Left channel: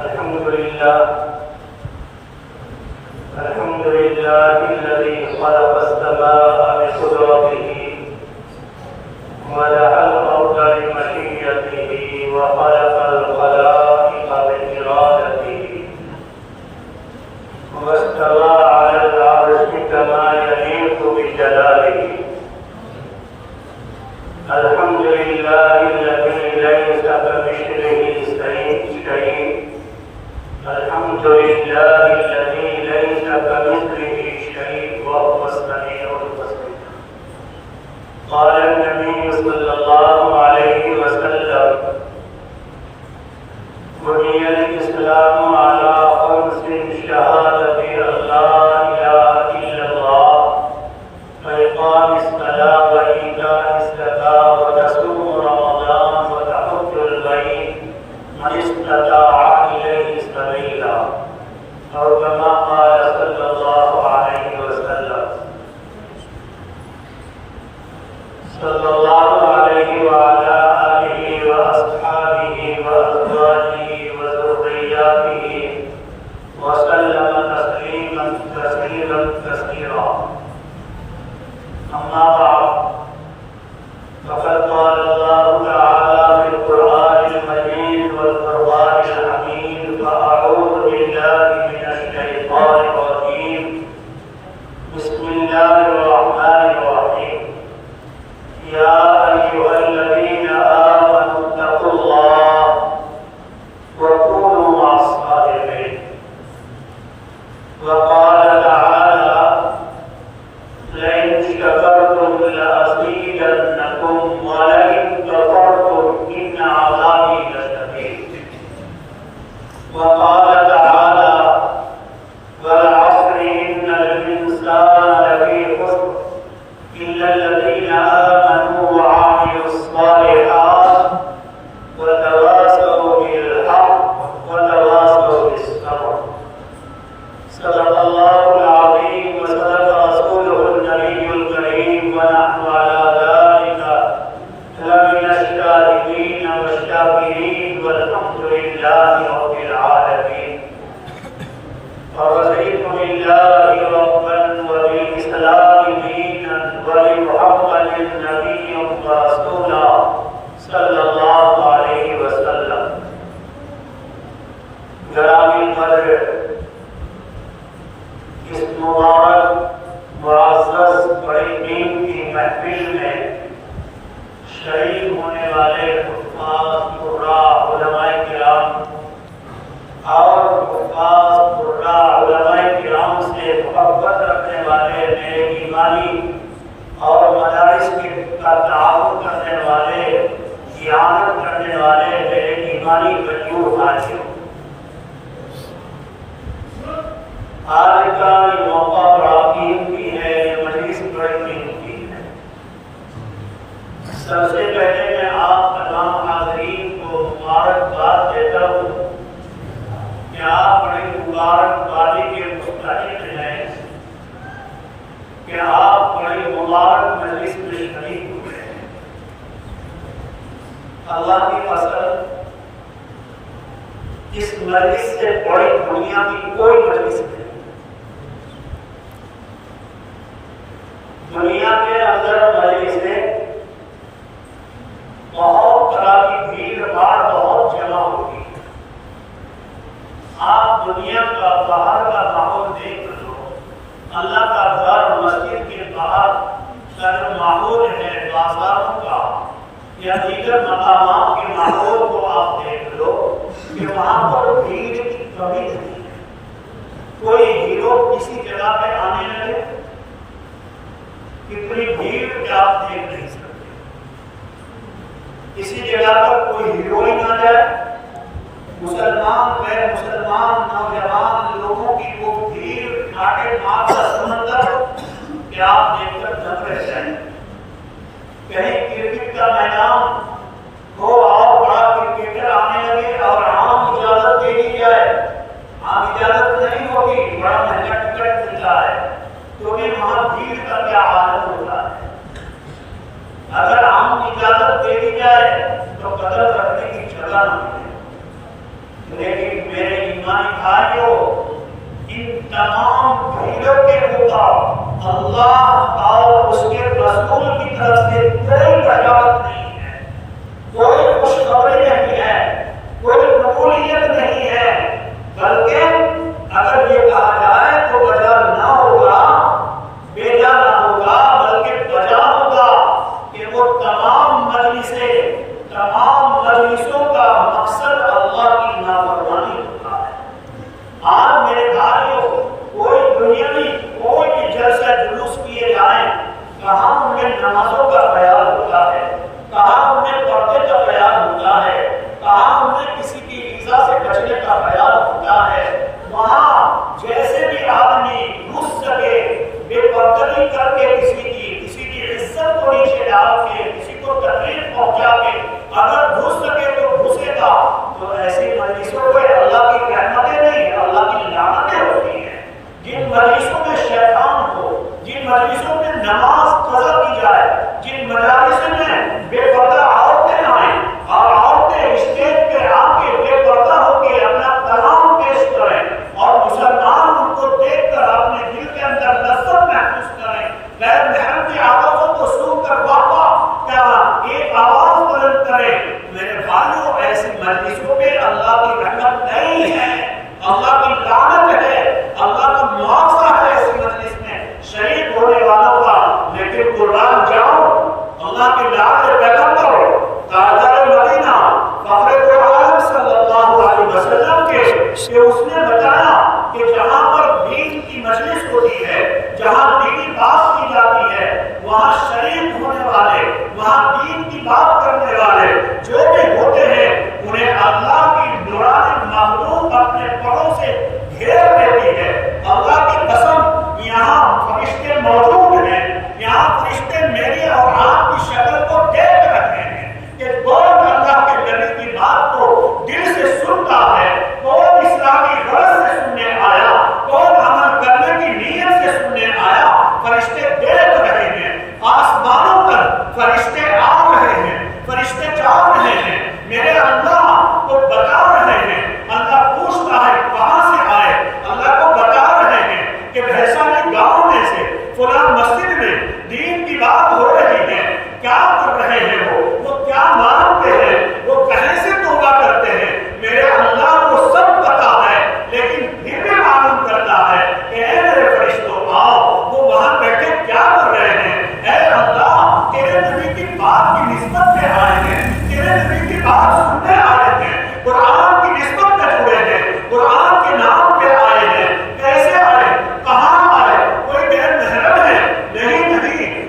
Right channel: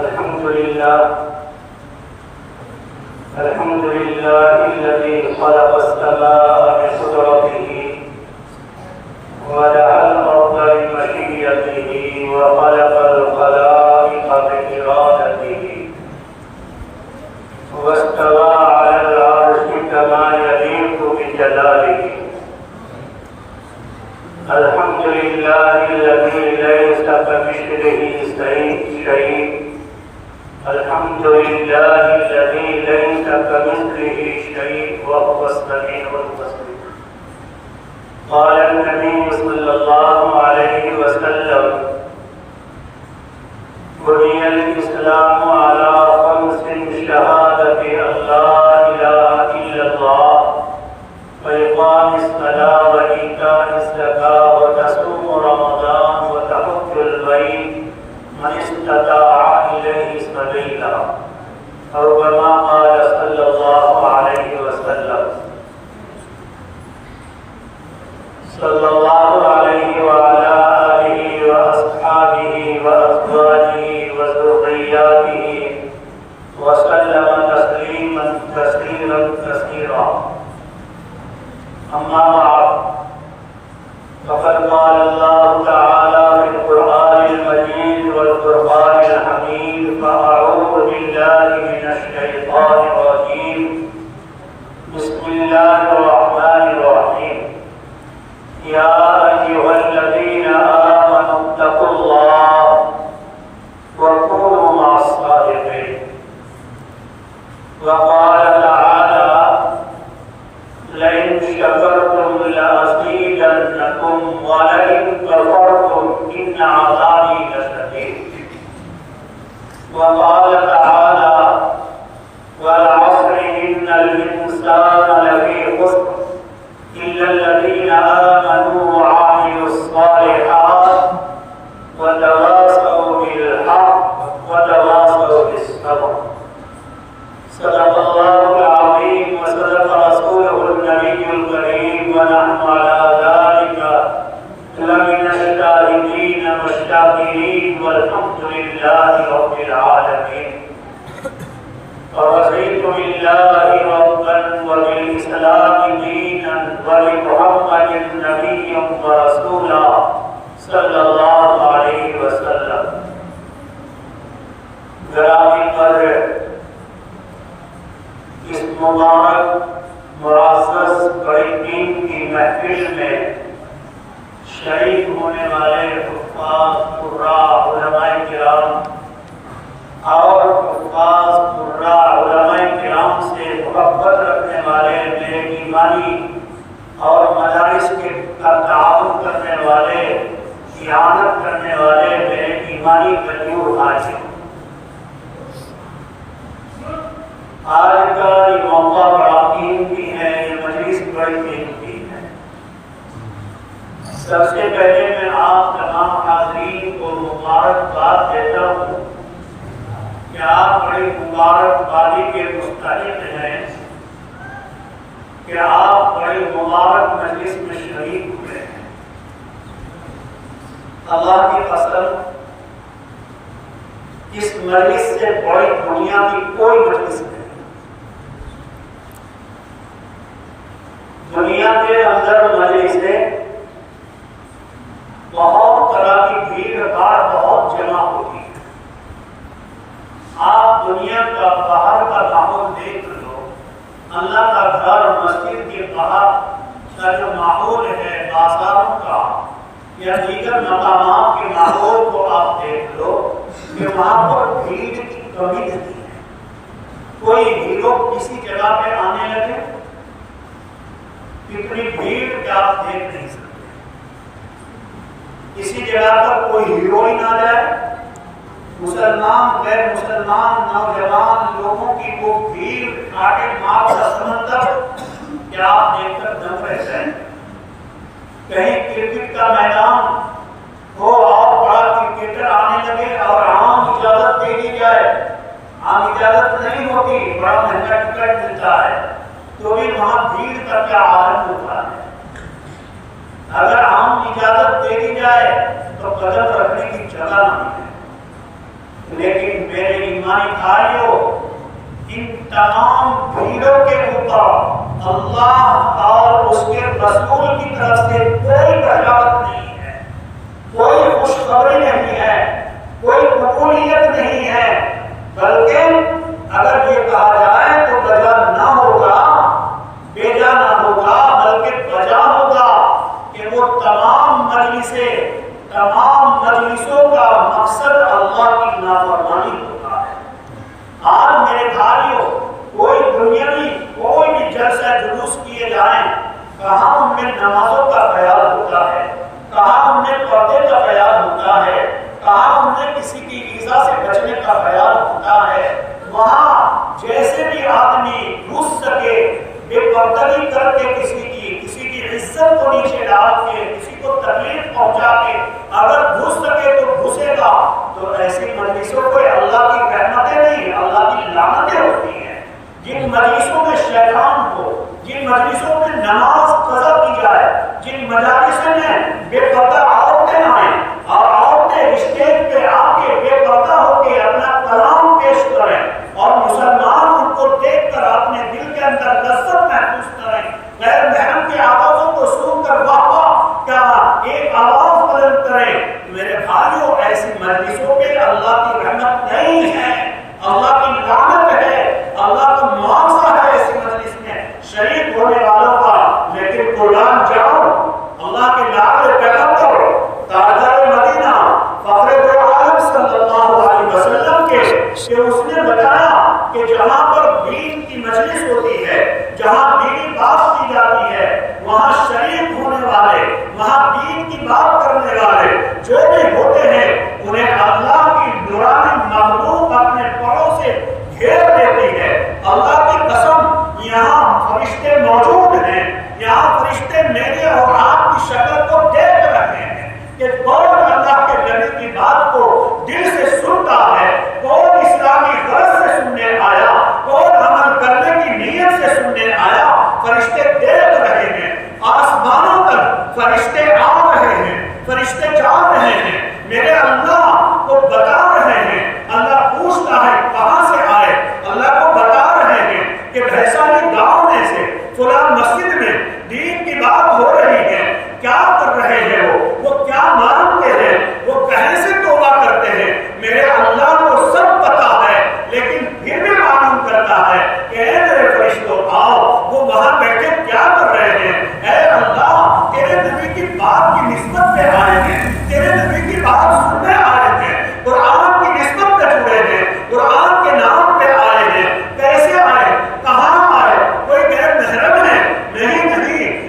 الحمد لله الذي خلق السماء بقدرته ودعا الأرض بمشيئته وخلق الخلائق بإرادته واستوى على العرش كما يليق بجلاله. الحمد لله الذي ليس كمثله شيء. الحمد لله الذي ليس كمثله شيء وهو السميع البصير. قال النبي صلى الله عليه وسلم: بني الإسلام على خمس: شهادة أن لا إله إلا الله وإقام الصلاة وإيتاء الزكاة وتصوم رمضان وتحج البيت من استطاع إليه سبيلا، أو كما قال صلى الله عليه وسلم. صلى الله عليه وعلى آله وأصحابه وأزواجه وذرياته وسلم تسليما كثيرا. أما بعد، فقد قال الله تعالى في القرآن المجيد والفرقان الحميد: فأعوذ بالله من الشيطان الرجيم. بسم الله الرحمن الرحيم. يا أيها الذين آمنوا اتقوا الله وكونوا مع الصادقين. وقال تعالى: لئن شكرتم لأزيدنكم ولئن كفرتم إن عذابي لشديد. وقال تعالى: والعصر إن الإنسان لفي خسر إلا الذين آمنوا وعملوا الصالحات وتواصوا بالحق وتواصوا بالصبر. صدق الله العظيم وصدق رسوله النبي الكريم، ونحن على ذلك لمن الشاهدين والشاكرين، والحمد لله رب العالمين. ورضيت بالله ربا وبالإسلام دينا وبمحمد نبيا ورسولا صلى الله عليه وسلم. گرامی قدر، اس مبارک معزز بڑی دین کی محفل میں شریک ہونے والے حفاظ قراء علماء کرام اور حفاظ قراء علماء کرام سے محبت رکھنے والے میرے ایمانی اور مدارس کا تعاون کرنے والے، اعانت کرنے والے میرے ایمانی بھائیوں، آج کا یہ موقع بڑا قیمتی ہے، یہ مجلس بڑی قیمتی ہے۔ سب سے پہلے میں آپ تمام حاضرین کو مبارکباد دیتا ہوں کہ آپ بڑی مبارکبادی کے مستحق ہیں کہ آپ بڑی مبارک مجلس میں شریک ہوئے ہیں۔ اللہ کی قسم، اس مجلس سے بڑی دنیا کی کوئی مجلس نہیں۔ دنیا کے اندر مجلسیں بہت طرح کی بھیڑ بھاڑ بہت جمع ہوتی ہے۔ آپ دنیا کا باہر کا ماحول دیکھ لو، اللہ کا گھر مسجد کے باہر کا جو ماحول ہے، بازاروں کا یا دیگر مقامات کے ماحول کو آپ دیکھ لو کہ وہاں پر بھیڑ کی کمی نہیں ہے۔ کوئی ہیرو کسی جگہ پہ آنے لگے، اتنی بھیڑ کہ آپ دیکھ نہیں سکتے۔ کسی جگہ پر کوئی ہیروئن آ جائے، مسلمان غیر مسلمان نوجوان لوگوں کی وہ بھیڑ، کاٹے مار کا سمندر کہ آپ دیکھ کر دم رہ جائیں۔ کہیں کرکٹ کا میدان ہو، آپ بڑا کرکٹر آنے لگے اور عام اجازت دے دی جائے، عام اجازت نہیں ہوتی، بڑا مہنگا ٹکٹ ملتا ہے، تو بھی وہاں بھیڑ کا کیا عالم ہوتا ہے۔ اگر عام اجازت دے دی جائے تو قدم رکھنے کی جگہ نہ ملے۔ لیکن میرے بھائیوں، ان تمام بھیڑوں کے اوپر اللہ اور اس کے رسول کی طرف سے کوئی بشارت نہیں ہے، کوئی خوشخبری نہیں ہے، کوئی قبولیت نہیں ہے، بلکہ اگر یہ کہا جائے تو بجا نہ ہوگا، بیجا نہ ہوگا، بلکہ بجا ہوگا کہ وہ تمام مجلسوں کا مقصد اللہ کی نافرمانی ہوتا ہے۔ آج میرے بھائیوں، کوئی دنیاوی کوئی بھی جلسہ جلوس کیے جائیں، کہاں ان میں نمازوں کا خیال ہوتا ہے، کہاں ان میں پردے کا خیال ہوتا ہے، کہاں ان میں کسی کی ایذا سے بچنے کا خیال ہوتا ہے۔ وہاں جیسے بھی آدمی گھس سکے، بے پردگی کر کے کسی کی عزت کو نیچے ڈال کے، کسی کو تکلیف پہنچا کے اگر گھس سکے تو گھسے گا، تو ایسی مجلسوں کو اللہ کی رحمتیں نہیں، اللہ کی لعنتیں ہوتی ہیں۔ جن مجلسوں میں شیطان ہو، جن مجلسوں میں نماز قضا کی جائے، جن مجالسوں میں بے پردہ عورتیں آئیں اور عورتیں اسٹیج پہ آ کے بے پردہ ہو کے اپنا کلام پیش کریں اور مسلمان ان کو دیکھ کر اپنے دل کے اندر لذت محسوس کریں، غیر محرم کی آوازوں کو سن کر واہ واہ کا ایک آواز بلند کریں، میرے بھائیوں ایسی مجلسوں پہ اللہ کی رحمت نہیں ہے، اللہ کی لعنت ہے، اللہ کا معاوضہ ہے ایسی مجلس میں شریک ہونے والوں کا۔ لیکن قربان جاؤ اللہ کے لاڈلے پیغمبر تاجدار مدینہ فخر دو عالم صلی اللہ علیہ وسلم کے کہ اس نے بتایا کہ جہاں پر دین کی مجلس ہوتی ہے، جہاں دینی بات کی جاتی ہے، وہاں شریک ہونے والے، وہاں دین کی بات کرنے والے جو بھی ہوتے ہیں، انہیں اللہ کی نورانی مخلوق اپنے پروں سے گھیر لیتی ہے۔ اللہ کی قسم، یہاں فرشتے موجود ہیں، یہاں فرشتے میری اور آپ کی شکل کو دیکھ رہے ہیں کہ کون اللہ کے نبی کی بات کو دل سے سنتا ہے، کون اسلامی غرض سے سننے آیا، کون عمل کرنے کی نیت سے سننے آیا۔ فرشتے دیکھ رہے ہیں، آسمانوں تک فرشتے آ رہے ہیں، فرشتے جا رہے ہیں، میرے اللہ کو بتا رہے ہیں۔ اللہ پوچھتا ہے کہاں سے آئے، اللہ کو بتا رہے ہیں کہ بھیسانی گاؤں میں سے فلاں مسجد میں دین کی بات ہو رہی ہے، کیا کر رہے ہیں وہ کیا مانتے ہیں، وہ کہیں سے توبہ کرتے ہیں، میرے اللہ کو سب پتا ہے، لیکن پھر بھی معلوم کرتا ہے کہ اے میرے فرشتوں آؤ، وہ وہاں بیٹھے کیا کر رہے ہیں، اے اللہ تیرے نبی کی بات کی نسبت پہ آئے ہیں، تیرے نبی کی بات سننے آئے ہیں، قرآن کی نسبت پہ جڑے ہیں، قرآن کے نام پہ آئے ہیں، کیسے آئے، کہاں آئے، کوئی غیر محرم ہے؟ نہیں،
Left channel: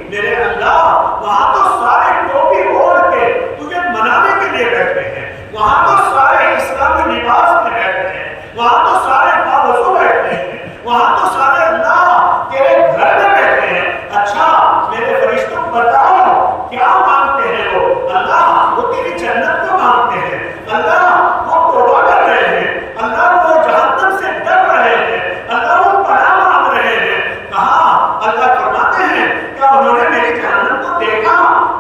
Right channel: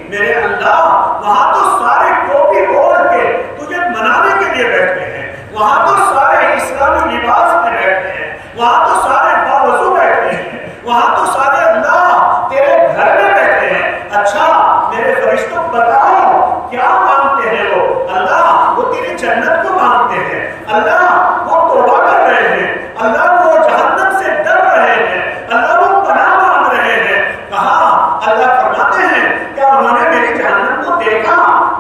میرے اللہ وہاں تو سارے ٹوپی اوڑھ کے تجھے منانے کے لیے بیٹھے ہیں، وہاں تو سارے اسلامی لباس میں بیٹھے ہیں، وہاں تو سارے باوضو بیٹھے ہیں، وہاں تو سارے اللہ تیرے گھر میں بیٹھے ہیں۔ اچھا میرے فرشتوں بتاؤ کیا مانگتے ہیں وہ؟ اللہ وہ تیری جنت کو مانگتے ہیں، اللہ وہ توبہ کر رہے ہیں، اللہ وہ جہنم سے ڈر رہے ہیں، اللہ وہ پناہ مانگ رہے ہیں۔ کہاں؟ اللہ فرماتے ہیں کیا انہوں نے میری جہنم کو دیکھا؟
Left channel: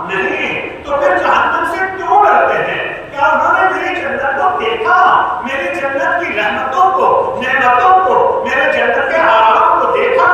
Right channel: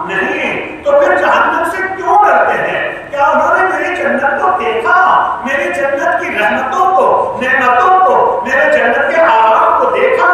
نہیں، تو پھر جہنم سے کیوں ڈرتے ہیں؟ کیا انہوں نے میری جنت کو دیکھا، میری جنت کی رحمتوں کو، نعمتوں کو، میرے جنت کے آرام کو دیکھا؟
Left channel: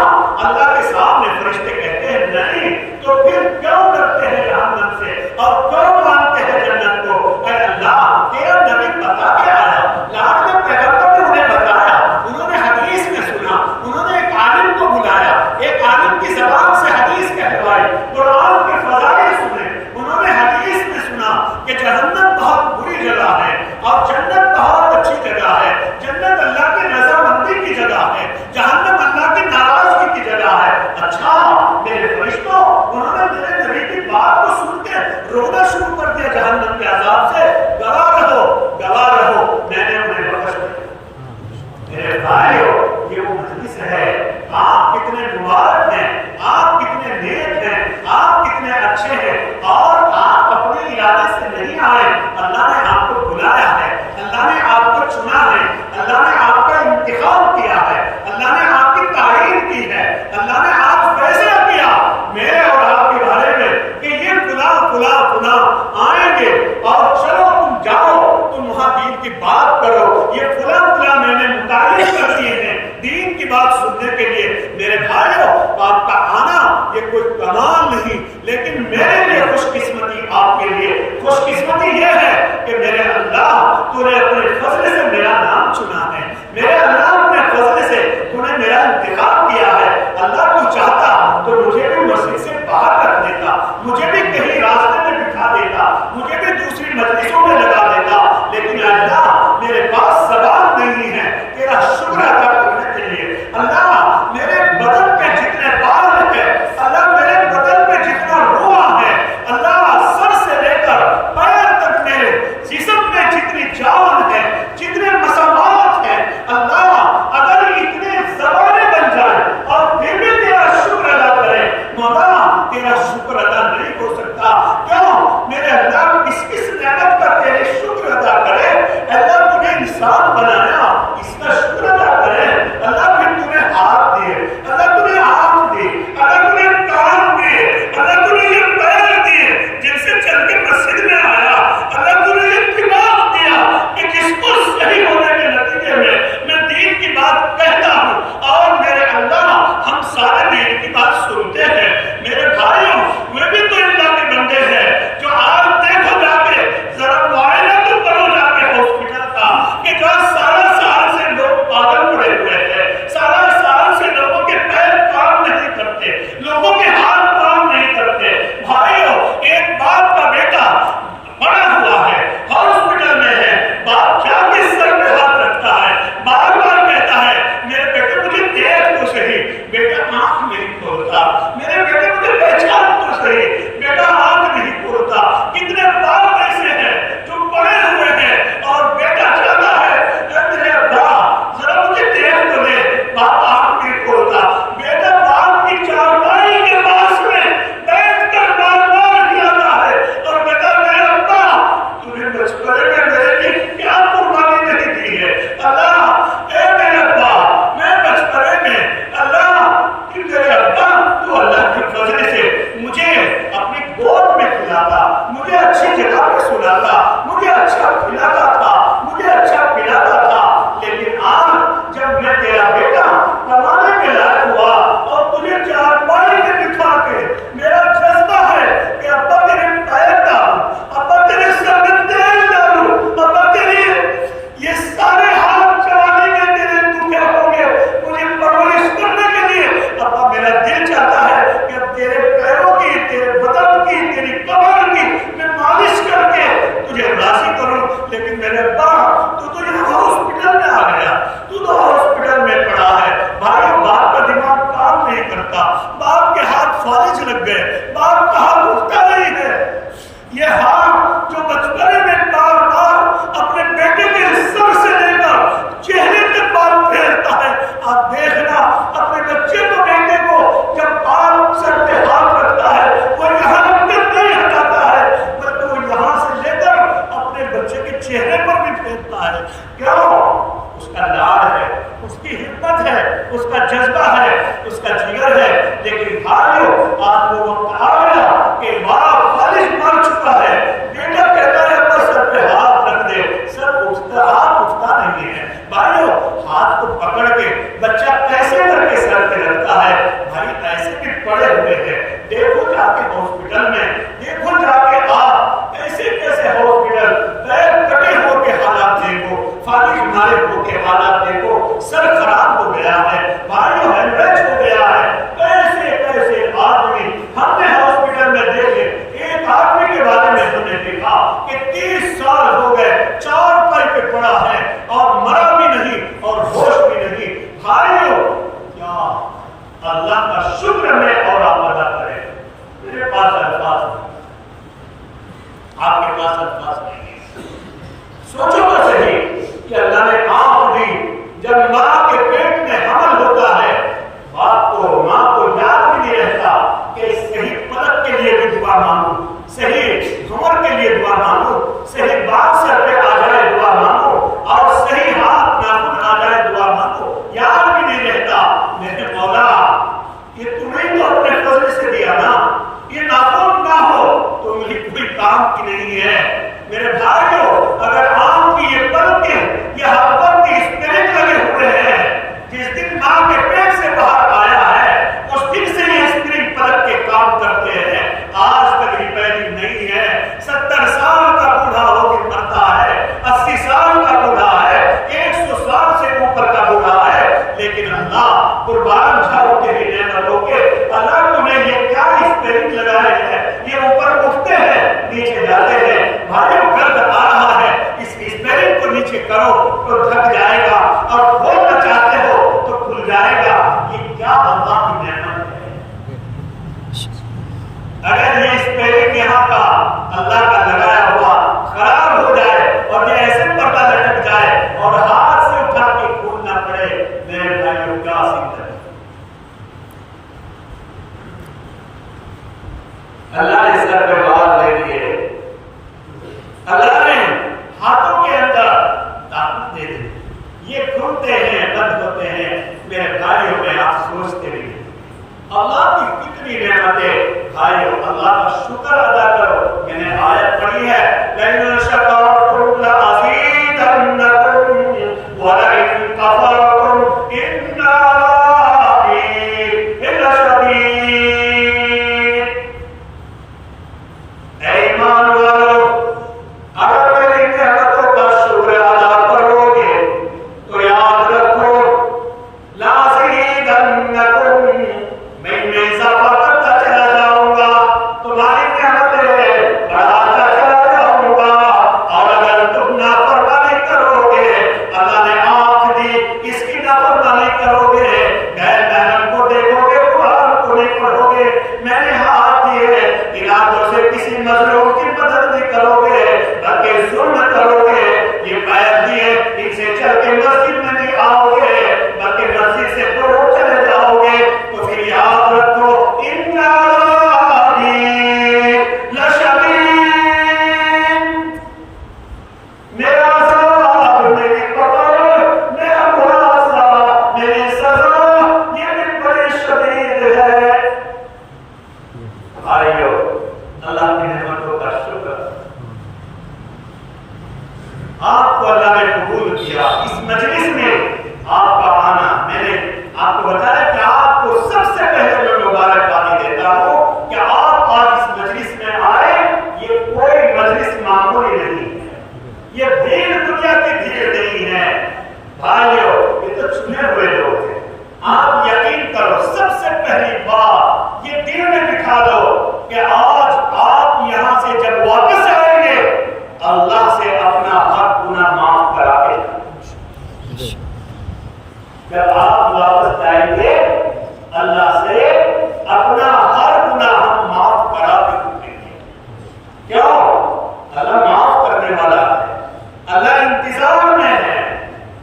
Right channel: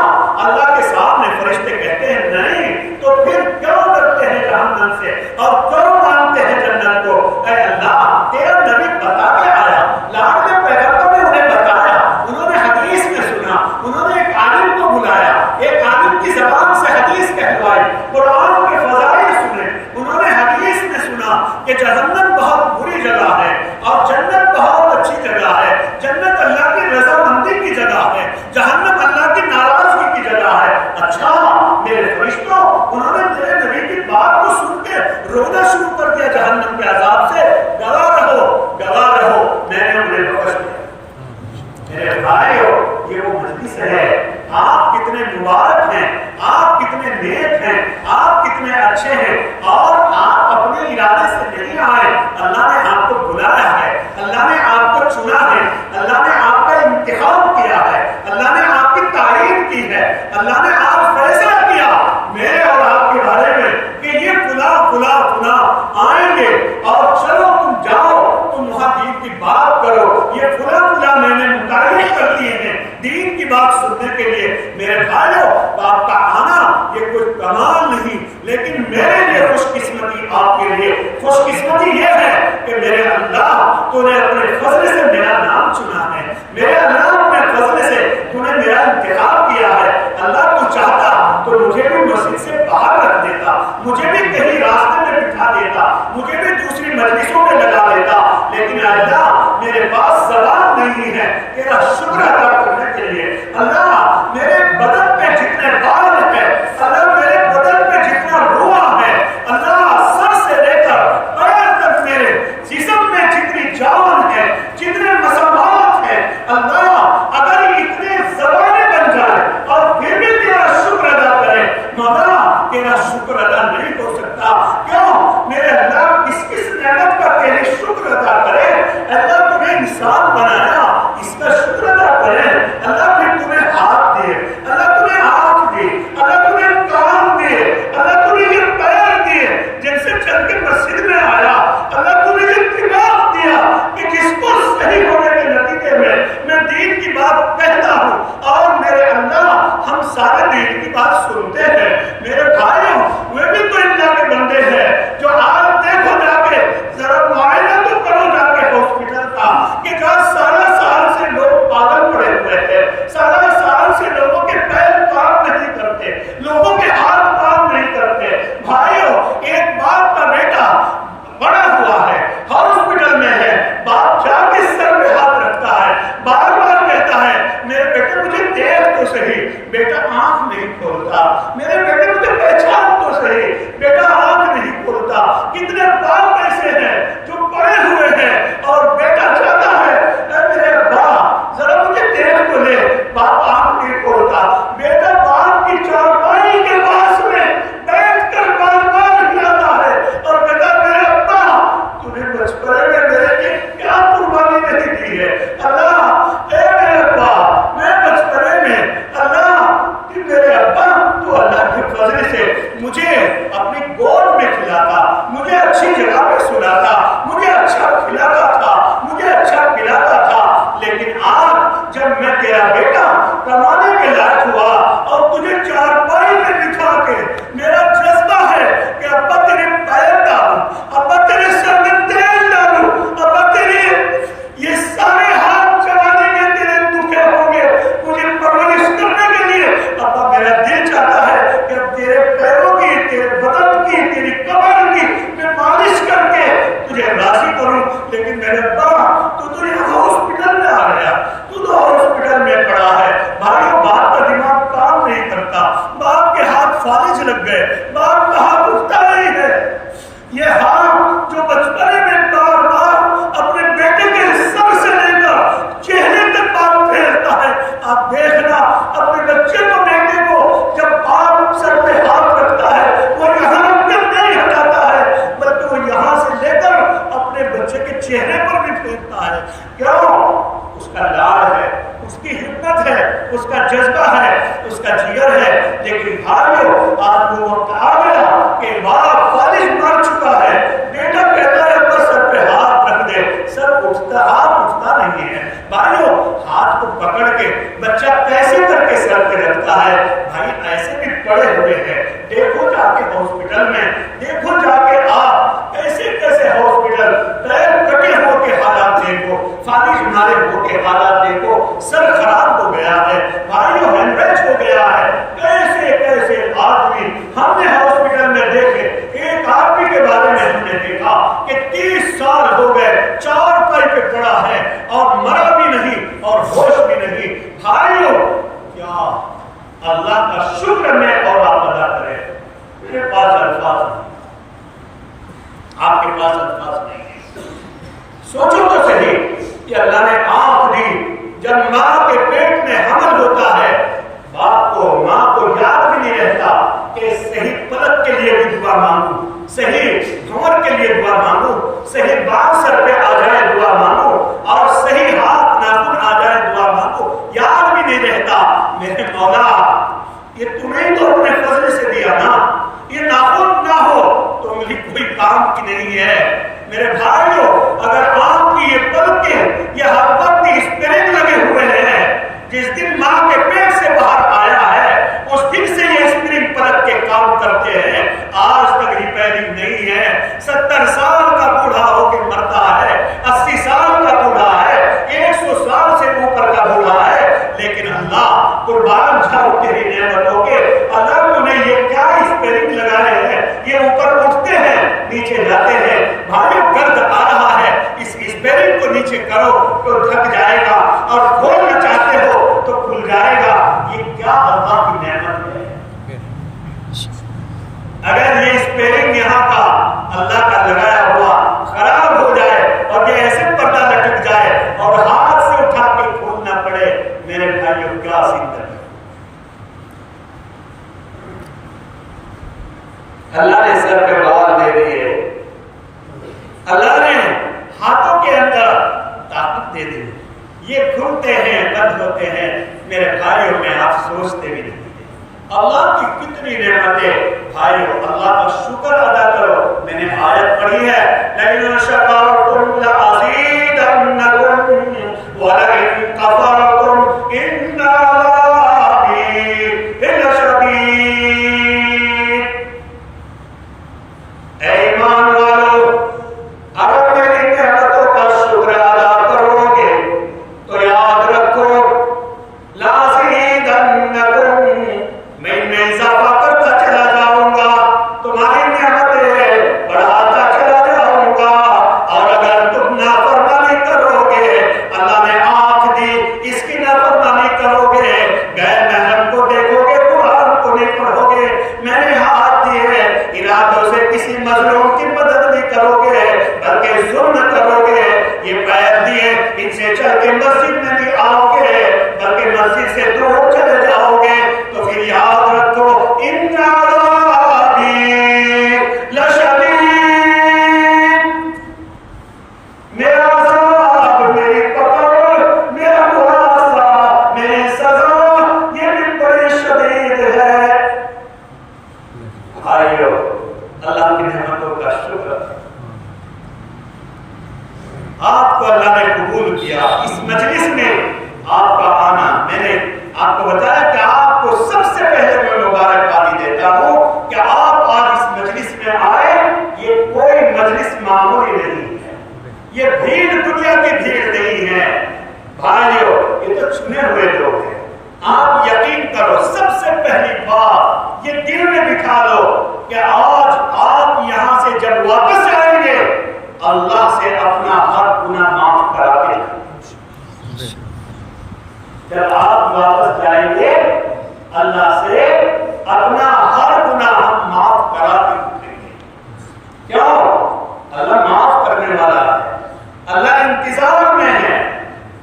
اللہ کے سامنے فرشتے کہتے ہیں نہیں، تو پھر کیوں ڈرتے ہیں جہنم سے اور کیوں مانگتے ہیں جنت کو؟ اے اللہ تیرا نبی بتا کے آیا، لاڈلے پیغمبر نے انہیں بتایا، انہوں نے حدیث میں سنا، انہوں نے ایک عالم کو بلایا، ایک عالم کی زبان سے حدیث کہلوائی، قرآن کے فضائل سنے، انہوں نے حدیث میں سنا کہ جہنم بہت بری جگہ ہے اور جنت بہت اچھی جگہ ہے، جنت اللہ کی رضامندی کی جگہ ہے، جہنم اللہ کی ناراضگی کی جگہ ہے۔ اچھا میرے فرشتوں، انہوں نے میرے نبی کی بات کو سن کے رونا شروع کر دیا جہنم کے عذاب سے، گواہ رہو میں نے انہیں بخش دیا۔ میرے بھائیو یہ وہ مجلس ہے، آپ کتنے مبارک ہیں، آپ کتنے نیک ہیں، آپ کتنے اچھے ہیں، اور آپ اپنے ارادے سے نہیں آئے، اللہ نے آپ کو بلایا ہے، اللہ نے آپ کو چنا ہے، اللہ نے آپ کا انتخاب کیا ہے، اللہ نے آپ کی تعین کی ہے، اللہ نے آج فیصلہ کیا میرے اور آپ کے بارے میں کہ یہ فلاں آئیں گے اور چلو تم جاؤ، تم وہاں دین کی بات کرو، یہ فلاں میں نے متعین بات سننے کے لیے میرے بھائیوں آپ کا آنا یہ کوئی کمال نہیں، لیکن میرے لیے خوش قسمتی، آپ کے لیے خوش قسمتی یہ ہے کہ میرے اللہ تو نے اپنے فضل سے میرا نام چنا ہے، میرے اللہ اپنے فضل سے تو نے میرا انتخاب کیا ہے۔ اللہ تو چاہتا تو مجھے بھی مسجد سے باہر رکھ دیتا، مجھے بھی کہیں راستے میں بٹھا دیتا، مجھے بھی دوسری مجلسوں میں لگا دیتا، لیکن اللہ میرے پاس زبان نہیں ہے تیرا شکر ادا کرنے کے لیے۔ اللہ میرے بدن پہ جتنے بال ہیں، اللہ میرے بدن پہ جتنا روح ہے، اللہ سر سے لے کر پیر تک میرے جسم میں جتنی جان ہے، جتنے مسامات ہیں، اللہ اگر اتنے زبانیں بن جائیں اور پھر بھی تیرا شکر ادا کریں، مولا تیرا شکر ادا نہیں ہو سکتا۔ کیوں؟ میرے اللہ کس نعمت کا تیرے شکر ادا کرے؟ اللہ تمہیں انسان بنایا، اس کا شکر ادا کرے۔ اللہ پھر تمہیں ہاتھ دے، اللہ تمہیں آنکھ دے، اللہ تمہیں کان دے، اللہ تمہیں یہ پیر دے جن سے چل کے مسجد میں آیا، اللہ تمہیں یہ دماغ دیا کہ جس کو صحیح ہونے کے نتیجے میں دین کی بات کہتا ہوں، اور میرے اللہ ہم سارے دین کی بات سنتے ہیں۔ میرے بھائیوں وہ بھی تو اللہ کے بندے ہیں جو آج دیکھو جا کے ذرا معائنہ تو کرو جا کے ہاسپٹل کا کہ جہاں سارا سال سے لوگ پاگل پڑے ہوئے ہیں، سارا سال سے لوگوں کے پیر کام نہیں کرتے، لوگوں کے ہاتھ کام نہیں کرتے۔ بھائیوں ایک باپ کا بیٹا بڑا ہوا ہے، ہاسپٹل میں ہے، باپ جا کے سر پہ ہاتھ رکھتا ہے، بار بار کہتا ہے میرے بیٹے مجھے دیکھ تو صحیح، بیٹا آنکھ نہیں کھولتا، میرے بیٹے مجھے پہچان تو صحیح، بیٹا آنکھ نہیں کھولتا۔ کتنے باپ ایسے ہیں جو پڑے ہوئے ہیں اور بیٹا چاہتا ہے اے میرے باپ ذرا مجھے دیکھ تو لے، باپ آنکھ نہیں کھولتا، بیٹا باپ کی چارپائی کے پاس میں بیٹھ کر بار بار ہلاتا ہے اور بیٹا میرے ابا تمہیں بچپنے میں میرے لیے کیا قربانی نہیں دی ہے؟ اللہ اے میرے ابا میں بچپنے میں اللہ میرے ابا تو اللہ کے فضل سے مجھے اپنی گود میں کھلاتا، مجھے اچھی جگہ پہ سلاتا، مجھے اچھا کھلاتا تھا، مجھے اچھا پلاتا تھا، لیکن آج جب میں تیرا بیٹا کمانے کے لائق ہوا اور تجھے چارپائی میں بٹھا کے میرا جذبہ ہے کہ ابا تیرے پیر ڈالوں، ابا تیرے سر میں تیل ڈالوں، ابا تیرے یہ سارے ہاتھ چبانے میں تیرے دکھے ہوں گے مجھے پرورش کرنے کے لیے، ابا میرا دل چاہتا ہے کہ اب تیرے پیروں کی، تیرے بدن کی، تیری کمر کی میں مالش کر کے تجھے راضی کروں، لیکن میرے ابا تو یہاں ہاسپٹل میں آ گیا، تو ہاسپٹل میں پڑا ہے۔ بھائیو باپ کا دماغ کام نہیں کرتا، باپ کے ہاتھ فالج لگ گئے، باپ کا ہاتھ اٹھتا نہیں ہے۔ یہ ہاتھ جو بچپنے میں بار بار اپنے بیٹے کے سر سے لے کر چہرے تک بات پھیرتا ہے، آپ دیکھنا اپنے بچے کو، بیٹے کو جب باپ سر پہ ہاتھ رکھتا ہے وہ یہاں رکھ کر نہیں ہٹاتا ہے بلکہ وہ یہاں سے لے کر اپنے بچے کے چہرے پر بھی پھیرتا ہے۔ کیوں؟ اس کا لاڈ ہے، اس کی ہمت ہے، اس کا جذبہ ہے، اس کا جگر ہے۔ لیکن بھائیو آپ کو وقت آ گیا کہ باپ فالج مار چکا ہے، بیٹا کہتا ہے ابا سر پہ ہاتھ رکھ دے، سر اٹھتا، ہاتھ اٹھتا نہیں ہے۔ بھائیو ہاتھ کو پکڑ کے بچہ کیسے کر کے سر پہ رکھتا ہے؟ بھائی ایسے بھی پڑے ہوئے ہیں، دیکھو جا کے ہاسپٹل میں، دیکھو جا کے آپ کیسے کیسے ہاسپٹل، پیر کٹے ہو کے حالات دیکھو، فالج مارے ہو کے حالات دیکھو، سر خراب ہو گیا ہے، بھائیو ہیمریج ہو گیا ہے، کیسے کیسے آدمی ہم نے ہاسپٹل میں دیکھے۔ ایک آدمی کے بارے میں ہم نے دیکھا کہ 30 سال ہو گئے چارپائی پہ پڑا ہے اور مرا بھی نہیں اور ہوش بھی نہیں۔ بھائیو کیا اللہ کا شکر میں اور آپ ادا کریں؟ میرے پاس الفاظ نہیں، آپ کے پاس الفاظ نہیں ہے۔ سوچو تو صحیح کہ اللہ نے آنکھ دی، جب ماں کے پیٹ میں حمل ہوتا ہے باپ کو، ماں کو یاد بھی نہیں رہتا کہ صحیح پلک کے لیے بھی دعا مانگو، صحیح بھنور کے لیے دعا مانگو، صحیح بال سر پہ آ جائے دعا مانگو، اور صحیح ہاتھ ناخن آ جائے دعا مانگو، یاد بھی نہیں رہتا۔ میرے مولا یہ تمہیں تو اپنے فضل سے دیا نا، یہ ناخن نہ ہو تو انگلی کوئی کام کی نہیں ہے۔ میرے بھائیو اگر آپ کی یہ پلکیں، یہ ہر وقت اسپرنگ لگے ہوئے ہیں، جس دن ماں کے نیچے کرو تو ڈھک جائے گا اور کھولنا چاہتے ہو تو کھل جائے گا. یہ کیا اللہ کی نعمت ہے. اگر یہ اسپیلنگ یہاں کا اللہ کا لگایا ہوا خراب ہو جائے اور یہ ایسے پردہ لٹک جائے اور ہاتھ سے اٹھا کے کھولنا پڑے, میرے بھائیوں کیا زندگی. اللہ نے سر پہ بال دے دیے, اللہ نے ہاتھوں کے اندر طاقت دے دی, یہ کھلتے ہیں بند ہوتے ہیں. میرے بھائیوں میں آپ سوچتے بھی نہیں اللہ کی کتنی نعمتیں. بھائیو اللہ کا شکر ادا کرو. میں نے آیت پڑھی ہے لئن شکرتم لازیدنکم ولئن کفرتم ان عذابی لشدید. اے ایمان والو, اگر میری نعمتوں کا شکر ادا کرو گے تو یاد رکھو لازیدنکم, میں اضافہ کرتا چلا جاؤں گا, تمہاری نعمتیں بڑھاتا چلا جاؤں گا. اور اگر تم نافرمانی کرو گے, اللہ نے آنکھ دی اس کی نافرمانی کرو گے, غیر محرم کو دیکھو گے, قرآن کو نہیں پڑھو گے, میں نے ہاتھ دیے ارادوں سے کسی مظلوم کی مدد نہیں کرو گے بلکہ ظلم کرو گے, یہ پیر دیے ان سے چل کے مسجد میں نہیں آؤ گے بلکہ مسجد سے دور چلے جاؤ گے, تو پھر یاد رکھو ان عذابی لشدید, میرا عذاب, میری پکڑ, میرا محاسبہ, میری سزا یہ بھی بڑی شدید ہے. بھائیو اللہ کی نعمتوں کا شکر. آپ کو اللہ نے قبول کیا, اس مجلس میں آپ کا آنا, میں نے آپ کو بتایا کہ آپ کو سب سے پہلے میں مبارکبادی دیتا ہوں کہ آپ آج اس مجلس میں آئے. یہ کوئی مجلس معمولی نہیں ہے, یہ بھیڑ دنیا کی بھیڑ نہیں ہے. بھائیو یہ تو چنے ہوئے لوگ ہیں. آپ یقین کرو, سب سے پہلی بات یہ دل میں بٹھا لو کہ آج آپ یہاں سے جب واپس جائیں گے اللہ سے اپنا ہر گناہ معاف کرا کے, جب آپ واپس جائیں گے اللہ سے اپنا ہر گناہ معاف کرا کے اٹھیں گے. کیوں؟ اللہ معاف کرنے والا ہے, اللہ انتظار میں ہے,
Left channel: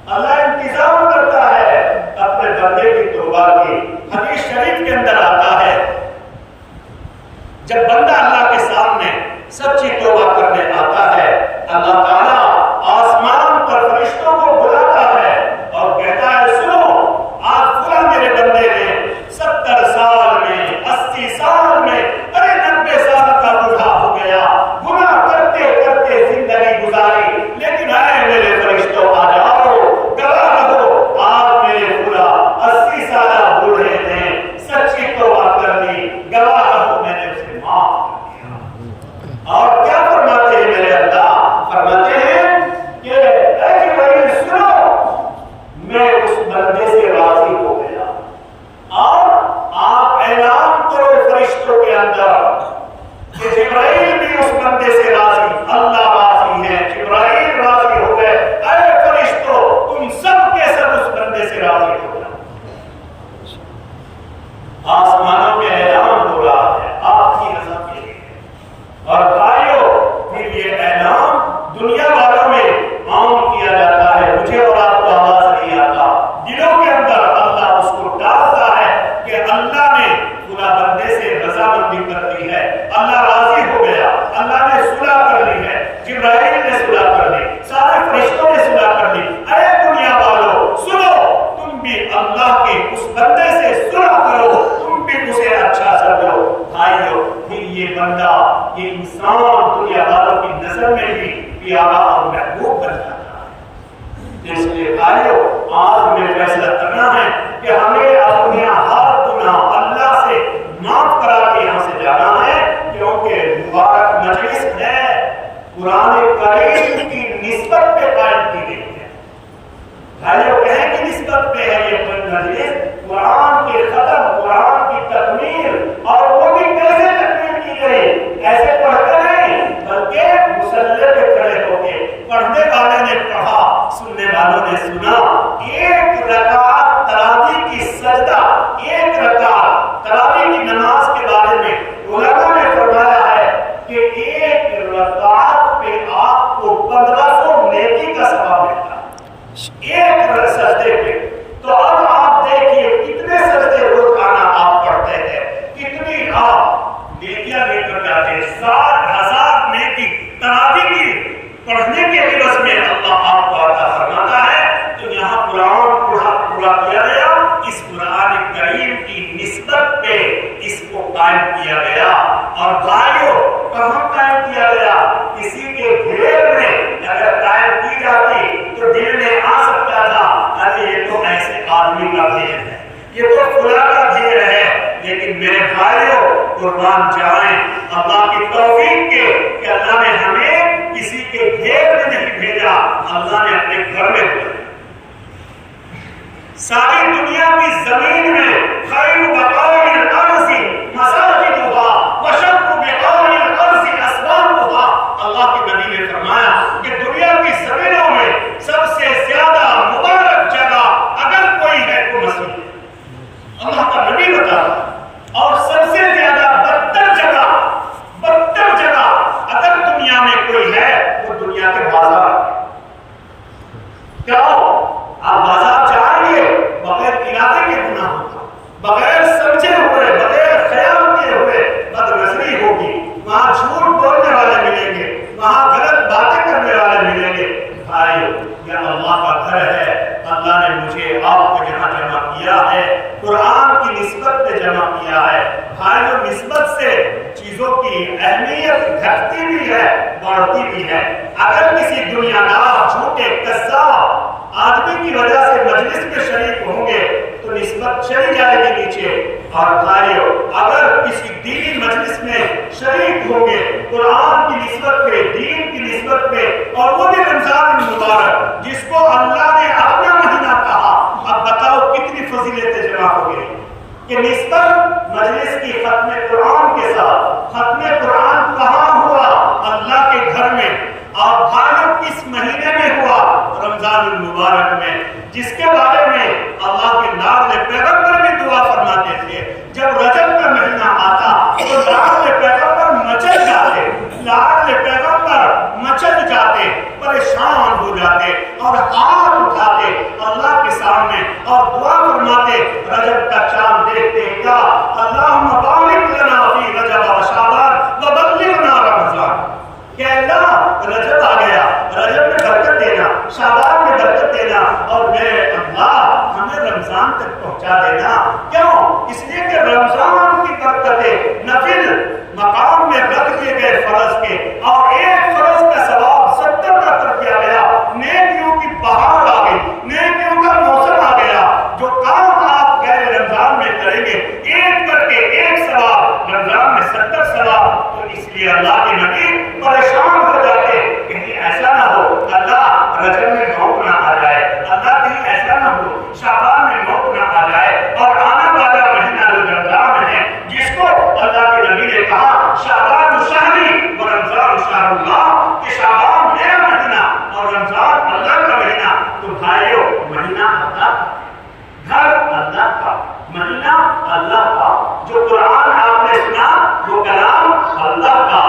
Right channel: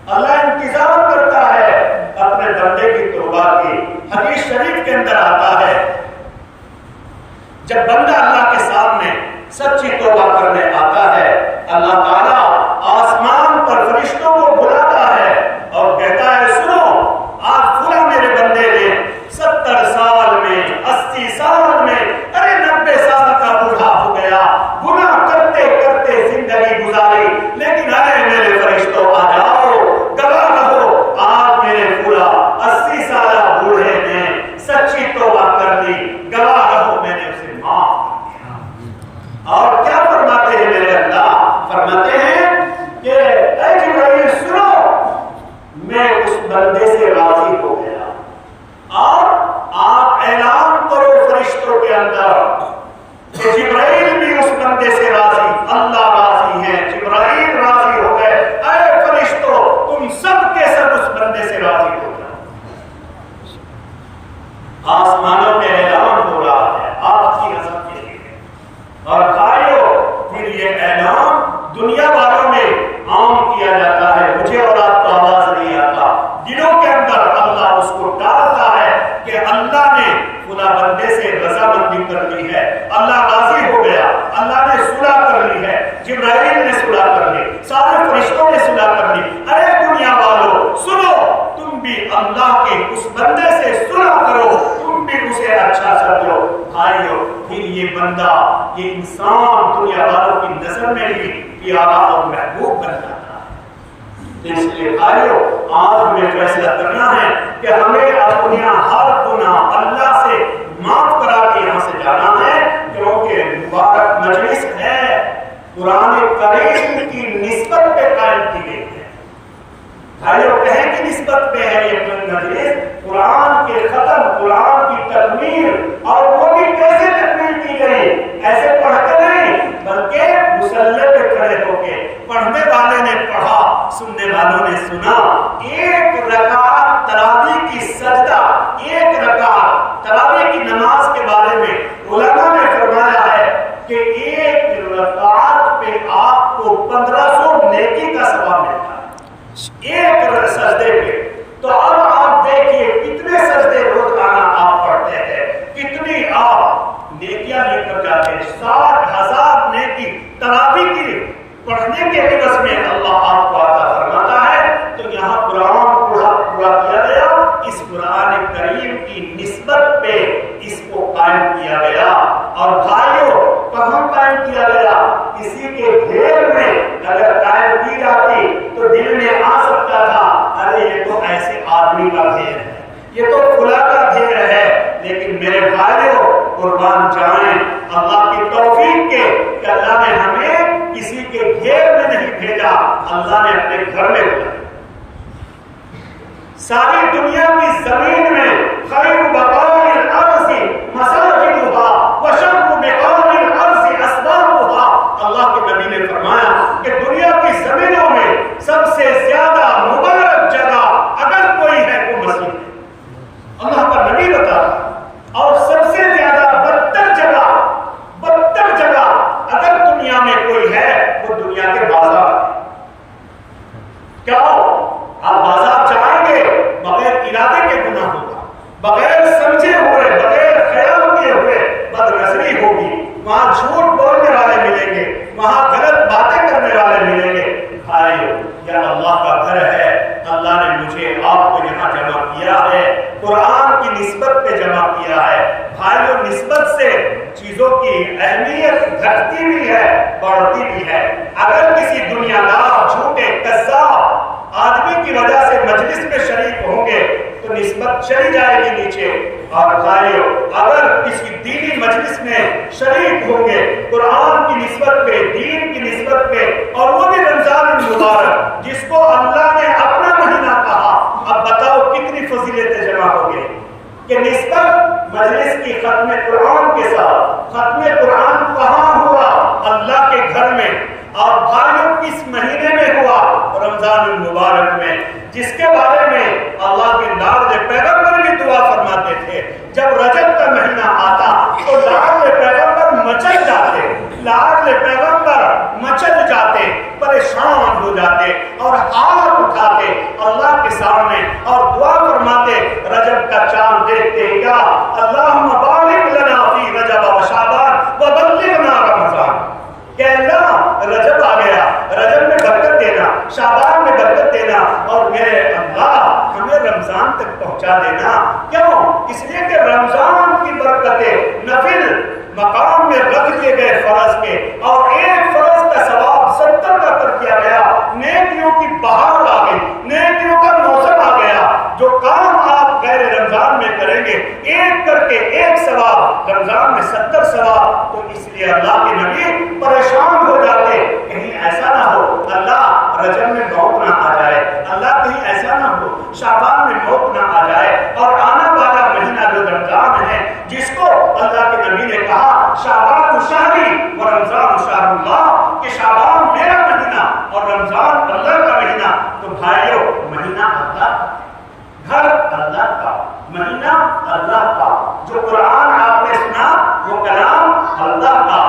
اللہ انتظار کرتا ہے اپنے بندے کی توبہ کی. حدیث شریف کے اندر آتا ہے جب بندہ اللہ کے سامنے سچی توبہ کرنے آتا ہے, اللہ تعالیٰ آسمان پر فرشتوں کو بلاتا ہے اور کہتا ہے سنو, آج فلاں میرے بندے نے 70 سال میں 80 سال میں 90 سال کا بوڑھا ہو گیا, گناہ کرتے کرتے زندگی گزاری, لیکن اے میرے فرشتوں آ جاؤ, گواہ رہو آج میرے پورا 80 سالہ بوڑھے نے سچی توبہ کر لی, گواہ رہو میں نے اسے معاف کر دیا. اور کیا فرماتے ہیں میرے اللہ؟ فرماتے ہیں کہ اے جبرائیل سنو, میں اس بندے سے راضی ہو گیا. اور آپ اعلان کرو فرشتوں کے اندر کہ جبرائیل بھی اس بندے سے راضی, اللہ راضی ہے, جبرائیل راضی ہو گئے. اے فرشتوں تم سب کے سب اس بندے سے راضی ہو گئے. آسمانوں میں اعلان ہو رہا ہے آپ کی رضا کے لیے. اور بھائیو پھر یہ اعلان دنیا والوں میں عام کیا جاتا ہے. مجھے اور آپ کو آواز نہیں آتا, دلوں کے اندر اللہ اس کو ڈالتا ہے کہ اللہ نے فلاں بندے سے رضامندی کر لی ہے, اللہ راضی ہو گیا, اللہ نے صلح کر لی ہے, جبرائیل نے صلح کر لی, سارے فرشتوں نے صلح کر لی. اے دنیا والو سنو, تم بھی اللہ کے اس بندے سے صلح کرو, تم بھی اسے اچھا سمجھو. بھائیو پھر یہ بندہ, یہ انسان دنیا والوں کی نظر میں بھی پیارا اور محبوب بن جاتا ہے. اس لیے بھائیو آج ہمیں فیصلہ کرنا ہے کہ ہمیں اپنا ہر گناہ اللہ سے معاف کرا کے یہاں سے جانا ہے, کیونکہ مبارک مجلس ہے, قرآن کریم کی نسبت پہ قائم کی گئی ہے. بھائیو کہیں کی نسبت پہ ہے یہ مجلس؟ قرآن کے ختم, قرآن کی تکمیل. اور وہ بھی کیسے تکمیل کی گئی؟ ایسے پڑھتے نہیں بلکہ مصلی پہ کھڑے ہو کے پڑھنے والے نے پڑھا, سننے والوں نے سنا ایک رکعت تراویح کی سجدہ، ایک رکعت تراویح کی نماز کے بارے میں علماء نے فرمایا ہے کہ ایک رکعت پہ آپ کو 1500 نیکی کا ثواب ملتا ہے ایک سجدے پہ۔ تو اب آپ دیکھیے کتنے سجدے روزانہ آپ پڑھتے ہیں، کتنی آپ نیکیاں لے کر جاتے ہیں۔ 60,000 نیکی تراویح کی پڑھنے کے عوض میں اللہ آپ کو عطا فرماتا ہے۔ تو یہاں قرآن پورا کیا گیا، اس قرآن کریم کی نسبت پہ اس کو قائم کیا گیا۔ اور بھائیوں کہاں قائم کیا گیا؟ کسی کے گھیر میں اگر قائم کی جاتی تو دل میں آ سکتا تھا ارے یہ تو ایسے آدمی کا گھیر ہے، یہ تو فلاں کا گھیر ہے، لیکن میرے بھائیوں قربان جائیں اللہ کی توفیق کے کہ اللہ نے ہمیں کسی کے گھیر میں نہیں بھیجا، اللہ نے اپنے گھر میں بھیجا۔ ساری دنیا کی زمین میں خیر بقاء الارض مساجدها وشر بقاء الارض اسبابها، اللہ کے نبی نے فرمایا کہ دنیا کی زمینوں میں سب سے زیادہ مبارک جگہ اگر کوئی ہے وہ مسجد ہے، اللہ کا نبی بتا رہا ہے۔ اور سب سے زیادہ بدتر جگہ اگر دنیا میں کوئی ہے وہ دنیا کے بازار ہے۔ کیا آپ بازار جائیں گے بغیر ارادے کے گناہ ہوگا، بغیر سمجھے ہوئے، بغیر خیال کیے ہوئے بد نظری ہوگی، وہاں جھوٹ بولنے والے ملیں گے، وہاں غلط باتیں کرنے والے ملیں گے۔ بھائیو یہ اللہ کا گھر ہے، اللہ نے مجھے آپ کو یہاں جمع کیا ہے، قرآن کی نسبت پہ جمع کیا ہے۔ بھائیو نسبت سے چیزوں کی اہمیت گھٹتی بھی ہے بڑھتی بھی ہے۔ اگر کسی دنیا دار جھوٹے کذاب آدمی کی وجہ سے مجلس میں شریک ہوں گے تو نسبت چلی جائے گی نیچے۔ اور بھائیو اگر کسی دینی مجلس میں شریک ہوں گے قرآن کی نسبت پہ، دین کی نسبت پہ، اور وہ بھی رمضان المبارک جس کو اللہ نے اپنا مہینہ کہا، اب بتاؤ کتنی فضیلتیں جمع ہو گئی کہ نسبت مجلس کی ختم قرآن کے ساتھ۔ ختم قرآن کہاں ہوا؟ اللہ کے گھر میں۔ اور بھائیوں کس مہینے میں ہوا؟ رمضان المبارک میں، جس کے بارے میں اللہ کے لاڈلے پیغمبر بھی دعا فرماتے تھے۔ جب رجب کا مہینہ آتا تو لاڈلے پیغمبر مچل جاتے، لاڈلے پیغمبر مچل جاتے، پریشان ہو جاتے اور ہاتھ اٹھاتے اللہ کے سامنے اور دعا فرماتے۔ رجب کا چاند دیکھتے کیا اللہم بارک لنا فی رجب و شعبان وبلغنا رمضان، کہ اللہ رجب آ گیا، رجب میں برکت دینا، شعبان میں برکت دینا، اور میرے اللہ ہمیں رمضان تک پہنچا دینا۔ کیوں؟ اس لیے کہ رمضان کی برکتیں نفل مقام میں رکھ دیے گئے فرض کے، اور ایک فرض کا ثواب 70 کا کر دیا گیا۔ نیکیوں کی بہار آ گئی، نیکیوں کا موسم آ گیا۔ جو کام آپ غیر رمضان میں کریں گے ایک کر کے ایک ثواب، رمضان میں 70 ثواب۔ تو اس لیے اللہ کے نبی پریشان ہو جاتے کہیں ایسا نہ ہو اللہ رجب میں موت نہ آ جائے، اللہ کہیں ایسا نہ ہو شعبان میں موت نہ آ جائے۔ اور آنے والا مہینہ جو رمضان ہے جس کو اللہ کے نبی نے کہا شعبان شہری و رمضان شہر اللہ، کہ شعبان میرا مہینہ اور رمضان اللہ کا مہینہ۔ تو بھائیو مہینہ اللہ، گھر اللہ کا، مہینہ اللہ کا، جو قرآن آپ نے سنا وہ کلام اللہ کا۔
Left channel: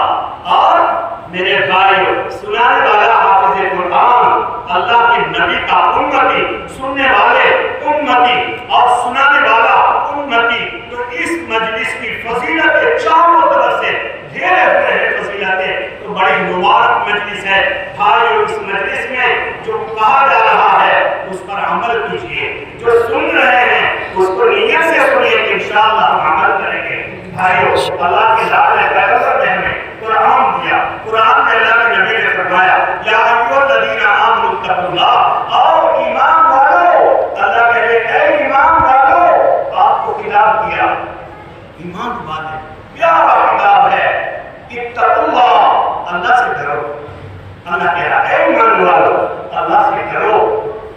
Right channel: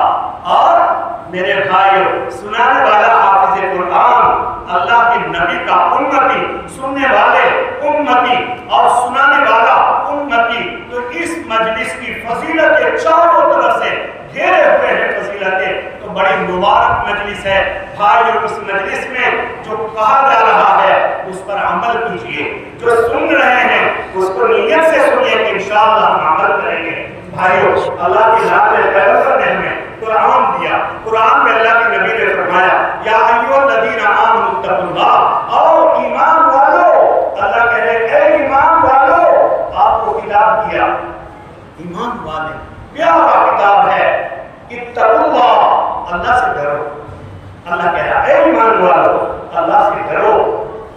اور میرے بھائیو سنانے والا حافظ قرآن اللہ کے نبی کا امتی، سننے والے امتی اور سنانے والا امتی۔ تو اس مجلس کی فضیلتیں چاروں طرف سے گھیرے ہوئے ہیں فضیلتیں، تو بڑی مبارک مجلس ہے۔ بھائیو اس مجلس میں جو کہا جا رہا ہے اس پر عمل کیجئے، جو سن رہے ہیں اس کو نیت سے سنیں کہ انشاءاللہ ہم عمل کریں گے۔ بھائیو اللہ کے لاڈلے پیغمبر نے ہمیں قرآن دیا، قرآن میں اللہ کے نبی نے فرمایا یا ایھا الذین آمنوا اتقوا اللہ، اور ایمان والو، اللہ کہہ رہے اے ایمان والو، آپ کو کتاب دیا، ایمان والے پیارا کتاب ہے، اتقوا اللہ، اللہ سے ڈرو۔ اللہ کہہ رہا اے ایمان والو اللہ سے ڈرو۔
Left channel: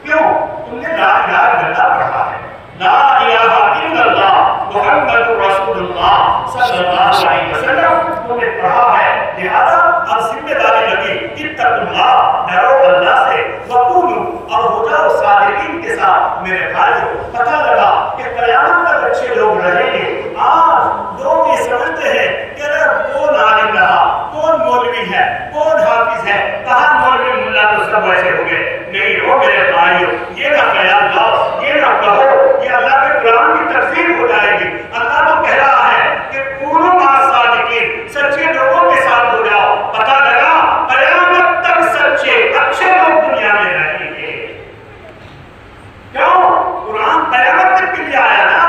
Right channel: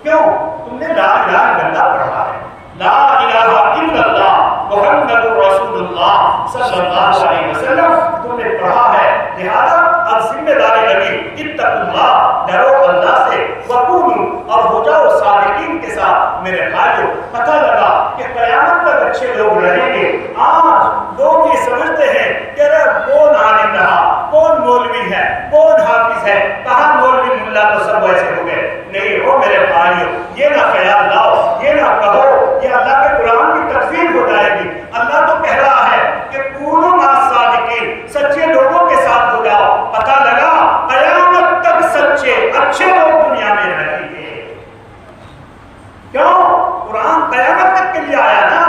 کیوں؟ تم نے لا الہ الا اللہ پڑھا ہے، لا الہ الا اللہ محمد رسول اللہ صلی اللہ علیہ وسلم تم نے پڑھا ہے، لہذا اب ذمہ داری لگی اتقوا اللہ، ڈرو اللہ سے، وقولوا اور ہو جاؤ صادقین کے ساتھ۔ میرے بھائیو پتہ لگا کہ قیامت تک اچھے لوگ رہیں گے۔ آج لوگ یہ سمجھتے ہیں کہ کون عالم رہا، کون مولوی ہے، کون حافظ ہے، کہاں مولوی ملا تو سب ایسے ہو گئے۔ نہیں ہو میرے بھائیو، یہ نہ خیال لاؤ، یہ نہ کہو یہ اللہ کے قرآن کی تکذیب ہو جائے گی۔ اللہ تو کہہ رہا ہے کہ کونوا مع الصادقین، سچے لوگوں کے ساتھ ہو جاؤ۔ پتہ لگا قیامت تک سچے اچھے لوگ دنیا میں رہیں گے۔ کیوں؟ قرآن قیامت تک کے لیے آیا نا۔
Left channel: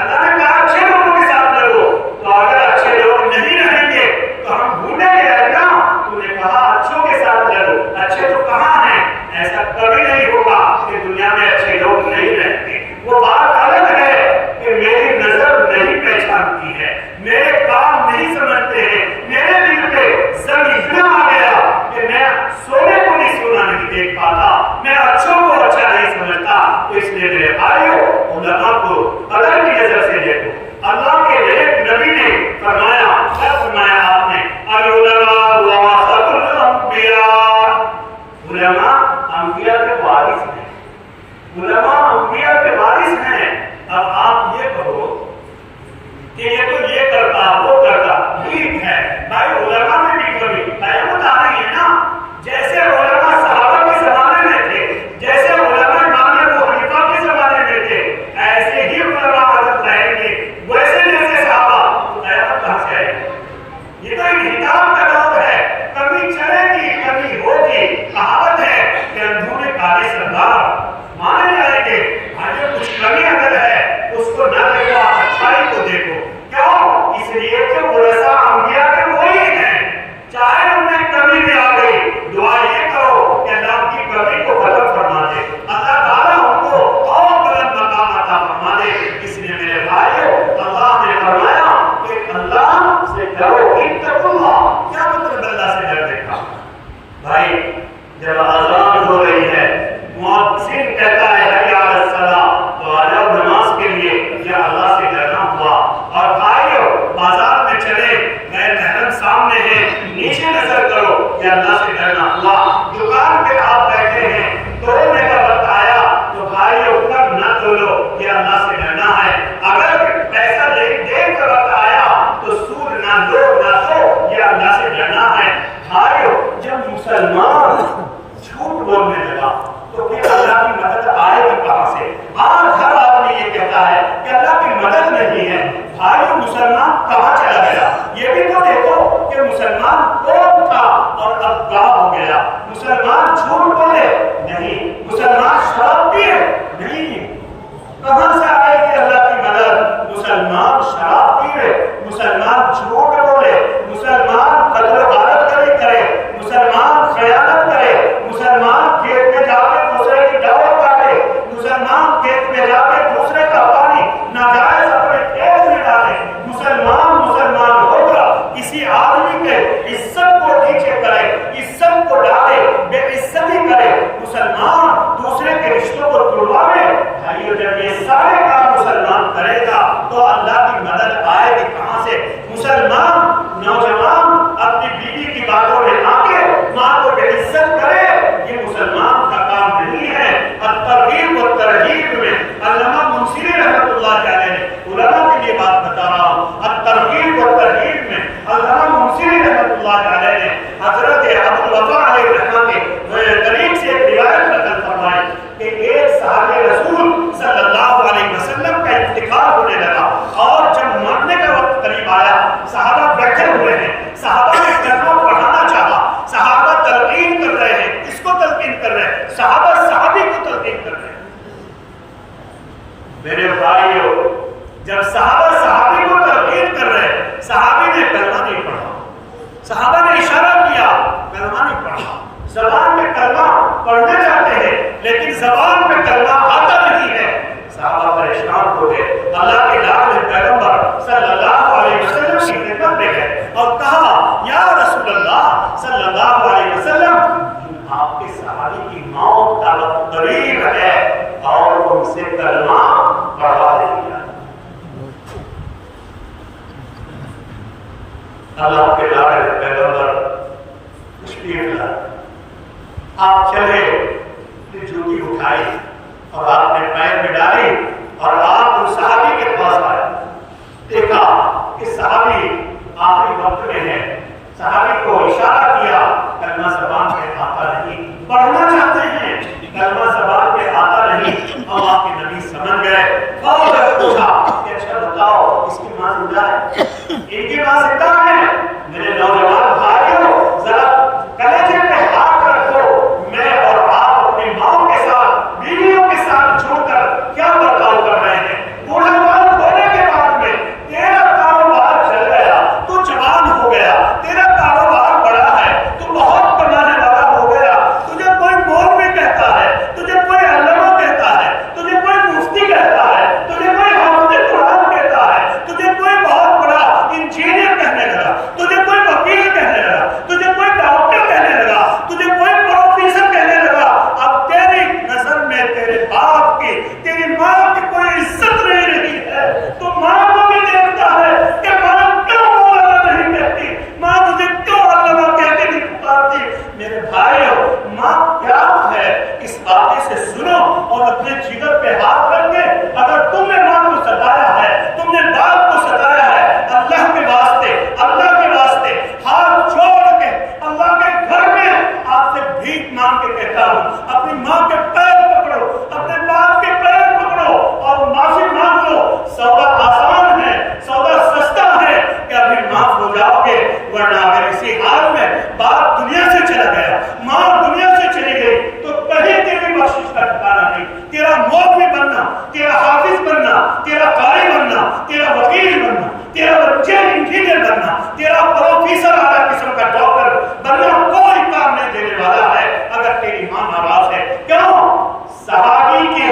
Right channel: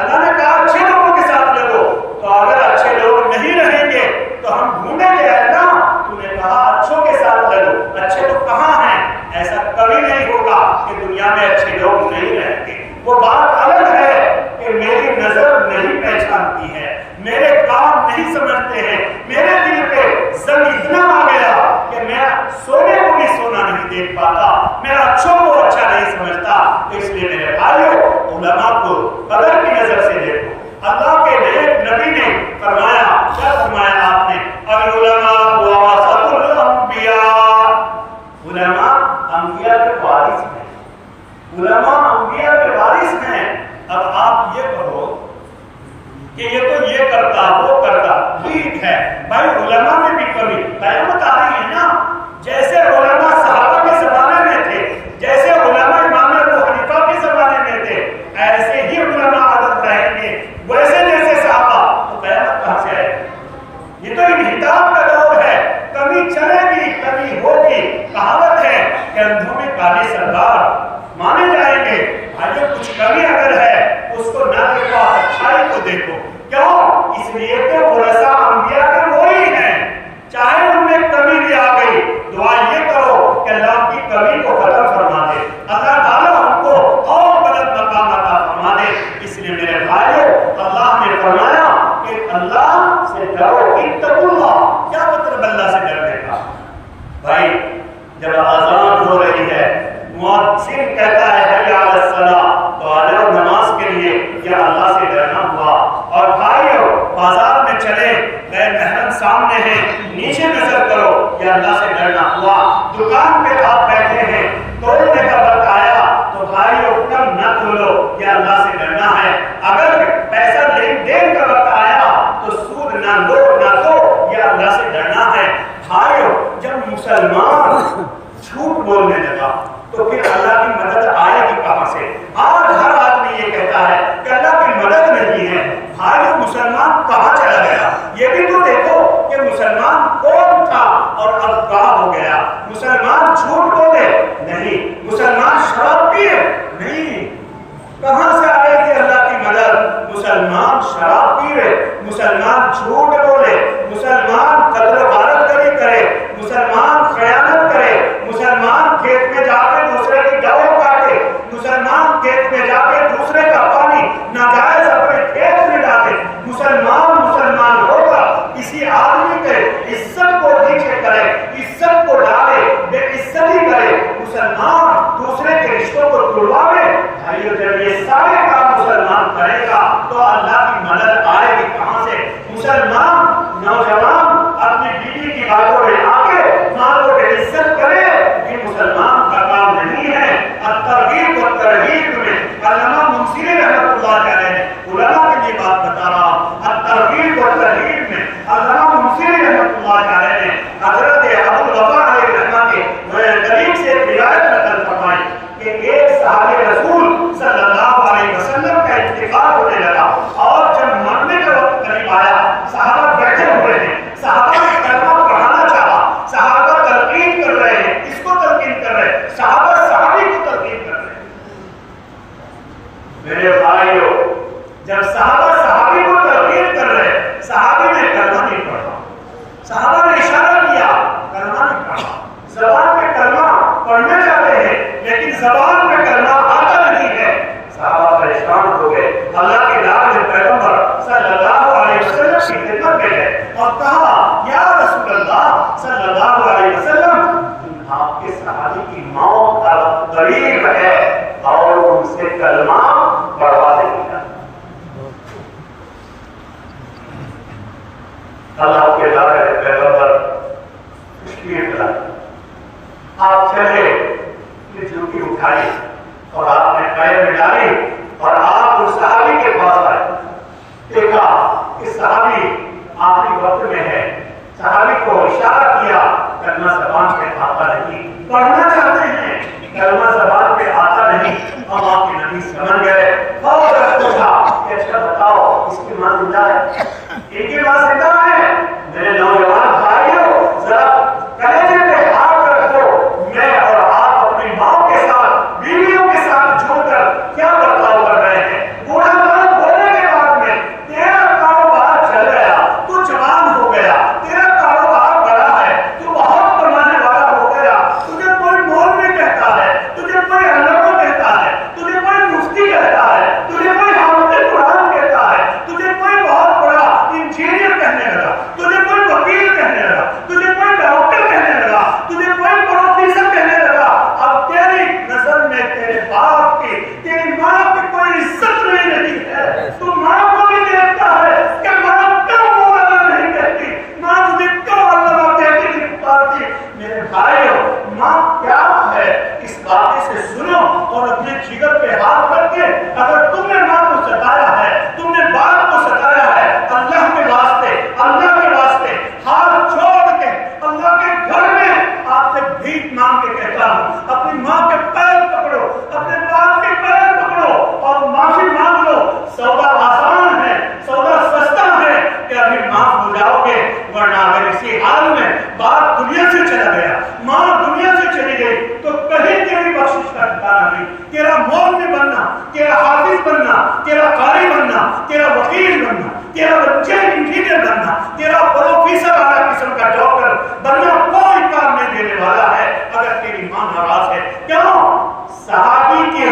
اللہ نے کہا اچھے لوگوں کے ساتھ لگو، تو اگر اچھے لوگ نہیں رہیں گے تو ہم ڈھونڈیں گے اللہ۔ تو نے کہا اچھوں کے ساتھ لگو، اچھے تو کہاں ہیں؟ ایسا کبھی نہیں ہوگا کہ دنیا میں اچھے لوگ نہیں رہیں گے۔ وہ بات الگ ہے کہ میری نظر نہیں پہچانتی ہے، میرے کام نہیں سمجھتے ہیں، میرے دل پہ زنگ اتنا آ گیا کہ میں سونے کو بھی سونا نہیں دیکھ پاتا، میں اچھوں کو اچھا نہیں سمجھتا۔ تو اس لیے میرے بھائیوں علماء کو قدر کی نظر سے دیکھو۔ اللہ کے نیک نبی نے فرمایا، کیا فرمایا آپ نے؟ العلماء ورثۃ الانبیاء، علماء انبیاء کے وارث ہیں، علماء انبیاء کے وارث ہیں۔ اب آپ یہ کہو کہ یہ تو یہ کرتا وہ کرتا، ٹھیک ہے بھائی، علماء میں بھی کمی، قیامت آ رہی ہے نا۔ جیسے علماء صحابہ کے زمانے میں تھے، جیسے علماء امام ابو حنیفہ کے زمانے میں تھے، ایسے ہی علماء عدد رہیں گے، ویسے جیسے صحابہ۔ تو قیامت کہاں سے آئے گی؟ یہ تو انحطاط کا دور ہے، کمی چلے گی، کمی ہوگی۔ کہاوت ہے کہ اندھوں میں کالے سردار مانے جائیں گے۔ بھائی کچھ کمی اگر ہے اس کو نہ دیکھو، آپ اچھائی کو دیکھو۔ کیوں؟ اس لیے کہ ورثہ انبیاء کے وہی ہیں، چاہے ان میں کمی بھی آ گئی، دعا یہ کرو کہ اللہ کی کمی کو ختم فرما دے، اللہ تعالیٰ ہم کو اور بلند مقام عطا فرما دے۔ اس لیے میرے بھائیوں اللہ نے فرمایا کہ اللہ سے ڈرو، اتقوا اللہ۔ کیا مطلب اللہ سے ڈرنے کا؟ بھائی جب اذان ہو رہی ہے، مؤذن کہتا ہے حی علی الصلاۃ، تو آ جاؤ نماز کے لیے، یا اللہ سے ڈرنا ہوا۔ اور بھائیو بازار میں چلے، غیر محرم سامنے ہیں، نیچے نظر کرو، یا اللہ سے ڈرنا ہوا۔ دکان پہ آپ بیٹھے ہیں، توڑنے کا وقت آیا تو بھائیو کم نہ تولو، یا اللہ سے ڈرنا ہے۔ اگر پیسہ لین دین کا وقت آیا تو سود نہ لو نہ دو، یا اللہ سے ڈرنا ہے۔ بھائیو جب مسلمان جھوٹ بولنے لگا تو پھر اللہ کی مدد آئے گی کہاں سے؟ آج ہر آدمی یہ کہتا ہے کہ اللہ کی مدد نہیں ہے۔ بھائیو مسلمان کہاں چلا گیا؟ یہ بھی تو دیکھو کہ مسلمان کون تھا اور اب کہاں ہو گیا؟ مسلمان جھوٹ بولے نہیں، مسلمان شراب پیے نہیں، کہاں سے آئے گی اللہ کی مدد؟ مسلمان شراب پیے، مسلمان جھوٹ بولے، مسلمان قتل و غارت گری کرے، مسلمان خیانت کرے، مسلمان کھیت میں جا کے دوسرے کی ڈور کاٹے، مسلمان کھیت میں جا کے دوسرے کا پانی ناجائز اپنے کھیت میں ڈالے، مسلمان ہوگا کسی آدمی کے عزت کو نیچے کرے، عزت کو ڈالے، بے عزتی کرے، مسلمان دوسرے کے رشتوں کو توڑواوے۔ بھائیو جب یہ سارے کام مسلمان کرے گا تو اللہ کی مدد آئے گی کہاں سے؟ مسلمان نوجوان اپنی بیوی کی باتوں میں آ کے ماں کو بے عزت کرے، یہ مسلمان کا کام نہیں ہے۔ الترغیب و ترہیب میں علامہ منصری رحمۃ اللہ علیہ نے علماء کے لیے بات بتا رہا ہوں، الترغیب و ترہیب میں علامہ منصری رحمۃ اللہ علیہ نے حضرت ابو الوفا علیہ الرحمہ کے قریب سے ایک روایت نقل فرمائی کہ ایک صحابہ رسول صلی اللہ علیہ وسلم کا انتقال ہونے لگا، اور جب مرنے کا وقت قریب آیا، صحابہ بیٹھے ہوئے ہیں، صحابہ نے کلمہ پڑھانا چاہا، صحابہ تلقین کر رہے ہیں، کس کو تلقین کر رہے ہیں؟ صحابہ صحابی کو تلقین کر رہے ہیں۔ میرے بھائیو جب صحابہ صحابی کو تلقین کر رہے ہیں، صحابہ نے کلمہ نہیں پڑھا، صحابہ نے اشارہ کیا، کلمہ نہیں پڑھا۔ زبان میں کلمہ پڑھنا چاہتے ہیں لیکن زبان میں کلمہ آتا نہیں ہے، صحابہ پریشان ہو گئے، اللہ کے نام پیغمبر صلی اللہ علیہ وسلم کی خدمت میں گئے اور کہا یا رسول اللہ صلی اللہ علیہ وسلم، آپ کے صحابی کی موت کا وقت قریب ہے اور ان سے کلمہ پڑھوا دیں۔ اللہ کے پیغمبر تشریف لائے، آپ چلے، جوتی اٹھائی اور آپ نے پیر میں ڈالی اور آپ اس صحابی کے پاس آئے. دیکھا کہ صحابی آخری وقت میں ہے. صحابی کو اشارہ کیا، کلمہ زبان پہ آتا نہیں، پڑھنا چاہتے ہیں، کلمہ زبان پہ آتا نہیں. اللہ کے نبی سمجھ گئے، فوراً پوچھا کہ اچھا بتاؤ اس کی ماں زندہ ہے؟ ان کی ماں زندہ ہے؟ میرے نوجوان بھائیوں، ذرا کلیجے پہ ہاتھ رکھو. میں اور آپ اپنی ماں کے ساتھ، بیویوں کے ساتھ جڑ کر کیا برتاؤ کر رہے ہیں؟ بوڑھا مال ہونے کے بعد میں تیرا کاروبار چل گیا، تو جوان ہو گیا، تیرا کاروبار بڑا ہے، تو بہت کمانے والا ہو گیا. تجھے کوئی مولوی کہتا ہے، تجھے کوئی علامہ کہتا ہے، تجھے کوئی مفتی کہتا ہے، تجھے کوئی حافظ قرآن کہتا ہے، تجھے کوئی بہت بڑا انجینئر کہنے لگا، تجھے کوئی وکیل کہنے لگا، تجھے کوئی ڈاکٹر کہنے لگا، تجھے کوئی پروفیسر کہنے لگا. اب تیری نظر میں تیرے باپ کی، تیری ماں کی کوئی عزت نہیں رہی ہے. تو ماں کو بھی دیکھتا ہے کہ ماں کیوں مولانا نہیں کہتی، ماں مجھے کیوں علامہ کہہ کے نہیں پکارتی. میرے بھائیو، ماں کیا ہے اس واقعے سے سنو اور اپنے جگر پہ ہاتھ رکھ کے، اگر تم نے ماں کو ستایا ہے، تم نے باپ کو ستایا ہے، اللہ کے واسطے، اللہ کے واسطے ہاتھ چھوڑ کے اللہ کے گھر میں آپ سے بھیک مانگ کے کہتا ہوں، اپنی ماں کے پیر پکڑو، اپنے باپ کے پیر پکڑو اور معافی مانگ لو. سودا آسان ہے، سودا سستا ہے کہ ابھی معاف ہو جاؤ گے، ورنہ اگر اسی حال میں باپ دنیا سے چلا گیا، ماں دنیا سے چلی گئی، تو کہیں تیری بخشش کا ٹھکانہ نہیں. تیرا مولوی بننا، تیرا حافظ بننا، تیرا قاری بننا، تیرا وکیل بننا، تیرا انجینئر بننا، تیرا پروفیسر اعلیٰ قسم کا ڈاکٹر بننا کوئی کام نہیں دینے والا ہے اگر تیری ماں ناراض ہے. کیوں؟ صحابی کے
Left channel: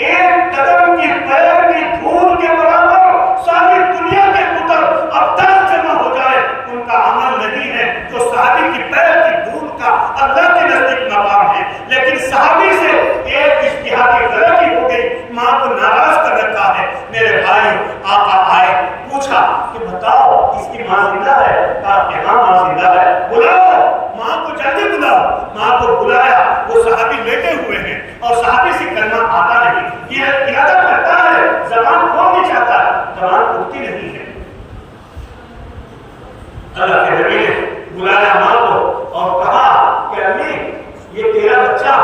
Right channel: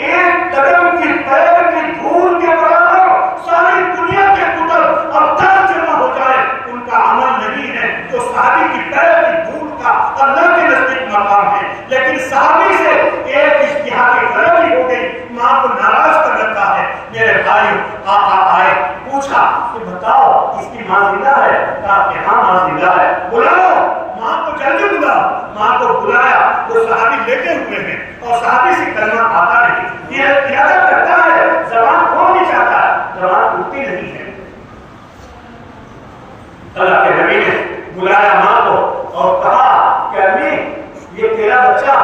ایک قدم کی پیر کی دھول کے برابر ساری دنیا کے کتب اور تر جمع ہو جائے، ان کا عمل نہیں ہے جو صحابی کی پیر کی دھول کا اللہ کے نزدیک مقام ہے. لیکن صحابی سے ایک اشتہار کی غلطی ہو گئی، ماں کو ناراض کر رکھا ہے. میرے بھائیوں، آقا آئے، پوچھا کہ بتاؤ اس کی ماں زندہ ہے؟ کہا کہ ہاں ماں زندہ ہے. بلاؤ ماں کو، جلدی بلاؤ. ماں کو بلایا. وہ صحابی لیٹے ہوئے ہیں اور صحابی سے کلمہ آتا نہیں، یہ ارادہ کرتا ہے، زبان کھولنا چاہتا ہے، زبان کھلتی نہیں ہے. اللہ کے نبی نے بلایا ماں کو اور کہا کہ امی یہ تیرا بچہ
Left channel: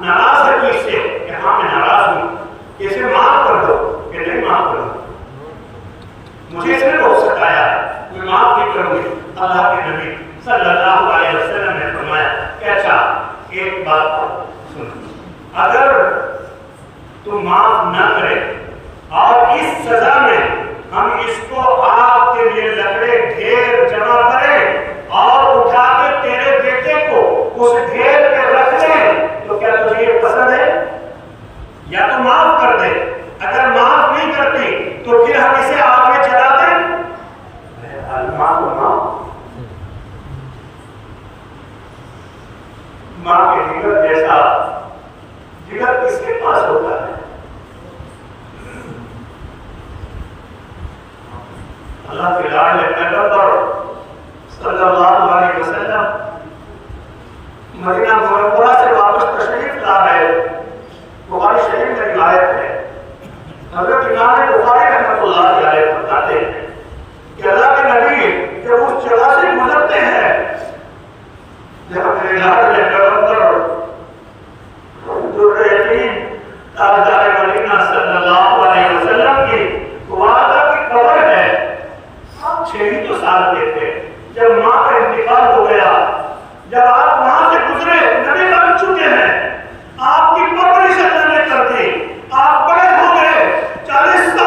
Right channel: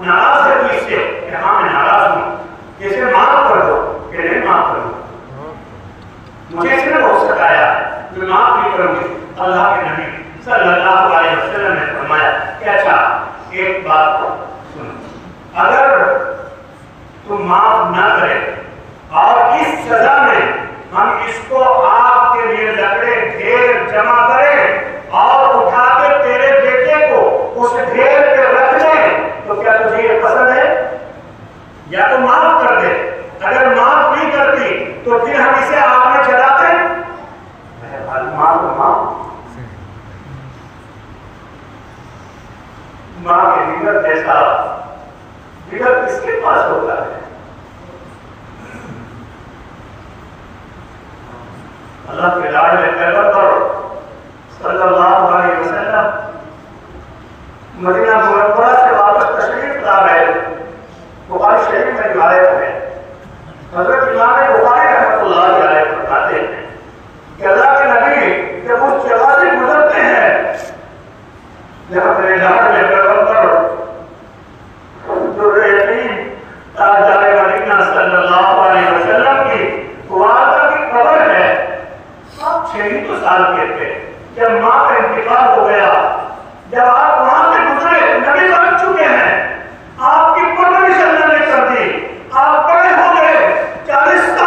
ناراض ہے تو اس سے؟ کہ ہاں میں ناراض ہوں. اسے معاف کر دو. کہ نہیں معاف کروں، مجھے اس نے بہت ستایا، میں معاف نہیں کروں گی. اللہ کے نبی صلی اللہ علیہ وسلم نے فرمایا کہ اچھا ایک بات سنو، اگر تم معاف نہ کرے اور اس سزا میں ہم اس کو آپ کے لیے لکڑے ڈھیر جمع کریں اور اٹھا کے تیرے بیٹے کو اس ڈھیر پہ رکھ دیں، تو کیا تجھے یہ پسند ہے؟ یا تو معاف کر دے. اگر معاف نہیں کرتی تو پھر ہم اسے آگ میں جلا دیں. ماں کے جگر جیسا جگر کس کے پاس ہوتا ہے؟ اللہ کے لاڈلے پیغمبر صلی اللہ علیہ وسلم مدینہ منورہ سے واپس تشریف لا رہے. بخاری شریف میں روایت ہے، حضرت امام بخاری رحمۃ اللہ علیہ بتاتے ہیں کہ اللہ کے نبی جب اس جگہ سے گزرتے ہیں جہاں میرے لاڈلے پیغمبر جو یتیم تاجدار مدینہ صلی اللہ علیہ وسلم کی والدہ کی قبر ہے، آپ 6 سال کے تھے جب ماں کا انتقال ہو گیا. جب آپ وہاں سے گزرے، نبی بن چکے ہیں، آپ کی پرورش اللہ نے کر دی، آپ بڑے ہو گئے، 40 سال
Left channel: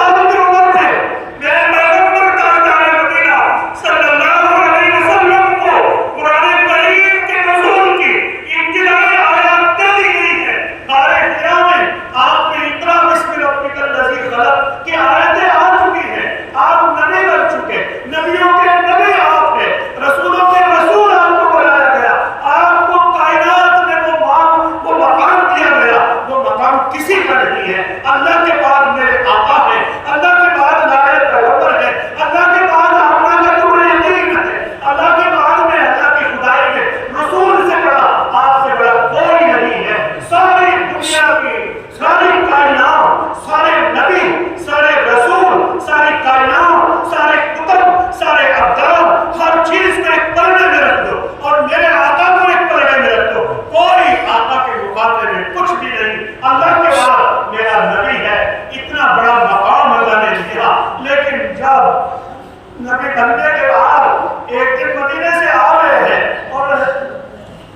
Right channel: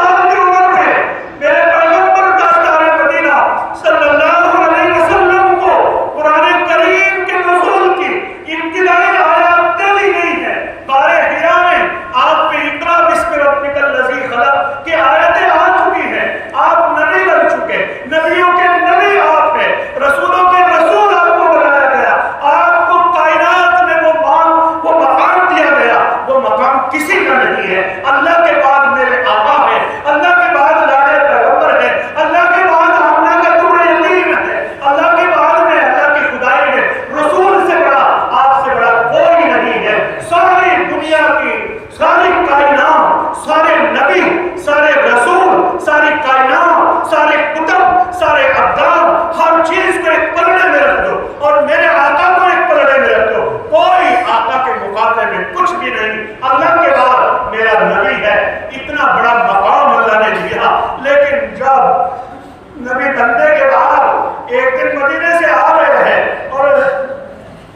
اللہ کے بعد میرا نبی ہے، اتنا بڑا مقام اللہ نے دیا. لیکن جب نبی بننے کے بعد ایک دن مدینے سے آ رہے ہیں اور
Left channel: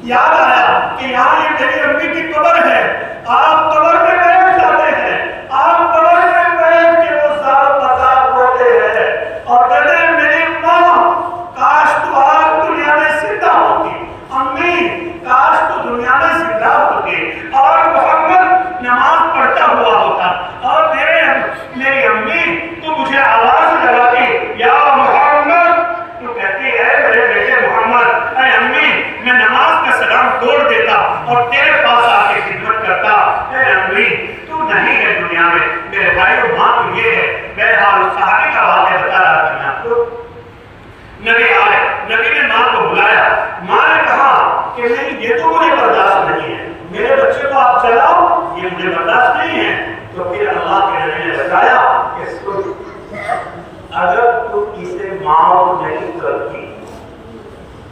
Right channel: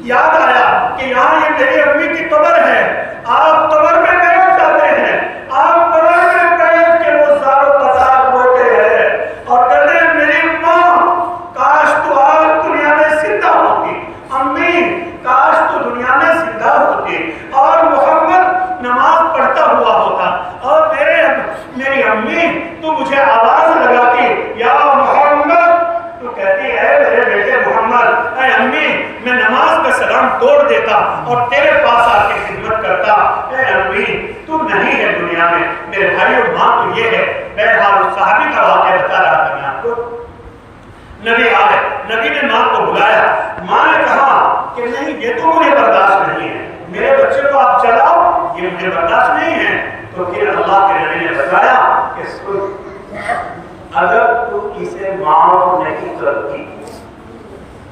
یاد آیا کہ یہاں یہ میری امی کی قبر ہے. آپ قبر میں بیٹھ جاتے ہیں، آپ قبر میں بیٹھ کے وہ زاروں قطار روتے ہیں اور کہتے ہیں میری ماں کاش تو آپ دنیا میں زندہ ہوتی، امی کاش تو دنیا میں زندہ ہوتی اور محمد نماز پڑھتا ہوا ہوتا اور میری امی تو مجھے آواز لگاتی یا محمد، تو کہتی ہے میرے بیٹے محمد، اے امی میں نماز کا سلام توڑ دیتا اور تیرے پاس آ کے خدمت کرتا. اے امی تو نہیں ہے دنیا میں. میرے بھائی اور ماں تو یہ ہے. بہرحال صحابی کا واقعہ بتا رہا تھا میں آپ کو. نبی آئے، نبی نے ماں کو بلایا. ماں نے کہا کہ نہیں یہ تو مجھے برداشت نہیں ہے، میرے بچے کو آپ چلاؤ، یہ مجھے برداشت نہیں ہے. تو پھر اللہ کے نبی نے بتایا کہ اگر تو اسے معاف نہیں کرتی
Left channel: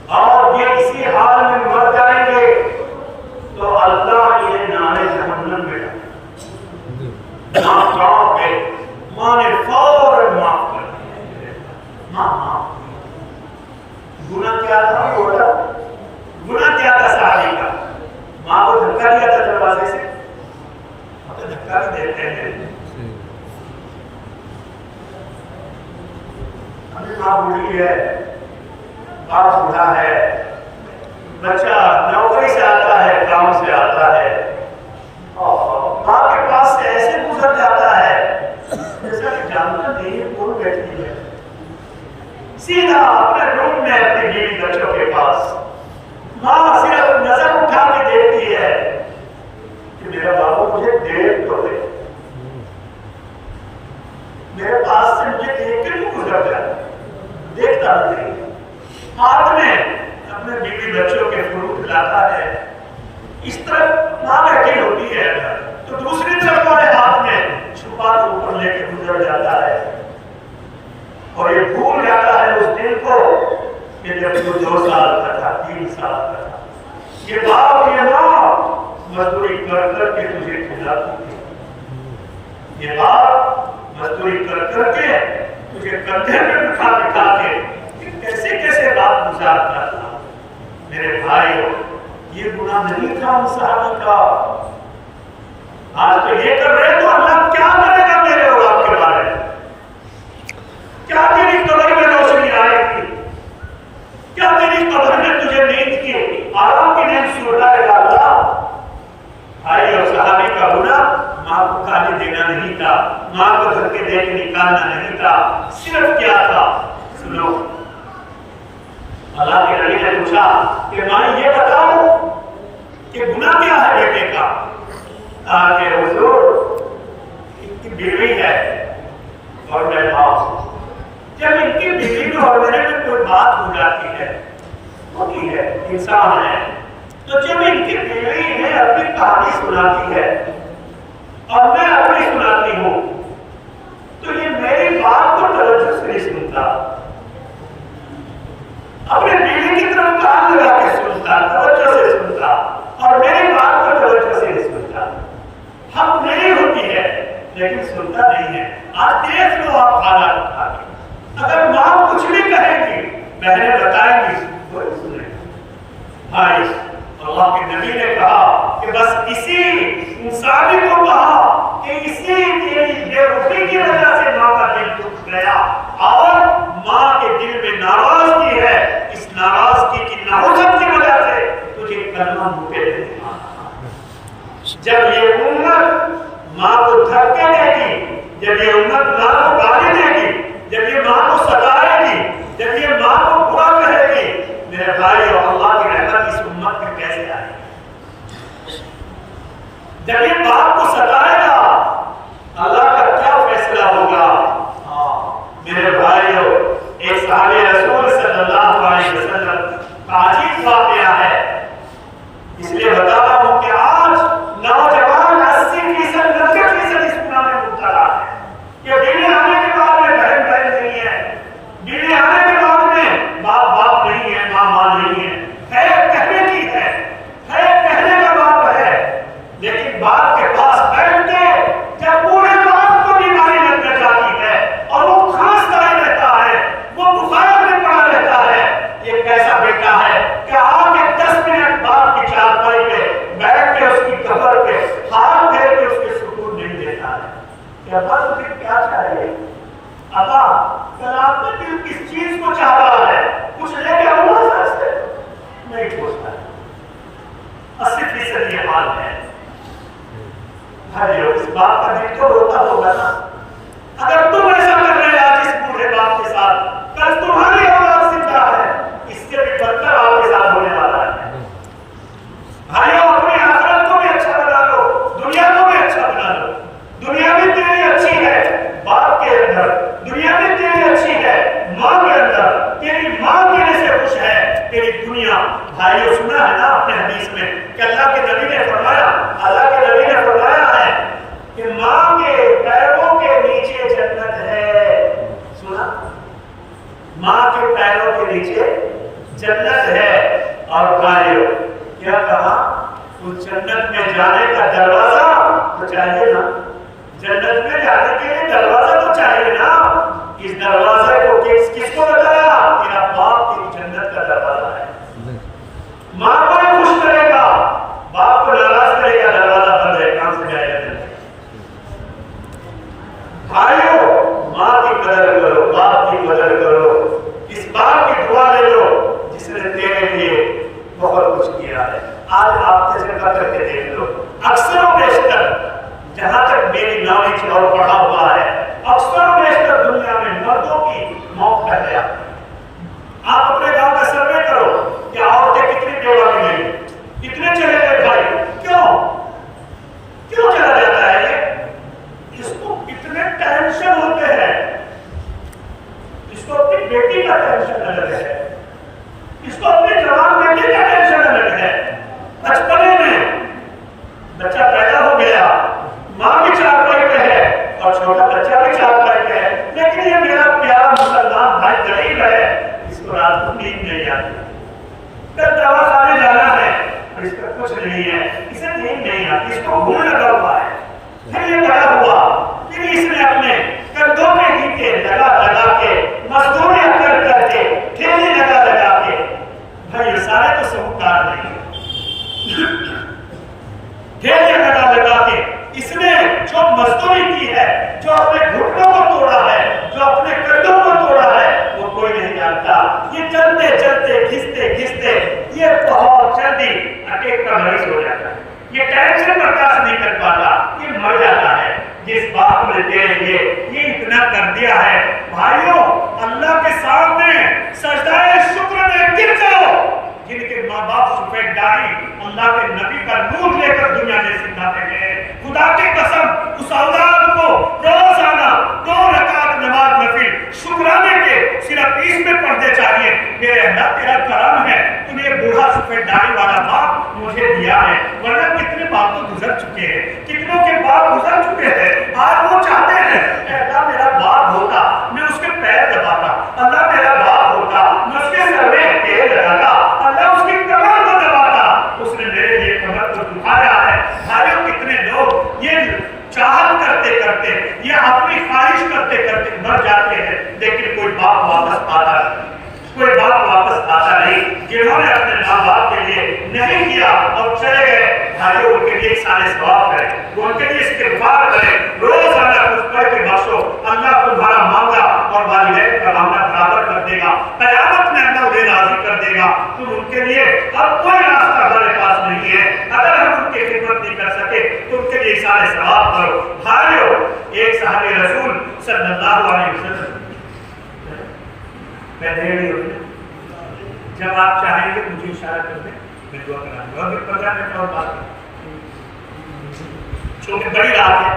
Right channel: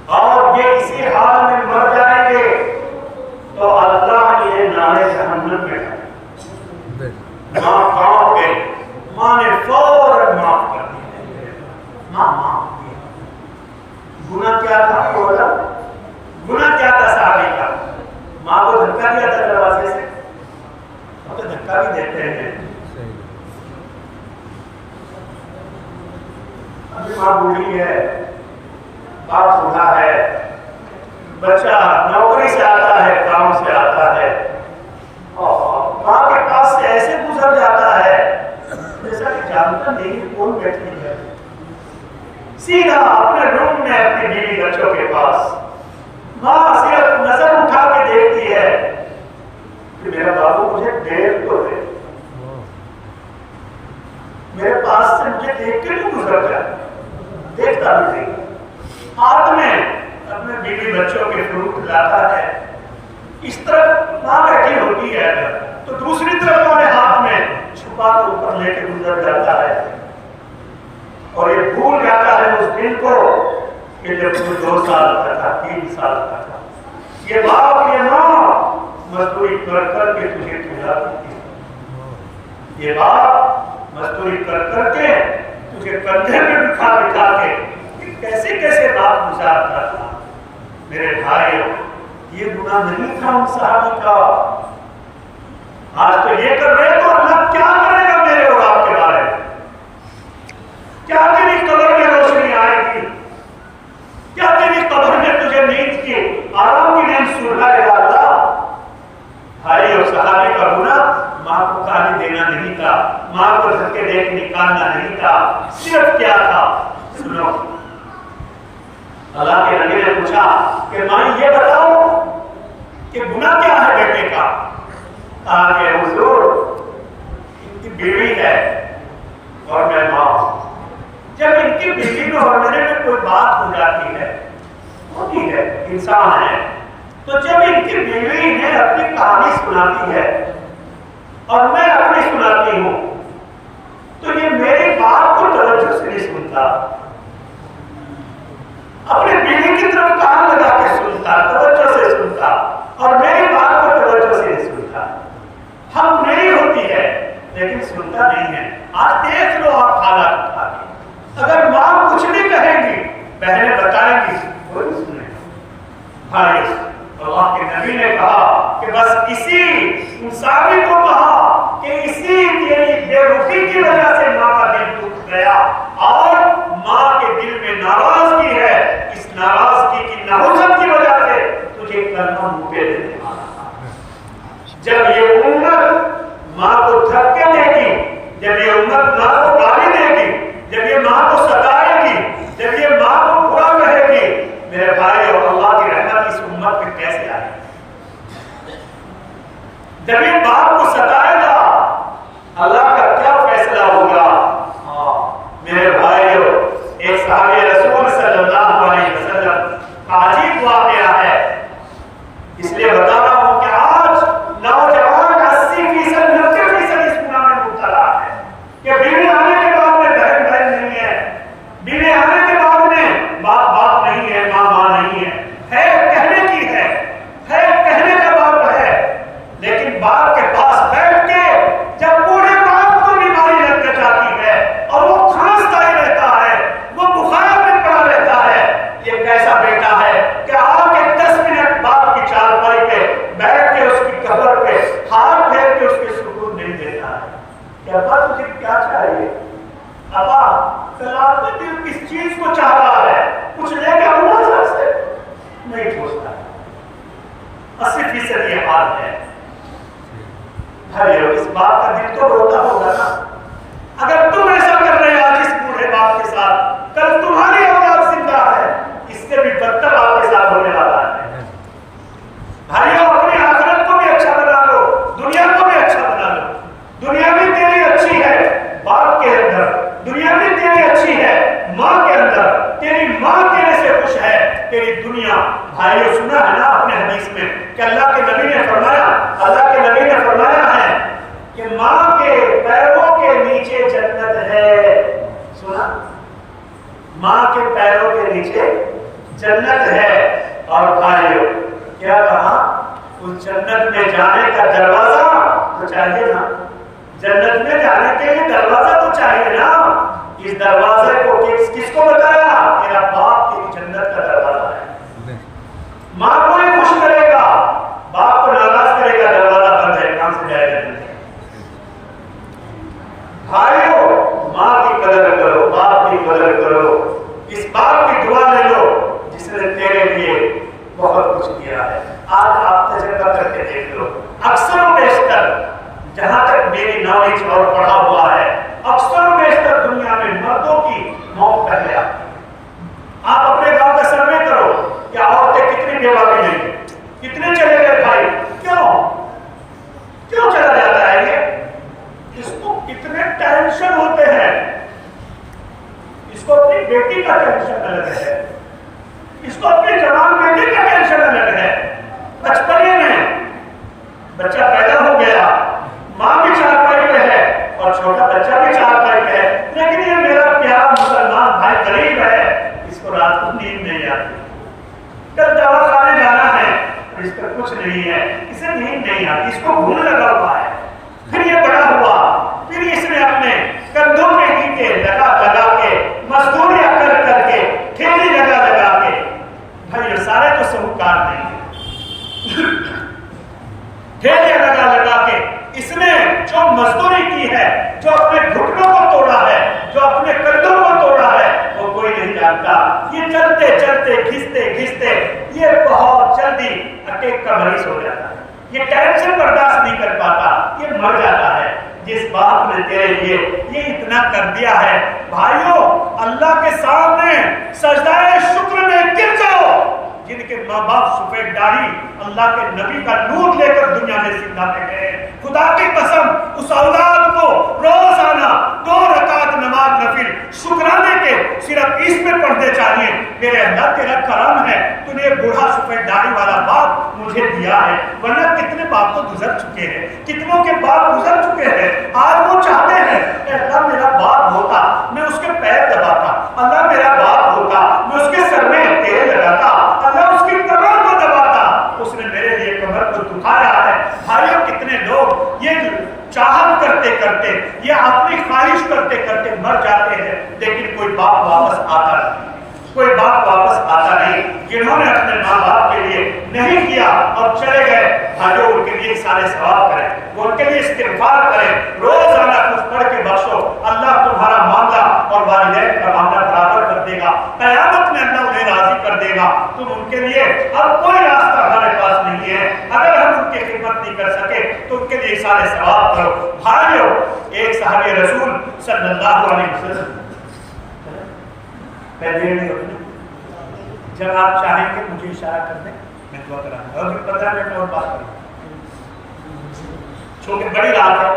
اور یہ اسی حال میں مر جائیں گے تو اللہ انہیں نارے جہنم میں ماں کہاں گئی. ماں نے فوراً معاف کر دی. ماں معاف کی. گناہ کیا تھا تھوڑا؟ گناہ کیا تھا صحابی کا؟ ماں کو دھکا دیا تھا دروازے سے. ہم تو دھکا بھی دیتے ہیں. ابھی ماں بوڑھی ہے، باپ بوڑھا ہے، بچہ نوکری سے آتا ہے، کام سے آتا ہے اور ماں کے پاس سے ایسے گزر جاتا ہے جیسا کہ جانتا نہیں کون بیٹھی ہے. سیدھا اپنے روم میں اپنی بیوی بچوں کے پاس. ماں صرف نظر اٹھا کے دیکھتی ہے کہ میرا بابو مجھے دیکھ تو دے، میرے پاس سے مجھے دیکھ کے تو گزر جائے. دیکھتا بھی نہیں. ہاتھ میں اپنے بیوی بچوں کے فروٹ لاتا ہے. اس طرف ماں بیٹھی ہوتی ہے تو دوسری طرف والے ہاتھ میں چھپا کے اوپر لے کے گزر جاتا ہے اور یہ بھول جاتا ہے اس دن کو کہ جب وہ 2 سال کا تھا، 3 سال کا تھا. یہ باپ یہ ماں مزدوری کر کر کے تجھے کھلاتی تھی. یہ باپ مزدوری کر کر کے تجھے کندھے میں بٹھا بٹھا کے کیسے کیسے رات گزارتا تھا. میرے بھائیو یہ گناہ نہیں تھا ان صحابہ کا. آج تو یہ کر رہے تو اللہ کیا کرے گا میرے اور آپ کے بارے میں؟ کیا تیری قبر میں روشنی آئے گی؟ کیا تیری قبر میں تجھے نیند کی آرام کی نیند سونا ہے اللہ؟ بھائی اور صحابی کا گناہ ماں کو گالی دینا نہیں تھا، ماں کو دھکے دے کے نکالنا نہیں تھا. صرف کیا تھا؟ سنو، اللہ کے نبی نے پوچھا کہ ماں یہ بتاؤ کہ گناہ کیا ہے بیٹے کا؟ کہا کہ حضور ان کی بیوی ہے اور میں ماں ہوں. جب ان کی بیوی میں اور میرے میں کوئی بات ہو جاتی ہے، ہوتی ہے، انسان ہے، تو جب ان کی بیوی ہے اپنی کہانی سناتی ہے اور میں اپنی سناتی ہوں تو یہ میری بات کو توجہ سے نہیں سنتا، اپنی بیوی کی طرف کان لگا کے سنتا، توجہ سے سنتا اور میری بات کو توجہ سے نہیں سنتا. حق نہیں ہوتی ہے لیکن سنتا نہیں ہے. آج دیکھ لو آپ حالات اٹھا کے. اگر ماں کچھ بھی کہیں گی، بہنیں بتائیں گی، کوئی سنے. بھائی اللہ کے نبی نے کہا کہ بس اسی انسانی کو کہا کہ اسی تیری بے رخی کی وجہ سے ماں کا دل ٹوٹ گیا اور ماں کے دل میں ناراضگی ہے. اس ناراضگی کی نحوست کی وجہ سے تجھے کلمہ منہ پہ دے. جب یہ امت ماں کو دھکے دے گی، جب یہ امت ماں کو گالی دے گی، جب یہ ماں کو ستائے گی، جب یہ ماں کو برا کہے گی، میرے بھائی اور اللہ کی رحمت اس امت میں کیسے آئے گی؟ جب یہ باپ کو ستائے گا اللہ کا کیا فیصلہ ہوگا؟ میرے بھائیو ایک صحابی رسول صلی اللہ علیہ وسلم کا عجیب واقعہ ہے، اس لیے بتا رہا ہوں کہ آج نوجوان 80% 90% اس گناہ میں مبتلا ہے کہ بیوی آنے کے بعد میں بہن بہن نہیں ہے، بیوی آنے کے بعد میں باپ باپ نہیں ہے، ماں ماں نہیں ہے کہنے کی ہے کہنے کا بات ہے، لیکن باپ کے پاس 80% یہ حال ہے. اس باپ کا دل تو روتا ہوگا نا. اگر تم ایسا کر رہے آج اس بوڑھے باپ کے ساتھ, کل تمہاری اولاد زندہ ہے, اس سے بھی بدتر آپ کے ساتھ ہونے والا ہے. بھائیوں, اپنی آخرت کو بھی اچھا بنا لو, دنیا کو بھی اچھا بنا لو. دنیا بھی تیری اچھی ہے باپ کے اندر, دنیا بھی تیری اچھی ہے ماں کے اندر, تیری ماں تیرے سے خوش ہے, تیری دنیا. بھائیوں, سنا ہے نا اپنے حدیث میں کہ اللہ کے نبی نے فرمایا ہے کہ ماں کے پیروں کے نیچے جنت ہے. سنا, ماں کے پیروں کے نیچے جنت ہے. اور بھائیوں کیا کہا, اس جنت میں جانے کا دروازہ تو چاہیے نا. جنت میں جانے کے لیے دروازہ تو چاہیے نا. اس دروازے کو کس کو بتایا؟ تیرا باپ تیری جنت کا دروازہ ہے. ماں کو نہیں خوش کرے گا, باپ کو ناراض کرے گا, دروازہ بند ہے, کہاں سے جائے گا. بھائیو, ماں کی قدر کرو, باپ کی قدر کرو. اس باپ کی دعا لے لو جس نے تیرے لیے بہت کچھ کیا ہے. آج آپ تجربہ کر کے دیکھ لو, اکثر و بیشتر جہاں تک میری نالج اور پڑھا ہوا ہے, اکثر و بیشتر دنیا میں مردوں کی موت پہلے آتی ہے. آپ اپنے گاؤں کا سروے کرو, کیا عورتیں کتنی بیوہ ملیں, کتنے چلے گئے بھائی, کیوں چلا جاتا ہے یہ؟ اس کو کتنے ٹینشن ہوتے ہیں. اس کو اپنی بیٹی کا ٹینشن الگ ہے, اس کو اپنی جوان بیٹی کا ٹینشن الگ ہے. بچپن ہی میں بچہ پیدا ہو گیا, ماں بھی چارپائی پہ ہے اور چھوٹا بچہ بھی چارپائی پہ ہے, لیکن یہ میرا پیارا مسلمان بھائی غریب ہے, اس کو رات کو نیند نہیں آتی. کل دوا کھانے جانا ہے, اس پر کچھ نہیں ہے, اسے نیند نہیں آتی, اس کو بھول لگا ہوا ہے. پھر یہ بڑا ہوا, پھر اس نے اپنے کندھوں میں نیچے لگا کے, مزدوریاں کر کے, ٹھیلی لگا کے, بھائی سارے تو سہوکار نہیں ہے. ٹھیلے لگا کے اس نے جو مزدوری کی ہے, جو اپنے گھٹنوں کو توڑا ہے, جو اپنے کندھوں کو توڑا ہے, وہ کوئی نہیں جانتا. یہ چلتے گھستے یہ بہت جلدی اٹیک کا مریض ہو جاتا ہے. یہ ٹینشن برداشت نہیں کر پاتا, یہ مر جاتا ہے. جس باپ نے تیرے لیے یہ اتنا کر دیا ہے, بھائیوں اللہ کے سامنے سجدہ شکر میں گر جاؤ. جن کے ماں باپ سفید داڑھی اللہ کے نبی کا نور لے کر دنیا میں زندہ رہ گئے, خدا کی قسم اس اولاد کو روزانہ 2 رکعت نماز نفل شکرانے کے صرف اس میں پڑھنے چاہیے. میرے اللہ تیرا کرم ہے, تو نے بوڑھا سفید داڑھی والا باپ مجھے دیا ہے, ورنہ کتنے باپ تو گزر چکے ہیں, کتنوں کے باپ گزر چکے ہیں. آج وہ چاہتے ہیں اللہ میرا باپ ہوتا, میں اس کے پیر دباتا, اللہ میرا باپ ہوتا, میں اس کے سر میں تیل لگاتا, اللہ اس کی کمر کو دباتا, اس نے میرے لیے کمر کو دکھایا ہے. بھائیوں کتنے لوگ یہ چاہت کرتے یا اپنی خواہش کرتے مر جاتے ہیں, لیکن کوئی باپ واپس آتا نہیں. جنہوں نے اپنے ماں باپ کے لیے نہیں کیا اور چلے گئے, بھائیوں ان کے لیے سارے ثواب کریں, وہ ان کے لیے استغفار کریں, روزانہ کچھ پڑھ کے بخشو. اللہ تمہارا معاملہ اور والدین کا معاملہ برابر کر دے گا. قیامت میں اللہ انہیں راضی کر دے گا. تم ان کے لیے اب کوئی راستہ ہمارے پاس نہیں ہے, اگر ہم ان کی خدمت نہیں کر سکے تو ان کے لیے سارے ثواب کرو. بھائیوں ایک صحابی رسول صلی اللہ علیہ وسلم, جب آپ چاہیں گے مجھے اشارہ کر دیں, میں دعا کراؤں گا. اور 15 منٹ اور بات کروں, چھوٹی بڑی رات ہے,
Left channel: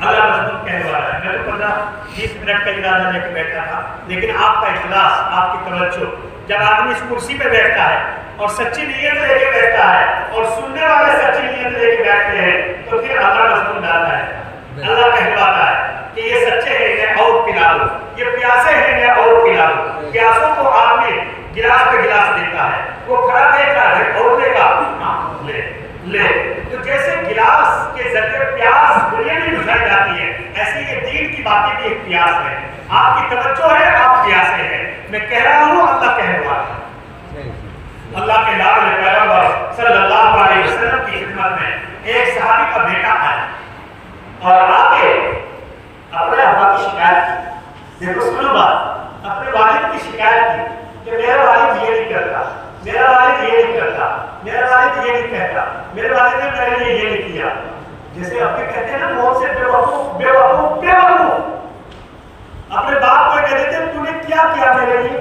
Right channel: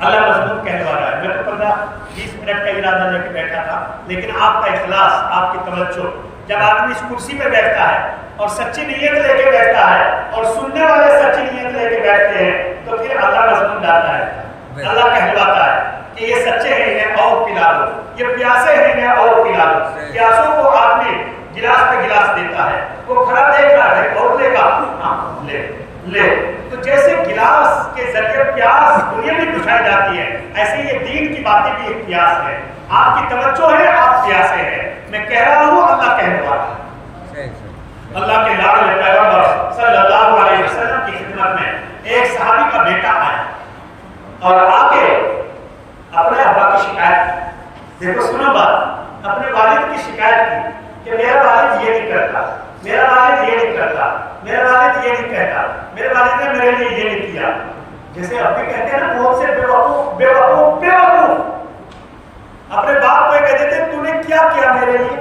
اللہ مضمون کہلوا رہا ہے. میں تو 15-20 منٹ کا ارادہ لے کے بیٹھا تھا, لیکن آپ کا اخلاص, آپ کی توجہ, جب آدمی اس کرسی پہ بیٹھتا ہے اور سچی نیت لے کے بیٹھتا ہے اور سننے والے سچی نیت لے کے بیٹھتے ہیں, تو پھر اللہ مضمون ڈالتا ہے. اللہ کہلواتا ہے کہ یہ سچے ہیں انہیں اور پلا دو, یہ پیاسے ہیں انہیں اور پلا دو. پیاسوں کو آدمی گلاس پہ گلاس دیتا ہے, وہ کھڑا دیکھ رہا ہے اور لے گا, ہاں لے. تو جیسے گلاس کے ذریعے پیاس دنیا میں بجھائی جاتی ہے, ایسے یہ دین کی باتیں بھی ایک پیاس ہے. آپ کی توجہ ہے, آپ پیاسے ہیں. میں کہہ رہا ہوں, اللہ کہنے والا ہے. اللہ کے لاڈلے پیغمبر صلی اللہ علیہ وسلم کی خدمت میں ایک صحابی کا بیٹا آیا اور آ کے اپنے ابا کی شکایت کی. دیکھو سنو بات, اپنے والد کی شکایت کی کہ میرا والد یہ نہیں کرتا, میرا والد یہ نہیں کرتا. نہیں کہتا میرے والد نے میرے لیے یہ نہیں کیا. جیسے اب بھی کہتے ہیں نا بہت سے بیوقوف بیوقوف بیوقوف اپنے باپ کو کہہ دیتے تو نے کیا کیا میرے لیے.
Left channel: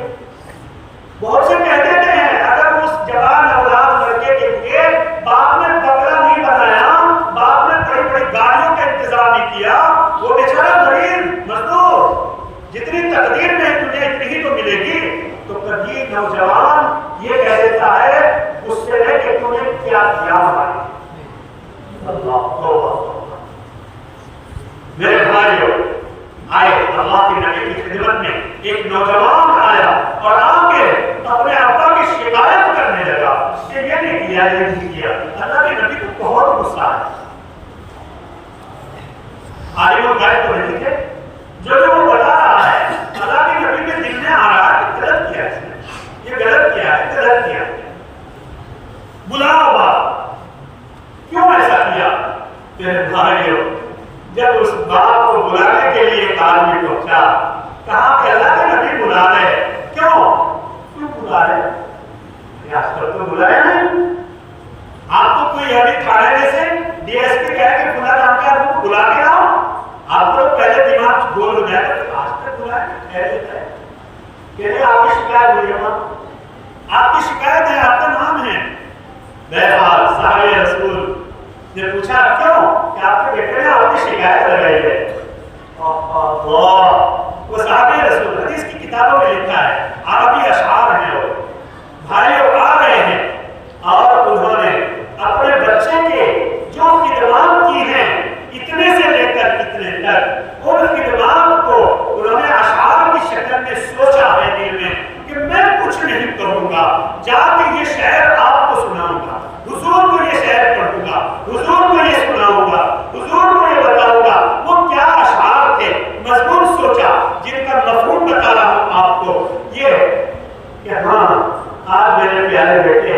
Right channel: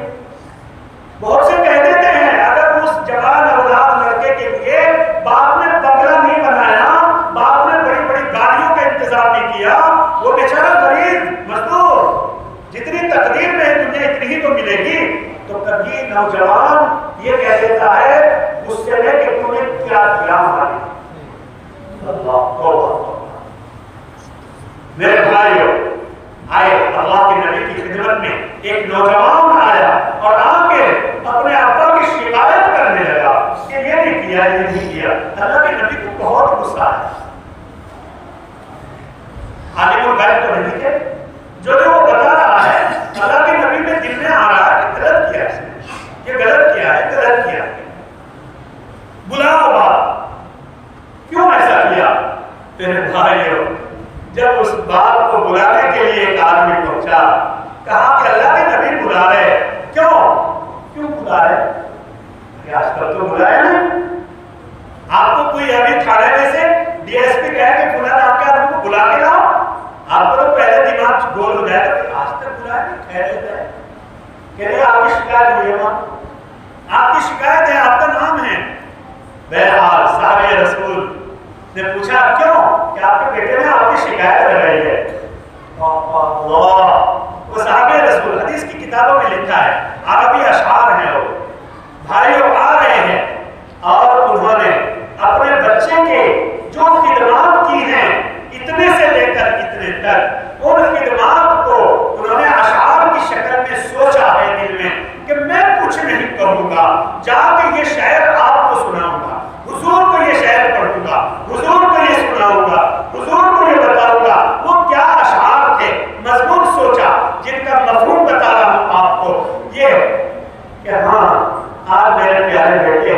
بہت سے کہہ دیتے ہیں اگر اس جوان اولاد لڑکے کے لیے باپ نے بکرا نہیں بنایا, باپ نے بڑی بڑی گاڑیوں کا انتظام نہیں کیا, وہ بیچارہ غریب مزدور, جتنی تقدیر میں دنیا اتنی ہی تو ملے گی. تو کبھی نوجوان یہ کہہ دیتا ہے اس سے لے کہ تم نے کیا کیا ہمارے. میرے بھائیوں آئے اللہ کے نبی کی خدمت میں ایک نوجوان آیا اور آ کے اپنے ابا کی شکایت کرنے لگا کہ یہ نہیں کیا یہ نہیں کیا. اللہ کے نبی کو بہت غصہ آیا. عالم الغیب تو نہیں تھے, جو وہ بتا رہا ہے اللہ کے نبی میں دل میں آ رہا ہے کہ غلط کیا اس نے, یہ غلط کیا ہے, غلط کیا ہے. بلاؤ باپ, کیوں ایسا کیا؟ میرے بھائیوں جب اس باپ کو بلانے کے لیے ایک آدمی پہنچا, کہا کہ اللہ کے نبی بلا رہے. کیوں بلا رہے؟ آج کل تو بلائے نہیں. آپ کو کوئی ابھی تھانے میں سے ڈی ایس پی کہے کہ فلاں نام کے آدمی کو بلا کے لاؤ, آپ کو پہلے دماغ گول ہو جائے گا. آج تک بلایا نہیں, ٹھہر لیتا ہے. کہتے آپ کی شکایت ہوئی ہے, وہاں آپ کی شکایت ہے, آپ کا نام ہے. بہرحال صحابی رسول نے پوچھا کیوں, کہ آپ کے بیٹے نے آپ کی شکایت لگائی ہے. وہ صحابی رسول حدیث کی کتابوں میں لکھا ہے, عربی اشعار ہیں لوگ. بھائیوں آ رہے ہیں اور انہوں نے اپنے بچے کے جو خدمات کی ہیں اتنے سے لے کر اتنے تک, ان خدمات کو انہوں نے اشعار کی شکل میں سوچا ہے دل میں کہ میں کچھ نہیں کروں گا, جا کے یہ شعر آپ کو سناؤں گا, حضور کو یہ شعر پڑھوں گا, حضور کو یہ سناؤں گا, حضور کو یہ بتاؤں گا. وہ کیا اشعار تھے, مضمون سوچا جن کا مفہوم بتا رہا ہوں آپ کو. یہ کہ ہاں آج میرے پیارے بیٹے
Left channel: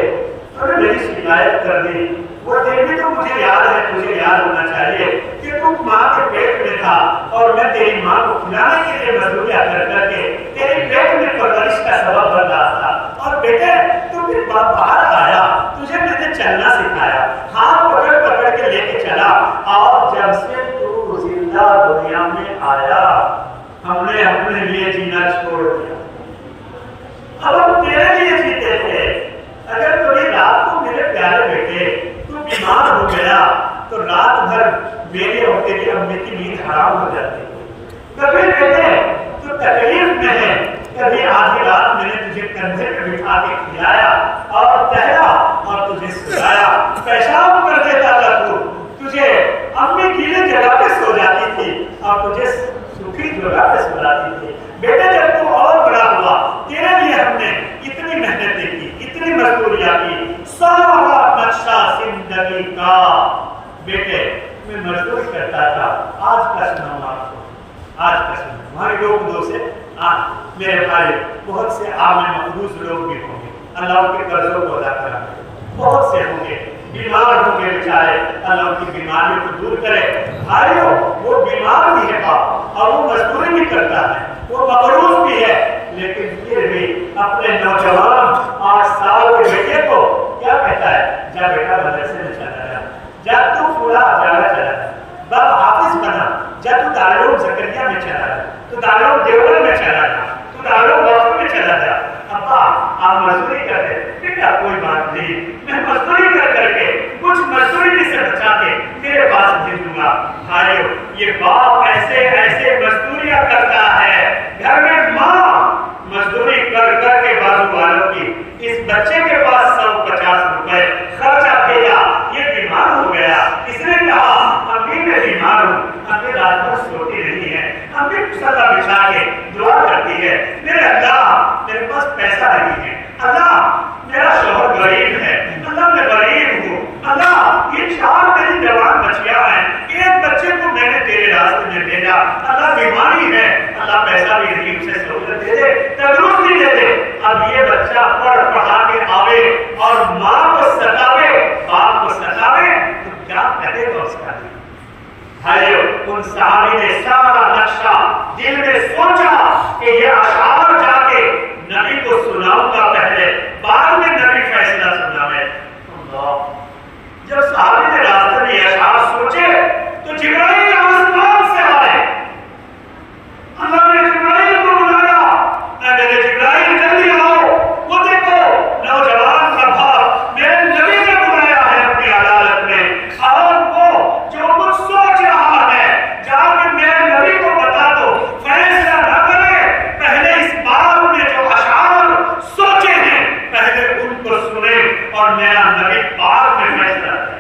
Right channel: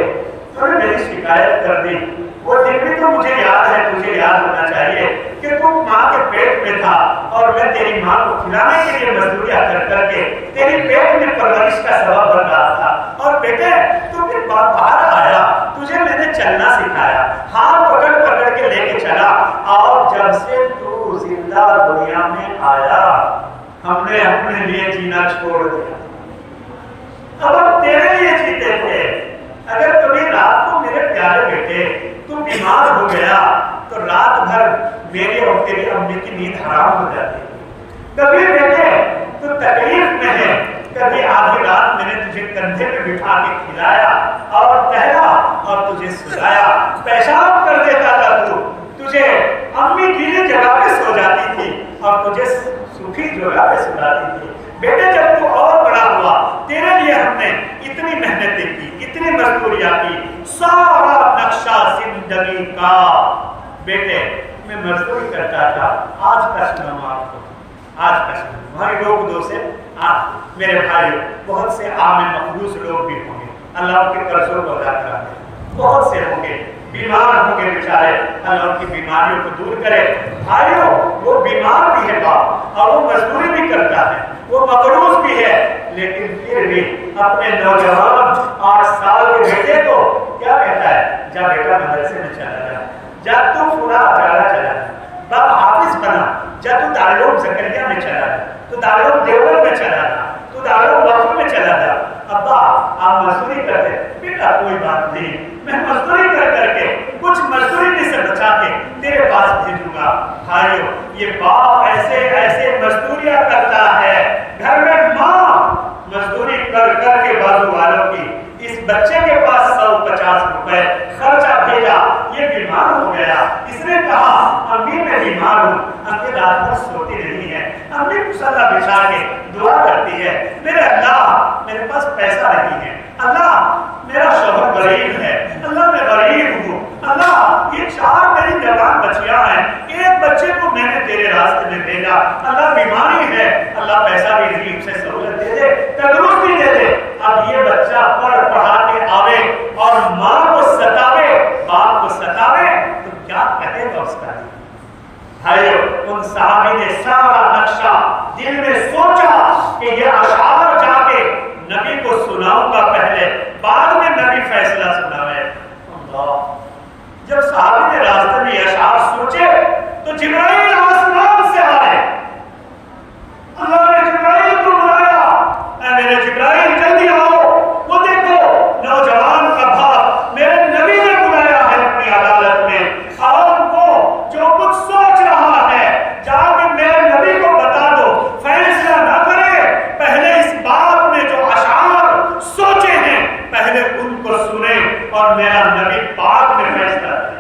تم نے میری شکایت کر دی. وہ دن بھی تو مجھے یاد ہے, مجھے یاد ہونا چاہیے کہ تم ماں کے پیٹ میں تھا اور میں تیری ماں کو کھلانے کے لیے مزدوریاں کر کر کے تیری پیٹ میں پرورش کا سبب بن رہا تھا. اور بیٹے تو پھر باہر آیا, تجھے میں نے چلنا سکھایا, ہاتھ پکڑ پکڑ کے لے کے چلا, اور جب سے تو زندہ دنیا میں آیا ہم نے اپنے لیے جینا چھوڑ دیا. اب ہم تیرے لیے جیتے تھے. اگر تمہیں رات کو میرے پیارے بیٹے تم بیمار ہو گیا تو رات بھر میرے اور تیری امی کی نیند حرام ہو جاتی تھی. کبھی بیٹے تو تکلیف میں ہے, کبھی آدھی رات میں نے تجھے کندھے پہ بٹھا کے کھلایا اور ٹہلا اور تجھے سلایا, پیشاب کر دیتا تھا تجھے امی گیلی جگہ پہ سو جاتی تھی اور تجھے سوکھی جگہ پہ سلاتی تھی. بیٹے جب تو اور بڑا ہوا تیرے لیے ہم نے اتنی محنتیں کی, اتنی مزدوریاں کی, سارا نقشہ زندگی کا بیٹے میں مزدوری کرتا تھا. آج کا سنوں آپ کو, آج کا سنوں ہماری روک دو سے. میرے بھائی بہت سے عام مقروض لوگ بھی ہوں گے, اللہ کے قرضوں کو ادا کرا دے. بہت سے ہوں گے بیمار ہوں گے بیچارے, اللہ ان کی بیماریوں کو دور کرے. بھائیوں وہ بیمار بھی ہے باپ اور وہ مزدوری بھی کرتا ہے, وہ مقروض بھی ہے, لیکن پھر بھی اپنے نوجوان 8 سال کے بیٹے کو کیا کہتا ہے, جا بیٹا مدرسے میں چلا جا, جا تو فلاں جگہ چلا جا, باپ حافظ بنا, جا تو دارالعلوم زکریا میں چلا جا, تو دارالعلوم دیوبند میں چلا جا, تو دارالعلوم وقف میں چلا جا. ابا آپ مزدوری کرتے, بیٹا کوئی بات نہیں, میں مزدوری کر کر کے کچھ مزدوری میں سے بچا کے تیرے پاس بھیجوں گا. بھائیو یہ باپ ایسے ایسے مزدوریاں کرتا ہے, گھر میں ماں مزدوری کر کر کے بازو والوں کی اس بچے کے پاس 150 روپے خرچہ بھیجا, یہ بیمار ہو گیا. اس نے کہا امی میں بیمار ہوں, امی رات بھر سوتی نہیں ہے, امی مصلی بچھا کے دعا کرتی ہے, میرے اللہ میرے پاس پیسہ نہیں ہے, اللہ میرا شوہر غریب ہے, اللہ میں غریب ہوں, اللہ یہ 4 میری جوان بچیاں ہیں, ایک بچے کو میں نے تیرے راستے میں بھیجا, اللہ بیماری ہے, اللہ پیسہ بھی نہیں, اسے سہولت دے دے, تندرستی دے دے. اب یہ بچہ پڑھ پڑھا کے آوے اور ماں کو ستاوے, باپ کو ستاوے, تو کیا کہے گا اس کا دل. بھائیو ان صحابی نے سارا نقشہ دل میں سوچا کہ یہ اشعار جا کے نبی کو سناؤں گا پہلے, بعد میں نبی فیصلہ سناوے. اللہ نبی پاک نے فیصلہ کیا.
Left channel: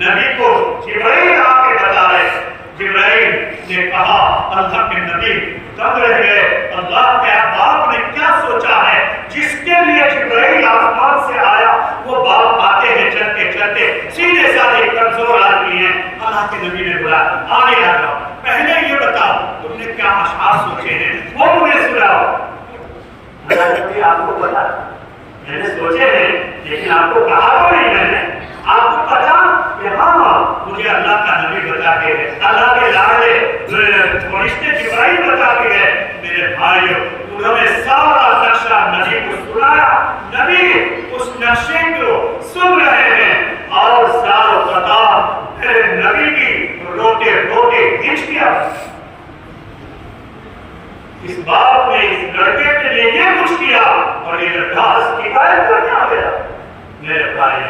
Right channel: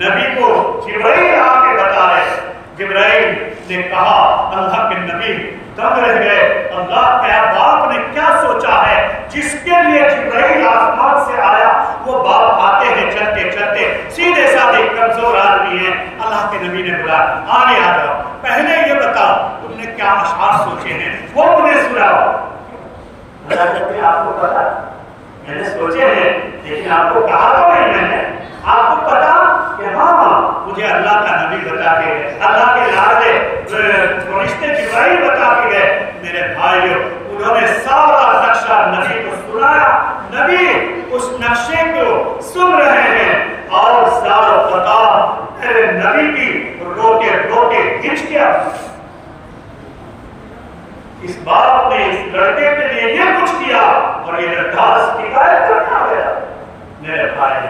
نبی کو جبرائیل آ کے بتا رہے. جبرائیل نے کہا اللہ کے نبی دب رہ گئے. اللہ کے باپ نے کیا سوچا ہے جس کے لیے جبرائیل آسمان سے آیا؟ وہ باپ آتے ہیں چلتے چلتے سیدھے سادے کمزور آدمی ہیں. اللہ کے نبی نے بتایا آگے آ جاؤ، پہلے یہ بتاؤ تم نے کیا اشعار سوچے ہیں وہ مجھے سناؤ. آپ کو پتا میں نے سوچے ہیں لیکن آپ کو کہا تو نہیں میں نے. آپ کو پتا کہ ہاں مجھے اللہ کا نبی بتا کے گئے، اللہ کے لائے فرشتے جبرائیل بتا کے گئے. میرے بھائیو انہوں نے سارا نقشہ نبی کو سنایا. نبی اس نقشے کو سن رہے ہیں اور سارا پتا میرے نبی کی روتے روتے ہچ گیا. اس باپ نے اس لڑکے کے لیے یہ کچھ کیا اور یہ لڑکا اس کی حالت کرنے آ گیا. میرے بھائی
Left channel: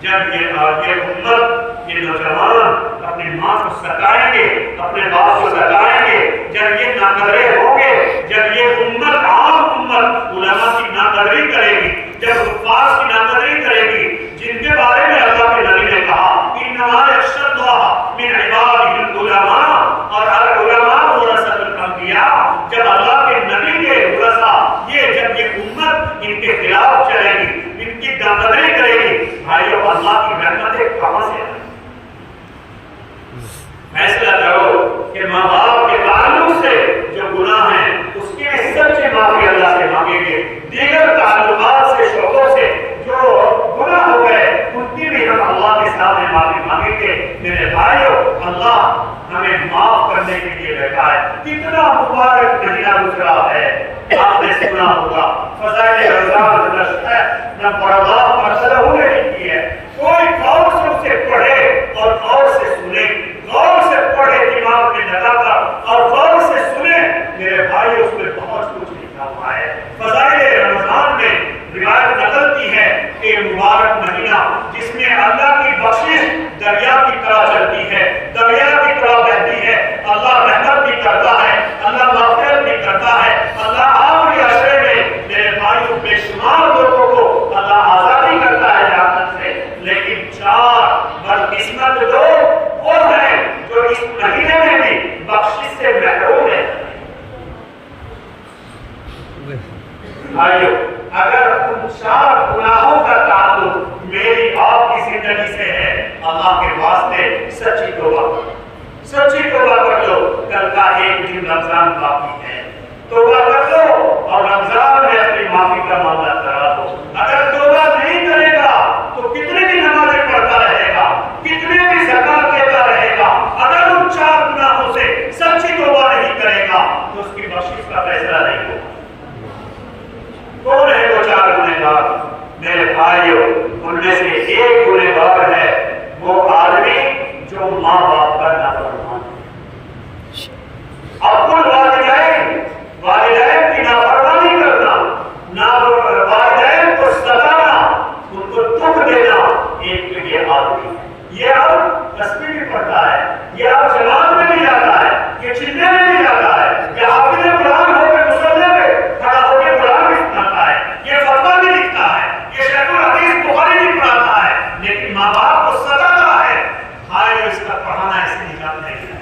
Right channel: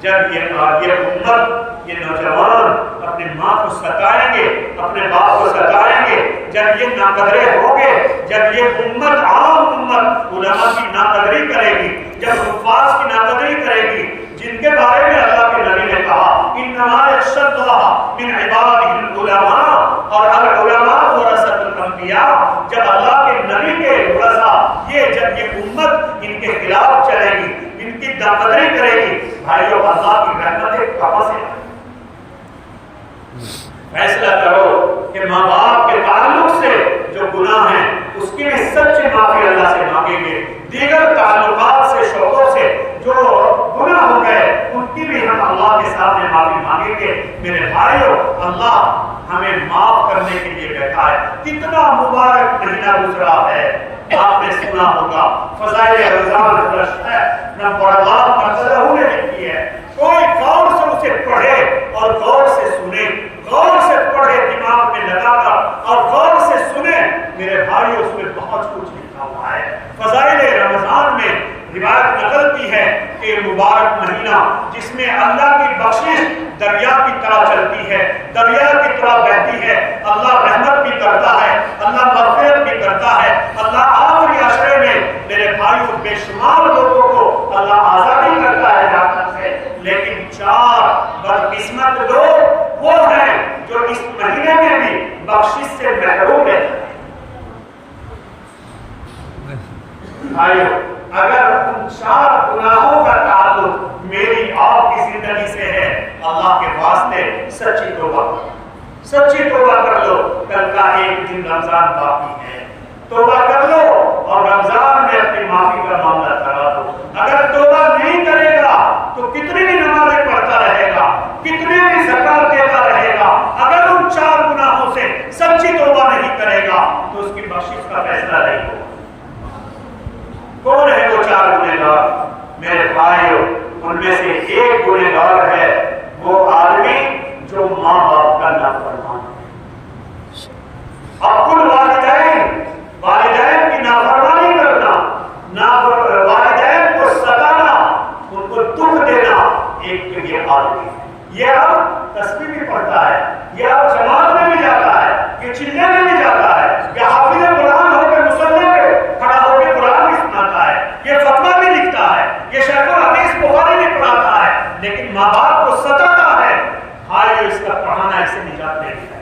جب یہ امت یہ نوجوان اپنی ماں کو ستائیں گے، اپنے باپ کو ستائیں گے، جب یہ ناقدرے ہوں گے، جب یہ امت عام امت علماء کی ناقدری کرے گی، جب حفاظ کی ناقدری کرے گی، جن کے بارے میں اللہ کے نبی نے کہا انما یخشی اللہ من عباده العلماء اور العلماء ورثۃ الانبیاء. جب اللہ کے نبی کے ورثہ جب یہ امت ان کے خلاف چلے گی، ان کی ناقدری کرے گی، بھائیو اللہ کی رحمتیں کہاں سے آئیں؟ فیصلہ کرو کہ ماں باپ کے تعلق سے جو گناہ ہیں اس کی بھی سچی معافی اللہ سے مانگیں گے. دیگر تعلقات سے شعبوں سے جو گناہ ہو گئے ان کی بھی ہم اللہ کے سامنے معافی مانگیں گے. میرے بھائیو اللہ ہمیں معاف کرنے کے لیے بیٹھا ہے. کتنا مبارک مہینہ گزرا ہے. آپ نے سنا ہوگا فضائل رمضان کا شہر میں بڑا مرتبہ ہوئے لکھی ہے. کوئی غور سے اسے پڑھے اور غور سے سنے، غور سے پڑھے دماغ میں لگا کر اور غور سے سنے. میرے بھائی اس میں بہت کچھ لکھا ہوا ہے. فضائل رمضان میں روایت نکلتی ہے کہ مبارک مہینہ جس میں اللہ کی بخشش دریا کی طرح چلتی ہے، دریا کی طرح بہتی ہے. اللہ رحمت بھی کرتا ہے، اللہ مغفرت بھی کرتا ہے. اللہ آخری عشرے میں میرے بھائیوں بے شمار لوگوں کو اللہ آزادی کرتا ہے جہنم سے. لیکن 4 بدقسمت لوگ وہ ہیں جو اس مہینے میں بھی بخشش سے محروم ہیں. بھائیو اگر ان 4 گناہوں کا تعلق میری آپ کی زندگی سے ہے، اللہ کے واسطے سچی توبہ کرو، سچی توبہ کر لو. کل کا ایک دن رمضان باقی ہے، توبہ کر لو اور رمضان میں اپنی معافی کا معاملہ کرا دو. اگر توبہ نہیں کرے گا تو کتنی بھی نمازیں پڑھتا رہے گا، کتنی بھی زکات دیتا رہے گا، اگر ان 4 گناہوں سے سچی توبہ نہیں کرے گا تو اس کی بخشش کا فیصلہ نہیں ہوگا. کون ہے وہ 4 گنہگار؟ میرے بھائیو ان میں سے ایک گنہگار ہے وہ آدمی جو ماں باپ کا نافرمان ہے. حق الوالدین، والدین کی نافرمانی کرنا، والدین کو ستانا، ان کو دکھ دینا. ایک تو یہ آدمی، یہ اب تسبیح بھی پڑھتا ہے، یہ اب جماعت میں بھی جاتا ہے، یہ چلے میں بھی جاتا ہے، یہ حافظ قرآن ہو کے مصلی پہ کھڑا ہو کے قرآن بھی سناتا ہے، یہ فتویٰ بھی لکھتا ہے، یہ شیخ الحدیث بخاری بھی پڑھاتا ہے، لیکن ماں باپ کو ستاتا ہے. ہائے اس کا پڑھانا اسے نجات نہیں دیا.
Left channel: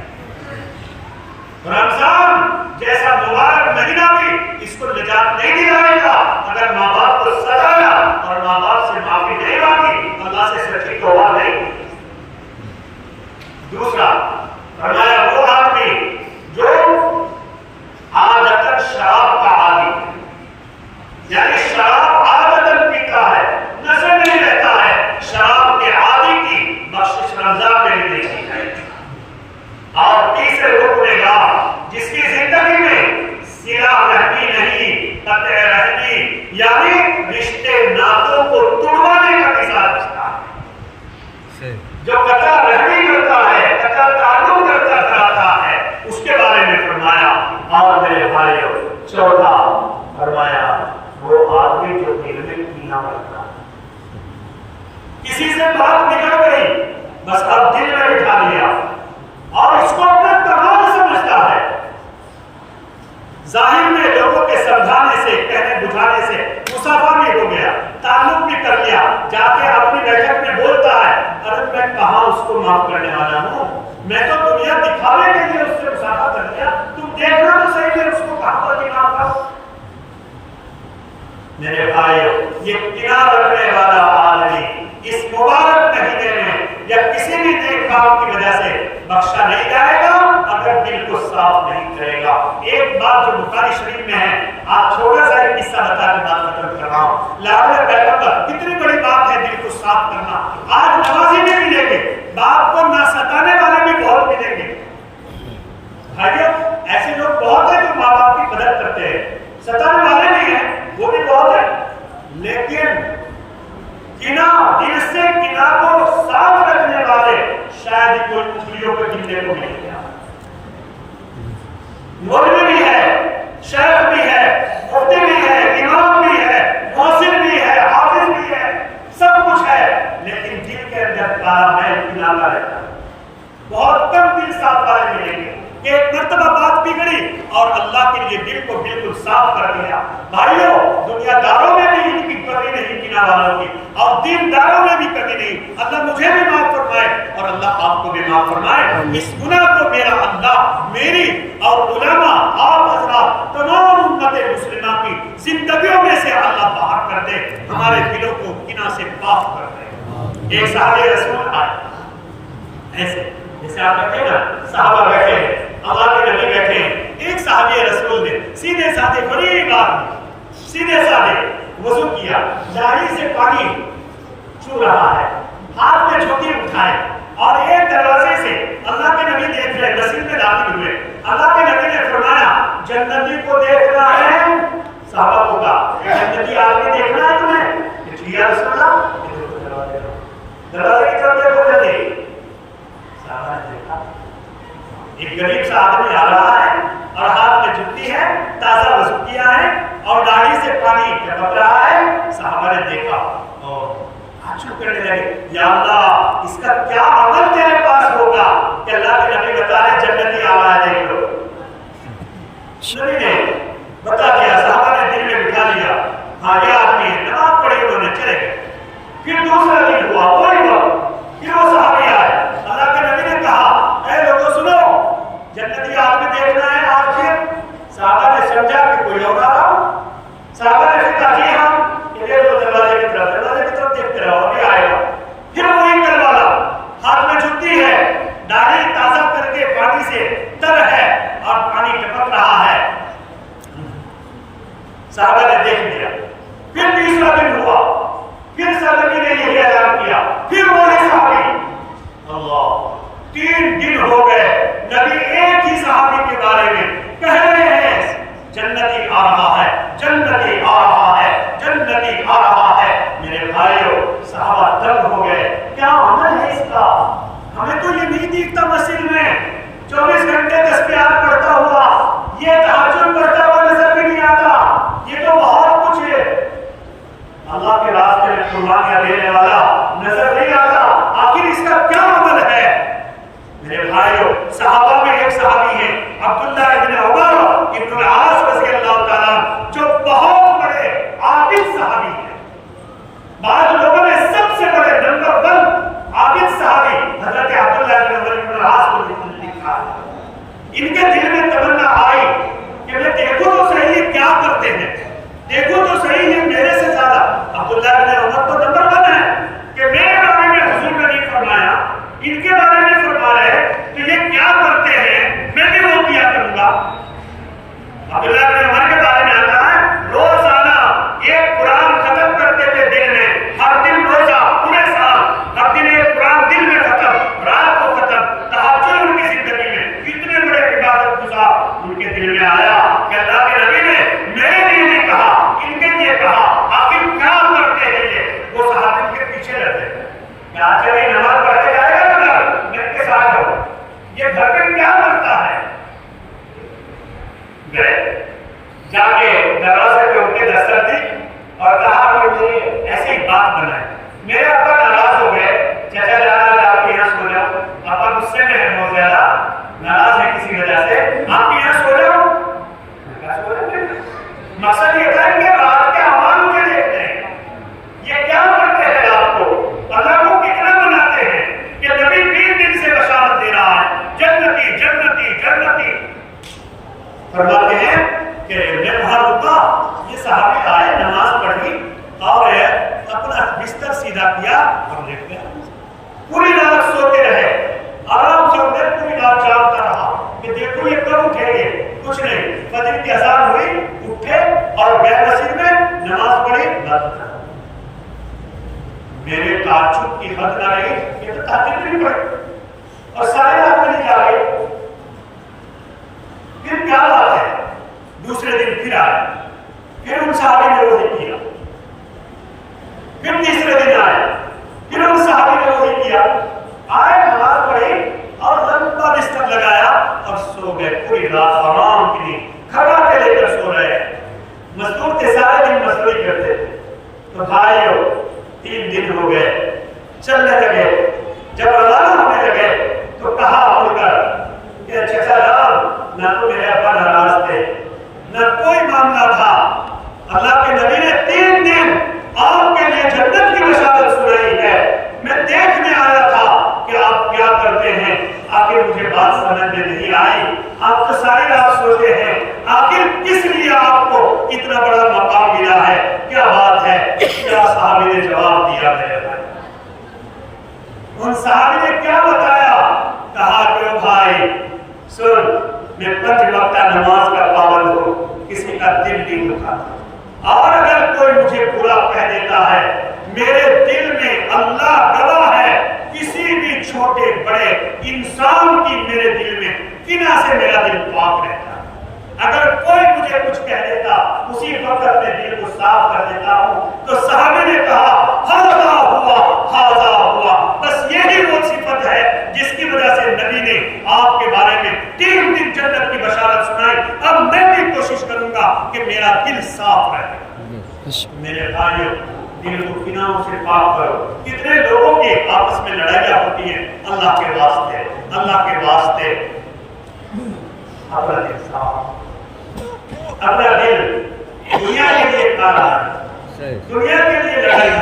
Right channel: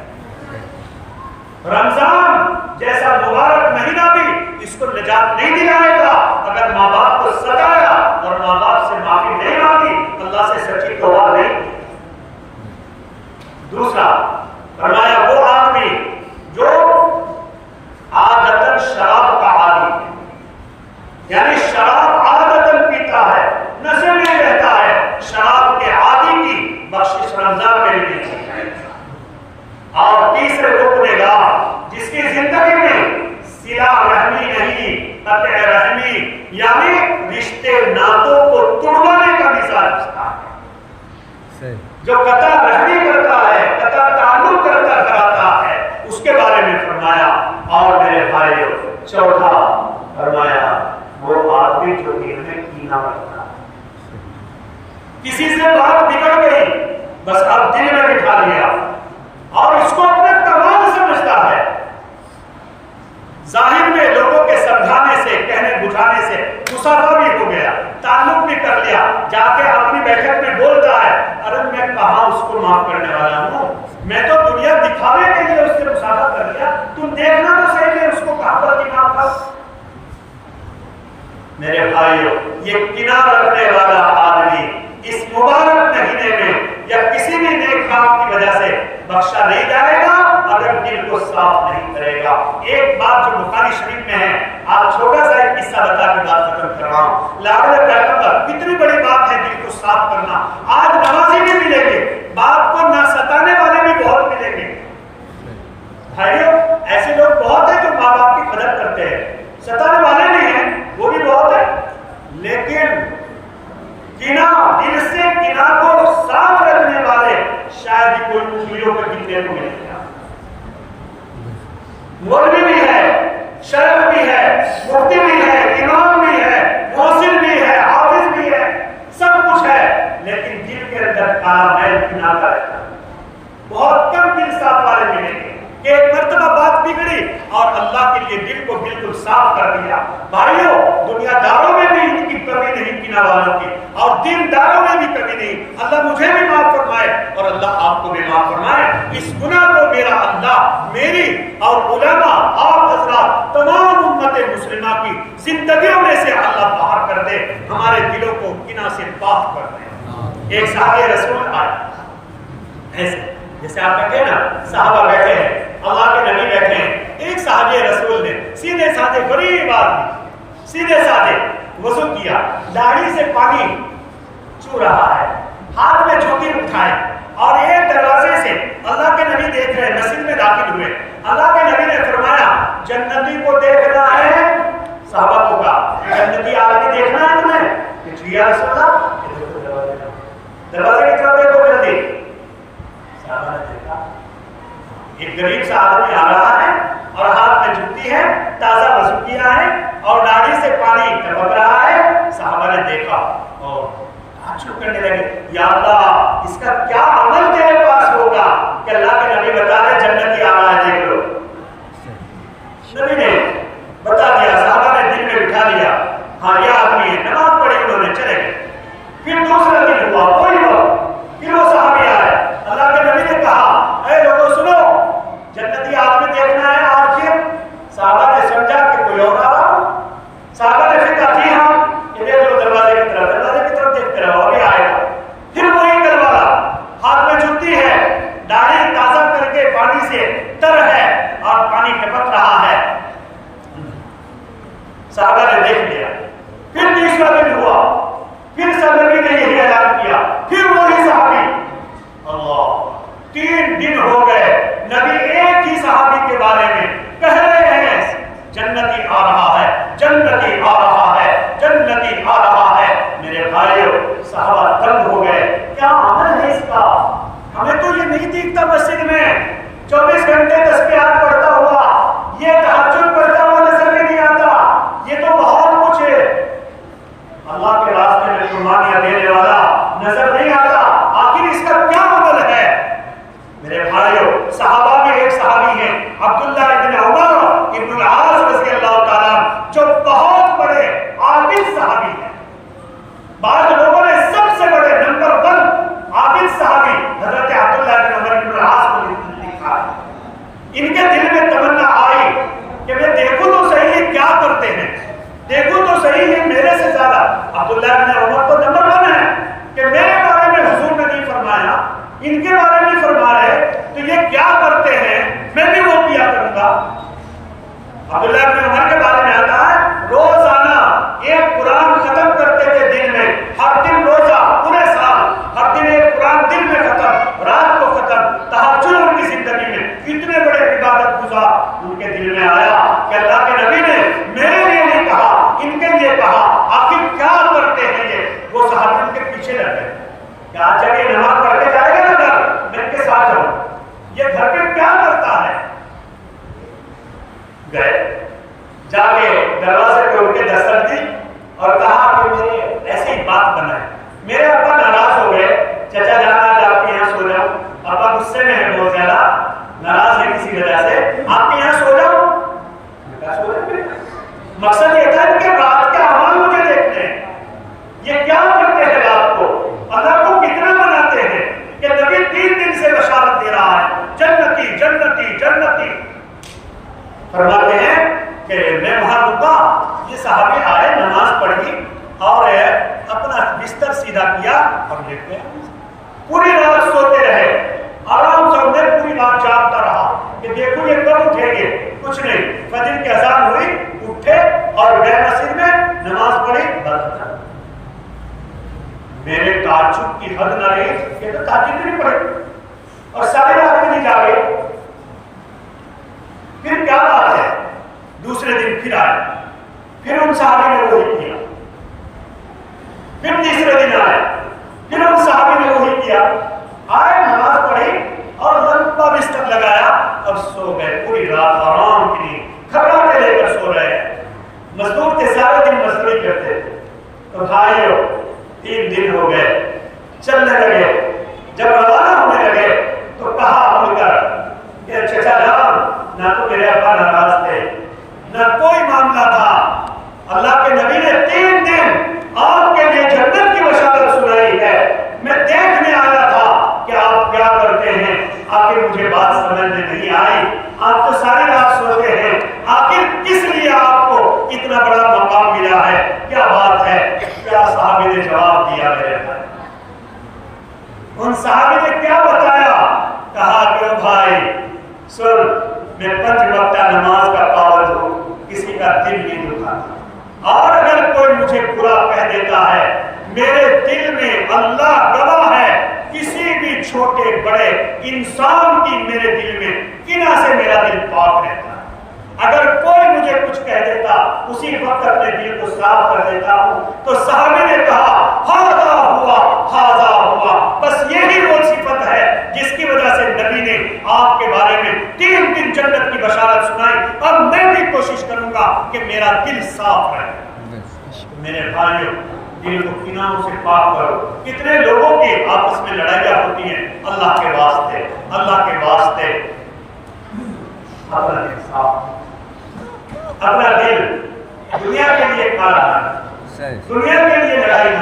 رمضان جیسا مبارک مہینہ بھی اس کو نجات نہیں دلائے گا اگر ماں باپ کو ستایا اور ماں باپ سے معافی نہیں مانگی، اللہ سے سچی توبہ نہیں کی. دوسرا فرمایا وہ آدمی جو عادتاً شراب کا عادی ہے، یعنی شراب عادتاً پیتا ہے، نشے میں رہتا ہے، شراب کے عادی کی بخشش رمضان میں بھی نہیں کی جائے گی. اور تیسرے وہ گنہگار جس کی زندگی میں صلہ رحمی نہیں، قطع رحمی یعنی رشتے ناتوں کو توڑوانے کا مثال رکھتا ہے، جو قطع رحمی کرتا ہے، قطع تعلق کراتا ہے، اس کے بارے میں فرمایا. اور میرے بھائیو چوتھا فرمایا وہ آدمی جو دل میں کینہ رکھتا ہے، کسی سے بات بگڑ گئی بس اب دل میں بٹھا لیا اور اس کو اپنا کمال سمجھتا ہے. ظاہر میں لوگوں کے سمجھانے سے، کہنے بجھانے سے مسافہ بھی ہو گیا، تعلق بھی کر لیا، جا کے اپنی بیٹھک میں بولتا ہے ارے میں کہاں اس کو معاف کرنے والا ہوں، میں تو دنیا دکھانے کے لیے اس سے مصافحہ کر لیا، تم دیکھنا تو صحیح ہے اس کو کہاں پر دماغ کرو۔ میرے بھائیو، یہ کینہ رکھنے والا آدمی اس مبارک مہینے میں یا کسی بھی نیک کام کی وجہ سے بخشا نہیں جائے گا اگر دل کو صاف نہیں کرے گا۔ ایک بات جو بخاری شریف میں ہے، آپ چھوٹا سا ایک قصہ بتا کے بات ختم کر رہا ہوں۔ لاڈلے پیغمبر، کتنی بڑی بات ہے دل کو صاف کرنا۔ آج نمازی بھی ملیں گے، باپ کو نہ ستانے والے بھی بہت ملیں گے۔ بھائیو، ایسے لوگ بہت ہیں جو ماں باپ کی قدر کرتے ہیں، ستانے والے بھی ہیں، وہ بھی بہت ہیں، لیکن کینہ، دل سے کینہ کو صاف رکھنے والے شاید ہی کوئی انگلیوں پہ گننے کو ملے گا۔ مولوی بھی ہے، شیخ بھی ہے، مفتی بھی ہے، امام بھی ہے، محسن بھی ہے، حافظ بھی ہے، سب کچھ ہے، لیکن دل کے اندر کالا میل کینہ کا رہتا ہے۔ بہت کم دل صاف والے ملیں گے کہ ایک مرتبہ بات بگڑی اور اللہ کے لیے دل کو بالکل صاف کر دیا۔ بھائیو، دنیا داروں میں بھی ان کی کمی نہیں کینہ والوں کی، اور دین داروں میں بھی کمی نہیں۔ اللہ مجھے بھی معاف فرمائے اور اللہ آپ کو بھی معاف فرمائے۔ اس گناہ کو میرا اللہ میری اور علماء، آپ حضرات، تمام امت مسلمہ کی زندگیوں میں سے اللہ باہر کر دے، ہمارے دلوں کو کینہ سے پاک کر دے۔ ایک صحابی رسول آئے، ایسے جیسے آپ کہتے ہیں نا صحابہ بیٹھے ہیں، اللہ کے نبی بیٹھے ہیں، ایک صحابی رسول نے سیدھے سادے غریب آدمی سیدھے سادے وضو کیا، داڑھی سے پانی چو رہا ہے، ہاتھ میں جوتی اٹھائے اور ایک دروازے سے اللہ کے نبی دیکھ رہے، مسجد میں داخل ہوئے۔ اللہ کے نبی نے فرمایا جنتی کو دیکھنا ہے؟ صحابہ کو کہا جنتی آدمی دیکھنا ہے تمہیں؟ کہ جی یا رسول اللہ، دروازے کی طرف دیکھو جلدی۔ ایک غریب سا آدمی آ رہا ہے اور ہاتھ میں جوتی ہے، تازہ وضو کیا ہے اور داڑھی سے پانی ٹپک رہا ہے۔ صحابہ نے دیکھا اور تعجب کرنے لگے، یا اللہ اس کا کیا عمل تیرے پاس ہوگا کہ اللہ کے نبی بتا رہے جنتی آ رہا ہے، دیکھ لو۔ نبی نے بتا دیا، صحابہ نے دل میں بٹھا دیا، ہاں یہ آدمی ہے، نماز پڑھی انہوں نے، چلے گئے۔ پھر دوسرا دن ہوا، کوئی وقت، پھر وہ صحابی آئے، اللہ کے نبی نے کہا اے لوگوں سنو، جنتی آدمی دیکھنا ہے آج؟ پھر صحابہ نے سمجھا کہ کوئی اور آ رہا ہو۔ صحابہ نے پھر کہا جی ہاں، کہ دیکھ لو دروازے کی طرف دیکھتے رہو، ابھی آئے گا۔ پھر وہی کل والا، ہاتھ میں جوتی ہے، داڑھی تازہ کر کے پانی سے تر ہے اور پانی ٹپک رہا ہے۔ صحابہ نے دیکھ لیا۔ پھر تیسرا دن ہوا، پھر نبی نے یہی اعلان کیا، پھر وہی صحابی۔ اللہ، 3 دن ہو گئے، نبی ایک ہی صحابی کے بارے میں کہہ رہے ہیں جنتی آ رہا ہے، جنتی آ رہا ہے، جنتی آ رہا ہے۔ میرے بھائیو، صحابہ تنگ ہو گئے، کیا عمل ہے اس کا؟ ہمیں تو یہ نہیں دیکھتا مسجد میں 24 گھنٹے تسبیحات پڑھتا ہوا، یہ تہجد پڑھتا ہوا نظر بھی نہیں آتا، یہ تو بہت کچھ ہے، اللہ کے راستے میں قربانیاں دینے والا نظر نہیں آتا، آخر اس کا کیا عمل ہے؟ میرے بھائیو، صحابہ میں ایک صحابی ہیں عبداللہ ابن عمر ابن العاص رضی اللہ تعالیٰ، جو بہت بڑے عابد صحابی ہیں۔ بعض لوگوں نے سب سے بڑے نمبر 1 عابد صحابی حضرت عبداللہ ابن عمر ابن العاص کو لکھا ہے۔ ان کے دل میں تمنا آئی کہ میں دیکھوں تو صحیح یہ کیا کرتے ہیں، دیکھوں تو صحیح یہ میرے سے زیادہ، عبداللہ ابن عمر تو نمبر 1 ہے کہ میرے بارے میں حضور نے نہیں فرمایا، ان کے بارے میں فرما رہے تو یہ کیا کرتے ہیں، میں بھی وہ کیا کروں گا۔ عبداللہ بن عمر کے بارے میں آتا ہے روزانہ ایک قرآن ختم کرتے تھے دن میں، ہر دن روزہ، پورے سال ہر دن ایک قرآن دن میں ختم، رات کو ختم، تہجد ان کی زندگی میں۔ اتنے بڑے عبادت گزار ان کے دل میں آیا کہ اللہ کے نبی نے میرے لیے نہیں کہا، ان کے لیے کہا، آخر کیا کرتے ہیں یہ؟ وہ صحابہ ان کے پیچھے لگے، کیا جگہ نماز پڑھ کے جائے گا نا گھر، میرے کے ساتھ جاؤ، یہ گھر پہ کیا کرتا ہے؟ گئے، جا کے دروازے پہ ان کے دستک دی اور کہا کہ مجھے ایسے ہی بات بنا ہے، میرے ابا ناراض ہو گئے، چچا جانا آپ کے یہاں سو جاؤ، ابا غصے میں ہے بہت زیادہ، ناراض ہے کسی وجہ سے، آپ کے یہاں سو جاؤ۔ مقصد یہ تھا کہ رات کے اعمال مجھے دیکھتے ہیں، فرماتے ہیں کہ میں وہاں رکا، یہ صحابی آئے، نماز پڑھی اور اپنا بستر سیدھا کیا اور لیٹ گیا. پوری رات سوتے رہے، آرام سے میں پوری رات جاگتا رہا کہ دیکھو یہ کب اٹھیں گے. کچھ نہیں، فجر کی اذان ہوئی، اٹھے اور گئے مسجد میں، نماز پڑھی، بس. میرے تعجب کی حد نہ رہی کہ تو تہجد نہیں پڑھے اور سارے رات میں نہیں جاگے. پھر کیا بات ہے؟ دوسرے دن پھر آئے، پھر ان صحابی نے وہی کیا. پھر تیسرے دن آئے، پھر ان صحابی نے وہی کیا. آئے، نماز پڑھی اور لمبا بستر لگایا اور سو گئے. پوری رات آرام کی کھٹاکے لے کر سو رہے. مزدور تھے، سارے دن مزدوری کرتے تھے. تو بھائیو 3 دن ہو گئے، چلنے لگے. جب روانہ ہونے لگے تو کہا مڑ کر کہ چچا جان، نہ تو میرے ابا ناراض تھے، نہ کوئی معاملہ تھا. اللہ کے نبی نے 3 دن آپ کے لیے جنت کی بشارت سنائی ہے. میں دیکھنے آیا تھا کہ آپ کیا کرتے ہیں. آخر مجھے بات سمجھ میں نہیں آئی. آپ تو ساری رات سوتے ہیں، آخر کس لیے آپ کو اتنا بڑا مقام ملا ہے؟ کیا بات ہے؟ کیا صحابی نے جواب دیا میرے بھائی؟ ان صحابی نے کیا بتایا؟ کہا کہ بھائی سن، میں 5 وقتہ نماز کا پابند ہوں، کسی کا دل نہیں دکھاتا. اور اگر کوئی مجھے برا کہہ دیتا ہے، میرے دل میں اللہ گواہ ہے، کسی بھی چھوٹے بڑے انسان کی میرے دل میں کینہ سے میرا دل پاک رہتا ہے. اگر کوئی مجھے کچھ کہہ دیتا، اسی وقت اپنے دل کو صاف کر دیتا ہوں. تو صحابی نے کہا ہاذا ہوا، ہاذا ہوا. بس یہی وہ صفت ہے جس کی وجہ سے نبی نے آپ کے بارے میں 3 دن جنت کی بشارت سنائی. اب میں بھی کوشش کروں گا کہ میرا دل صاف رہے. میرے بھائیوں، دل کو کینوں سے پاک کرو. کتنے لوگوں کی آپس میں لڑائیاں ہوتی ہیں. اللہ کے واسطے، اللہ کے واسطے اپنا دل صاف، اپنا دل دنیا کے لیے کالا ہے، دنیا کے لیے لڑائی ہے،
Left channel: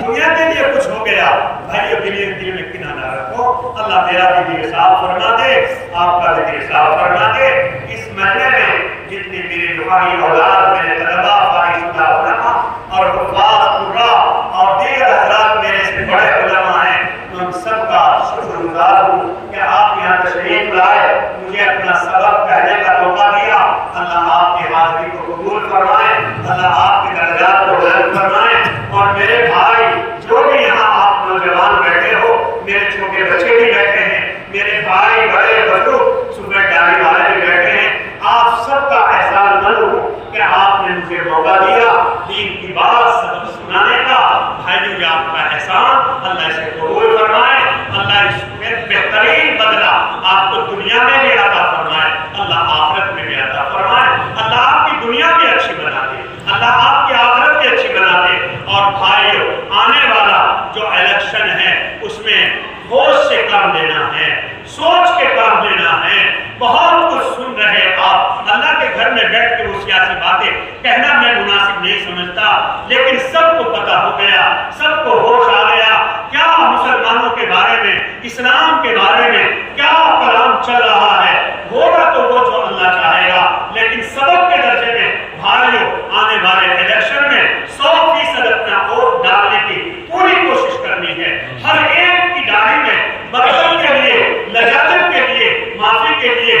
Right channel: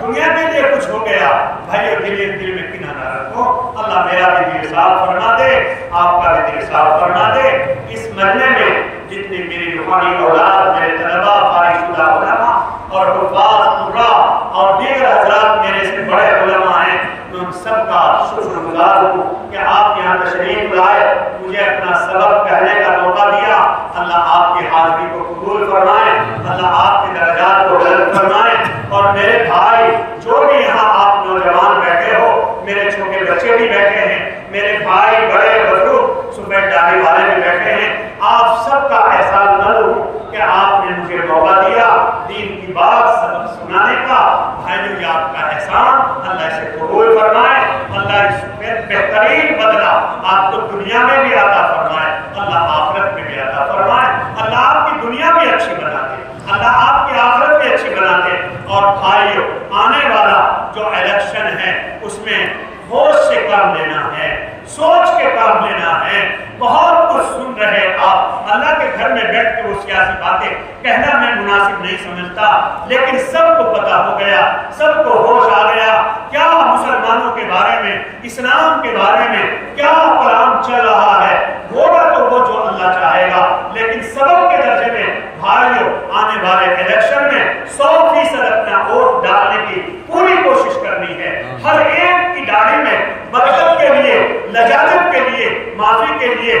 دنیا کے لیے کچھ ہو گیا. بھائیو دل میں کینہ نہ رکھو. اللہ میرا بھی دل صاف فرما دے، آپ کا بھی دل صاف فرما دے. اس مہینے میں جتنی میری روحانی اولاد، میرے طلبا، فارغ شدہ علماء اور حفاظ، قراء اور دیگر حضرات میرے سے بڑے علماء ہیں، میں ان سب کا شکر گزار ہوں کہ آپ یہاں تشریف لائے، مجھے اپنا سبق کہنے کا موقع دیا. اللہ آپ کی حاضری کو قبول فرمائے، اللہ آپ کے درجات کو بلند فرمائے. اور میرے بھائی جو بھی یہاں آپ نوجوان بیٹھے ہو، میرے چھوٹے بچے بھی بیٹھے ہیں، میرے بھائی بڑے بزرگ سفید ڈالی والے بھی بیٹھے ہیں، آپ سب کا احسان مند ہوں کہ آپ نے مجھے موقع دیا دین کی بات سبق سنانے کا. بھائیو یہ آپ کا احسان، اللہ اسے قبول فرمائے. اللہ اس میں بہترین بدلہ آپ کو دنیا میں بھی عطا فرمائے، اللہ آخرت میں بھی عطا فرمائے. اللہ آپ کی دنیا بھی اچھی بنا دے، اللہ آپ کی آخرت بھی اچھی بنا دے. اور بھائیو آنے والا جو الیکشن ہے اس میں ہوش سے کام لینا ہے، سوچ کے کام لینا ہے. بہت کچھ سن رہے آپ، اللہ کے گھر میں بیٹھ کے وہ سیاسی باتیں کہنا میں مناسب نہیں سمجھتا، لیکن سب کو پتا ہو گیا، سب کو ہوش آ گیا کیا مسلمانوں کے بارے میں، اسلام کے بارے میں کیا کلام چل رہا ہے. ہوگا تو وہ جو اللہ چاہے گا، لیکن سبق کے درجے میں بھائیوں آنے والے الیکشن میں 100% اپنا ووٹ ڈالنے کی پوری کوشش کرنی ہے. ہر ایک کی داڑھی میں برکت کے لیے، لجاجت کے لیے، معافی کے لیے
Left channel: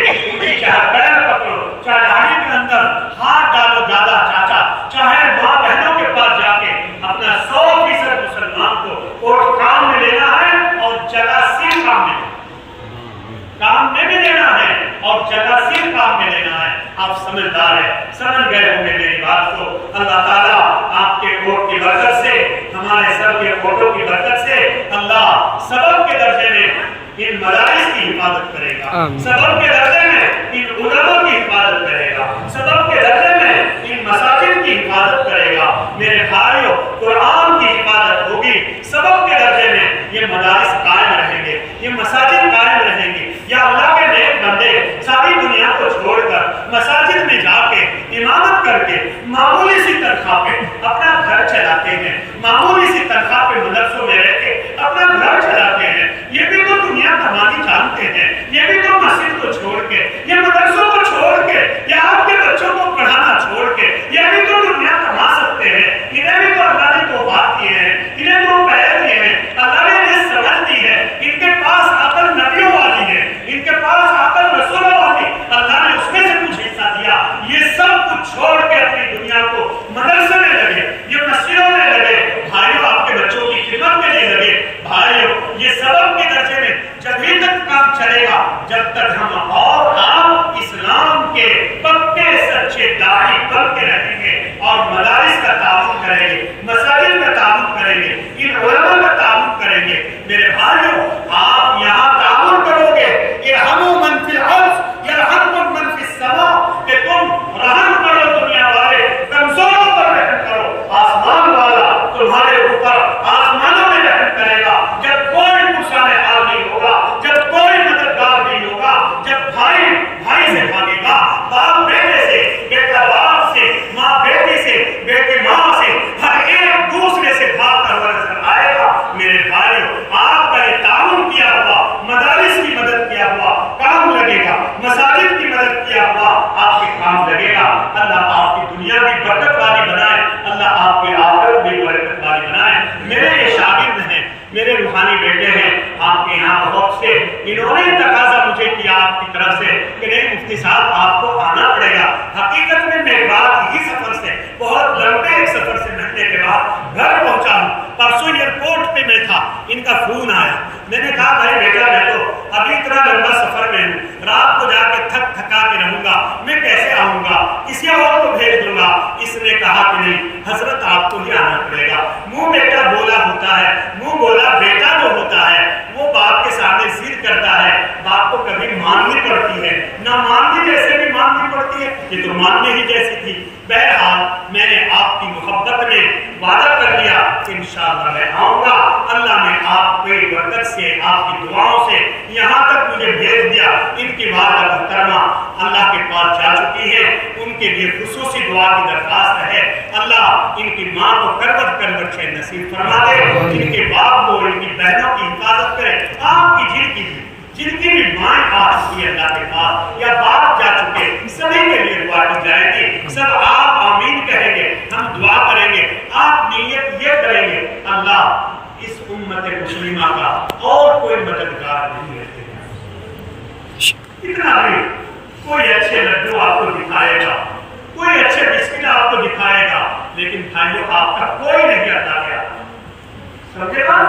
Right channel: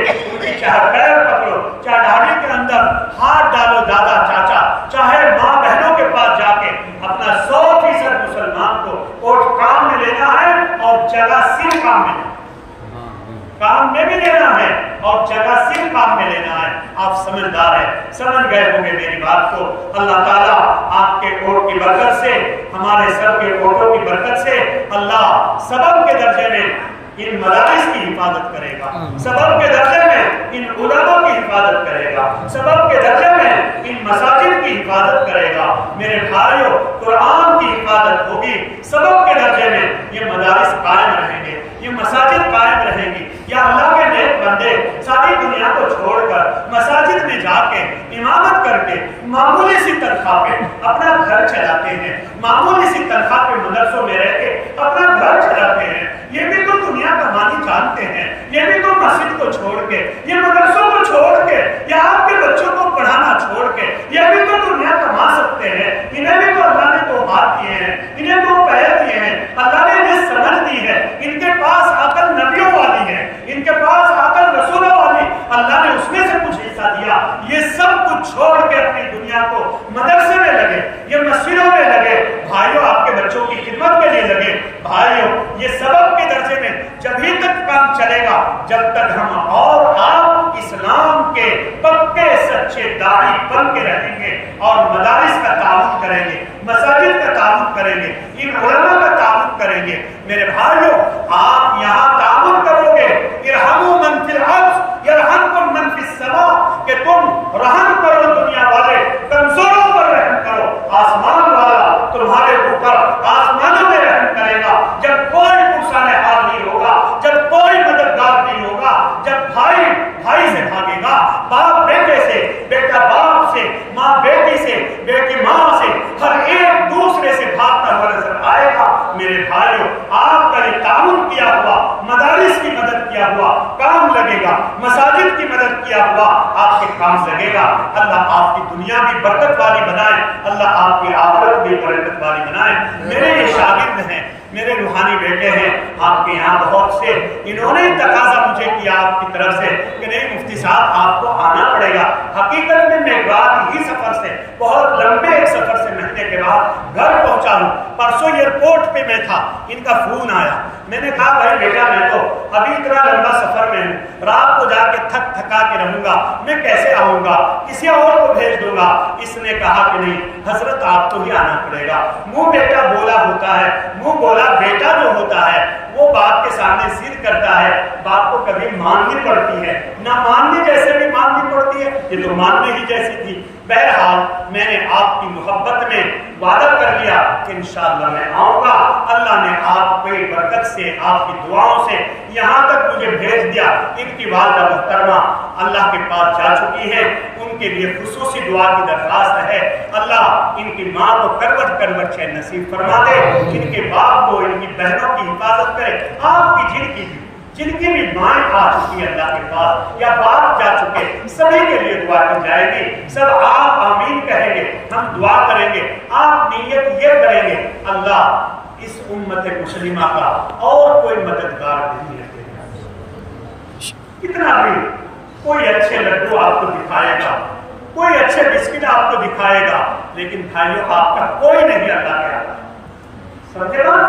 چاہے پیر پکڑو، چاہے داڑھی کے اندر ہاتھ ڈالو دادا چاچا، چاہے ماں بہنوں کے پاس جا کے اپنا 100% مسلمان کو ووٹ کام میں لینا ہے اور جگہ سی کام میں بھی لینا ہے اور جگہ سی کام میں لینا ہے. آپ سمجھدار ہیں، سمجھ گئے ہوں گے میری بات کو. اللہ تعالیٰ آپ کے ووٹ کی برکت سے، ہمارے سب کے ووٹوں کی برکت سے اللہ سبب کے درجے میں ان مدارس کی حفاظت کرے گا، سبب کے درجے میں ان علماء کی حفاظت کرے گا، سبب کے درجے میں ان مساجد کی حفاظت کرے گا. میرے بھائیوں قرآن کی حفاظت ہوگی. سبب کے درجے میں یہ مدارس قائم رہیں گے، یہ مساجد قائم رہیں گی. یا اللہ کے نیک بندے ساری دنیا کو چھوڑ کر مساجد میں جا کے امامت کر کے معمولی سی تنخواہ پہ اپنا گھر چلاتے ہیں، معمولی سی تنخواہ پہ مدرسوں میں رہ کے اپنا گھر چلاتے ہیں. یہ بھی تو دنیا کمانی جانتے ہیں، یہ بھی تو مسجد کو چھوڑ کے، یہ مدرسوں کو چھوڑ کے یا جب یہ تک کام چلے گا جب تک ہم اور آپ اسلام کے پکے سچے داعی بن کے رہیں گے اور مدارس کا تعاون کریں گے، مساجد کا تعاون کریں گے، ان علماء کا تعاون کریں گے۔ میرے بھائیوں، آپ یہاں تعاون کرو گے، ارحموا من فی الارض یرحمکم من فی السماء، کہ تم رحم کرو دنیا والے، کمزوروں پر رحم کرو، آسمان والا تمہارے اوپر آسمانوں میں رحم کرے گا۔ جب کوئی پرسان حال نہیں ہوگا، جب کوئی مددگار نہیں ہوگا، جب بھائی بھائی سے بھاگے گا، باپ بیٹے سے، بیٹا باپ سے، ماں بیٹی سے، بیٹی ماں سے، ہر ایک دوسرے سے بھاگتا ہوا نظر آئے گا۔ میرے بھائیوں، آپ کا یہ تعاون کیا ہوا، مدارس کی مدد کیا ہوا کام لگے گا، مساجد کی مدد کیا ہوا آپ کے کام لگے گا۔ اللہ آپ کی دنیا بھی برکت والی بنائے، اللہ آپ کی آخرت بھی برکت والی بنائے۔ میرے یہ شاگرد ہیں، میرے روحانی بیٹے ہیں، آپ کے یہاں بہت سے، انہوں نے تقاضا مجھے کیا آپ کی طرف سے کہ نہیں مفتی صاحب آپ کو آنا پڑے گا۔ حقیقت میں رات ہی سفر سے، بہت لمبے ایک سفر سے مہینے کے بعد گھر پہنچا ہوں۔ پرسوں ایئرپورٹ پہ میں تھا، ان کا فون آیا، میں نے کہا بھائی بیٹا میں تو ابھی اتنا لمبا سفر میں ہوں، رات کو جا کے تھکا کے رہوں گا، میں کیسے آؤں گا، کسی اور کو بھیج دوں گا۔ اس نے کہا کہ نہیں حضرت آپ کو ہی آنا پڑے گا۔ منہ بیٹا بولا ہوتا ہے، منہ بولا بیٹا جو ہوتا ہے وہ باپ کے سامنے ضد کرتا ہے، باپ کو کبھی ماننی پڑتی ہے، نہ ماننے جیسے بھی ماننی پڑتی ہے، یہ تو ماننے ہی جیسی تھی۔ بہرحال میں نے آپ کی محبت میں وعدہ کر لیا کہ انشاءاللہ میں آؤں گا۔ اللہ نے آپ کی برکت سے، آپ کی دعاؤں سے یہاں تک مجھے بھیج دیا۔ ان کی والدہ محترمہ اللہ کے پاس جا چکی ہے، ان کے لیے خصوصی دعا کی درخواست ہے۔ اللہ ان کی ماں کو کروٹ کروٹ سے نصیب فرما دے، ان کے باپ کو، ان کی بہنوں کی حفاظت کرے۔ آپ کی جن کی بھی مائیں آ چکی ہے اللہ کے پاس یا باپ جا چکے، سبھی کے لیے دعا کی جائے گی۔ سب آپ آمین کہیں گے، ہم دعا کریں گے، آپ نیت یہ کریں گے اللہ اس امت مسلمہ کا اور کوئی مددگار نہیں رہتے گا۔ اتنا بھی کوئی اچھے لڈو آپ کو دکھائے گا، کوئی اچھے بسکٹ آپ کو دکھائے گا، لیکن بھائیوں آپ کا کوئی نہیں اللہ کیا سمجھے گا،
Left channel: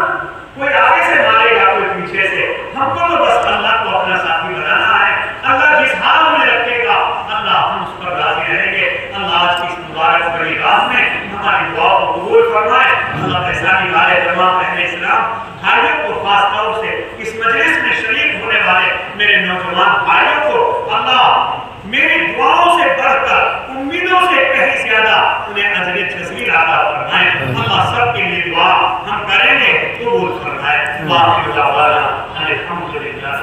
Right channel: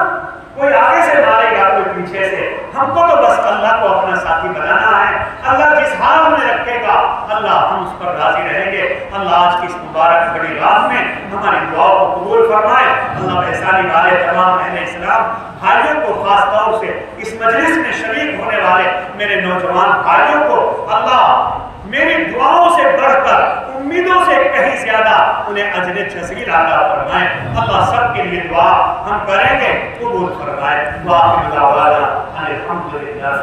کوئی آگے سے مارے گا کوئی پیچھے سے۔ ہم کو تو بس اللہ کو اپنا ساتھی بنانا ہے، اللہ جس حال میں رکھے گا اللہ ہم اس پر راضی رہیں گے۔ اللہ آج کی اس مبارک بڑی رات میں ہماری دعا کو قبول فرمائے۔ اللہ احسانی والے تمام اہل اسلام بھائیوں کو، خاص طور سے اس مجلس میں شریک ہونے والے میرے نوجوان بھائیوں کو اللہ میری دعاؤں سے بڑھ کر، امیدوں سے کہیں زیادہ انہیں اجر جزیل عطا فرمائے۔ اللہ سب کے لیے دعا ہم کریں گے، قبول فرمائے۔ واقعی دعوانا الحمدللہ۔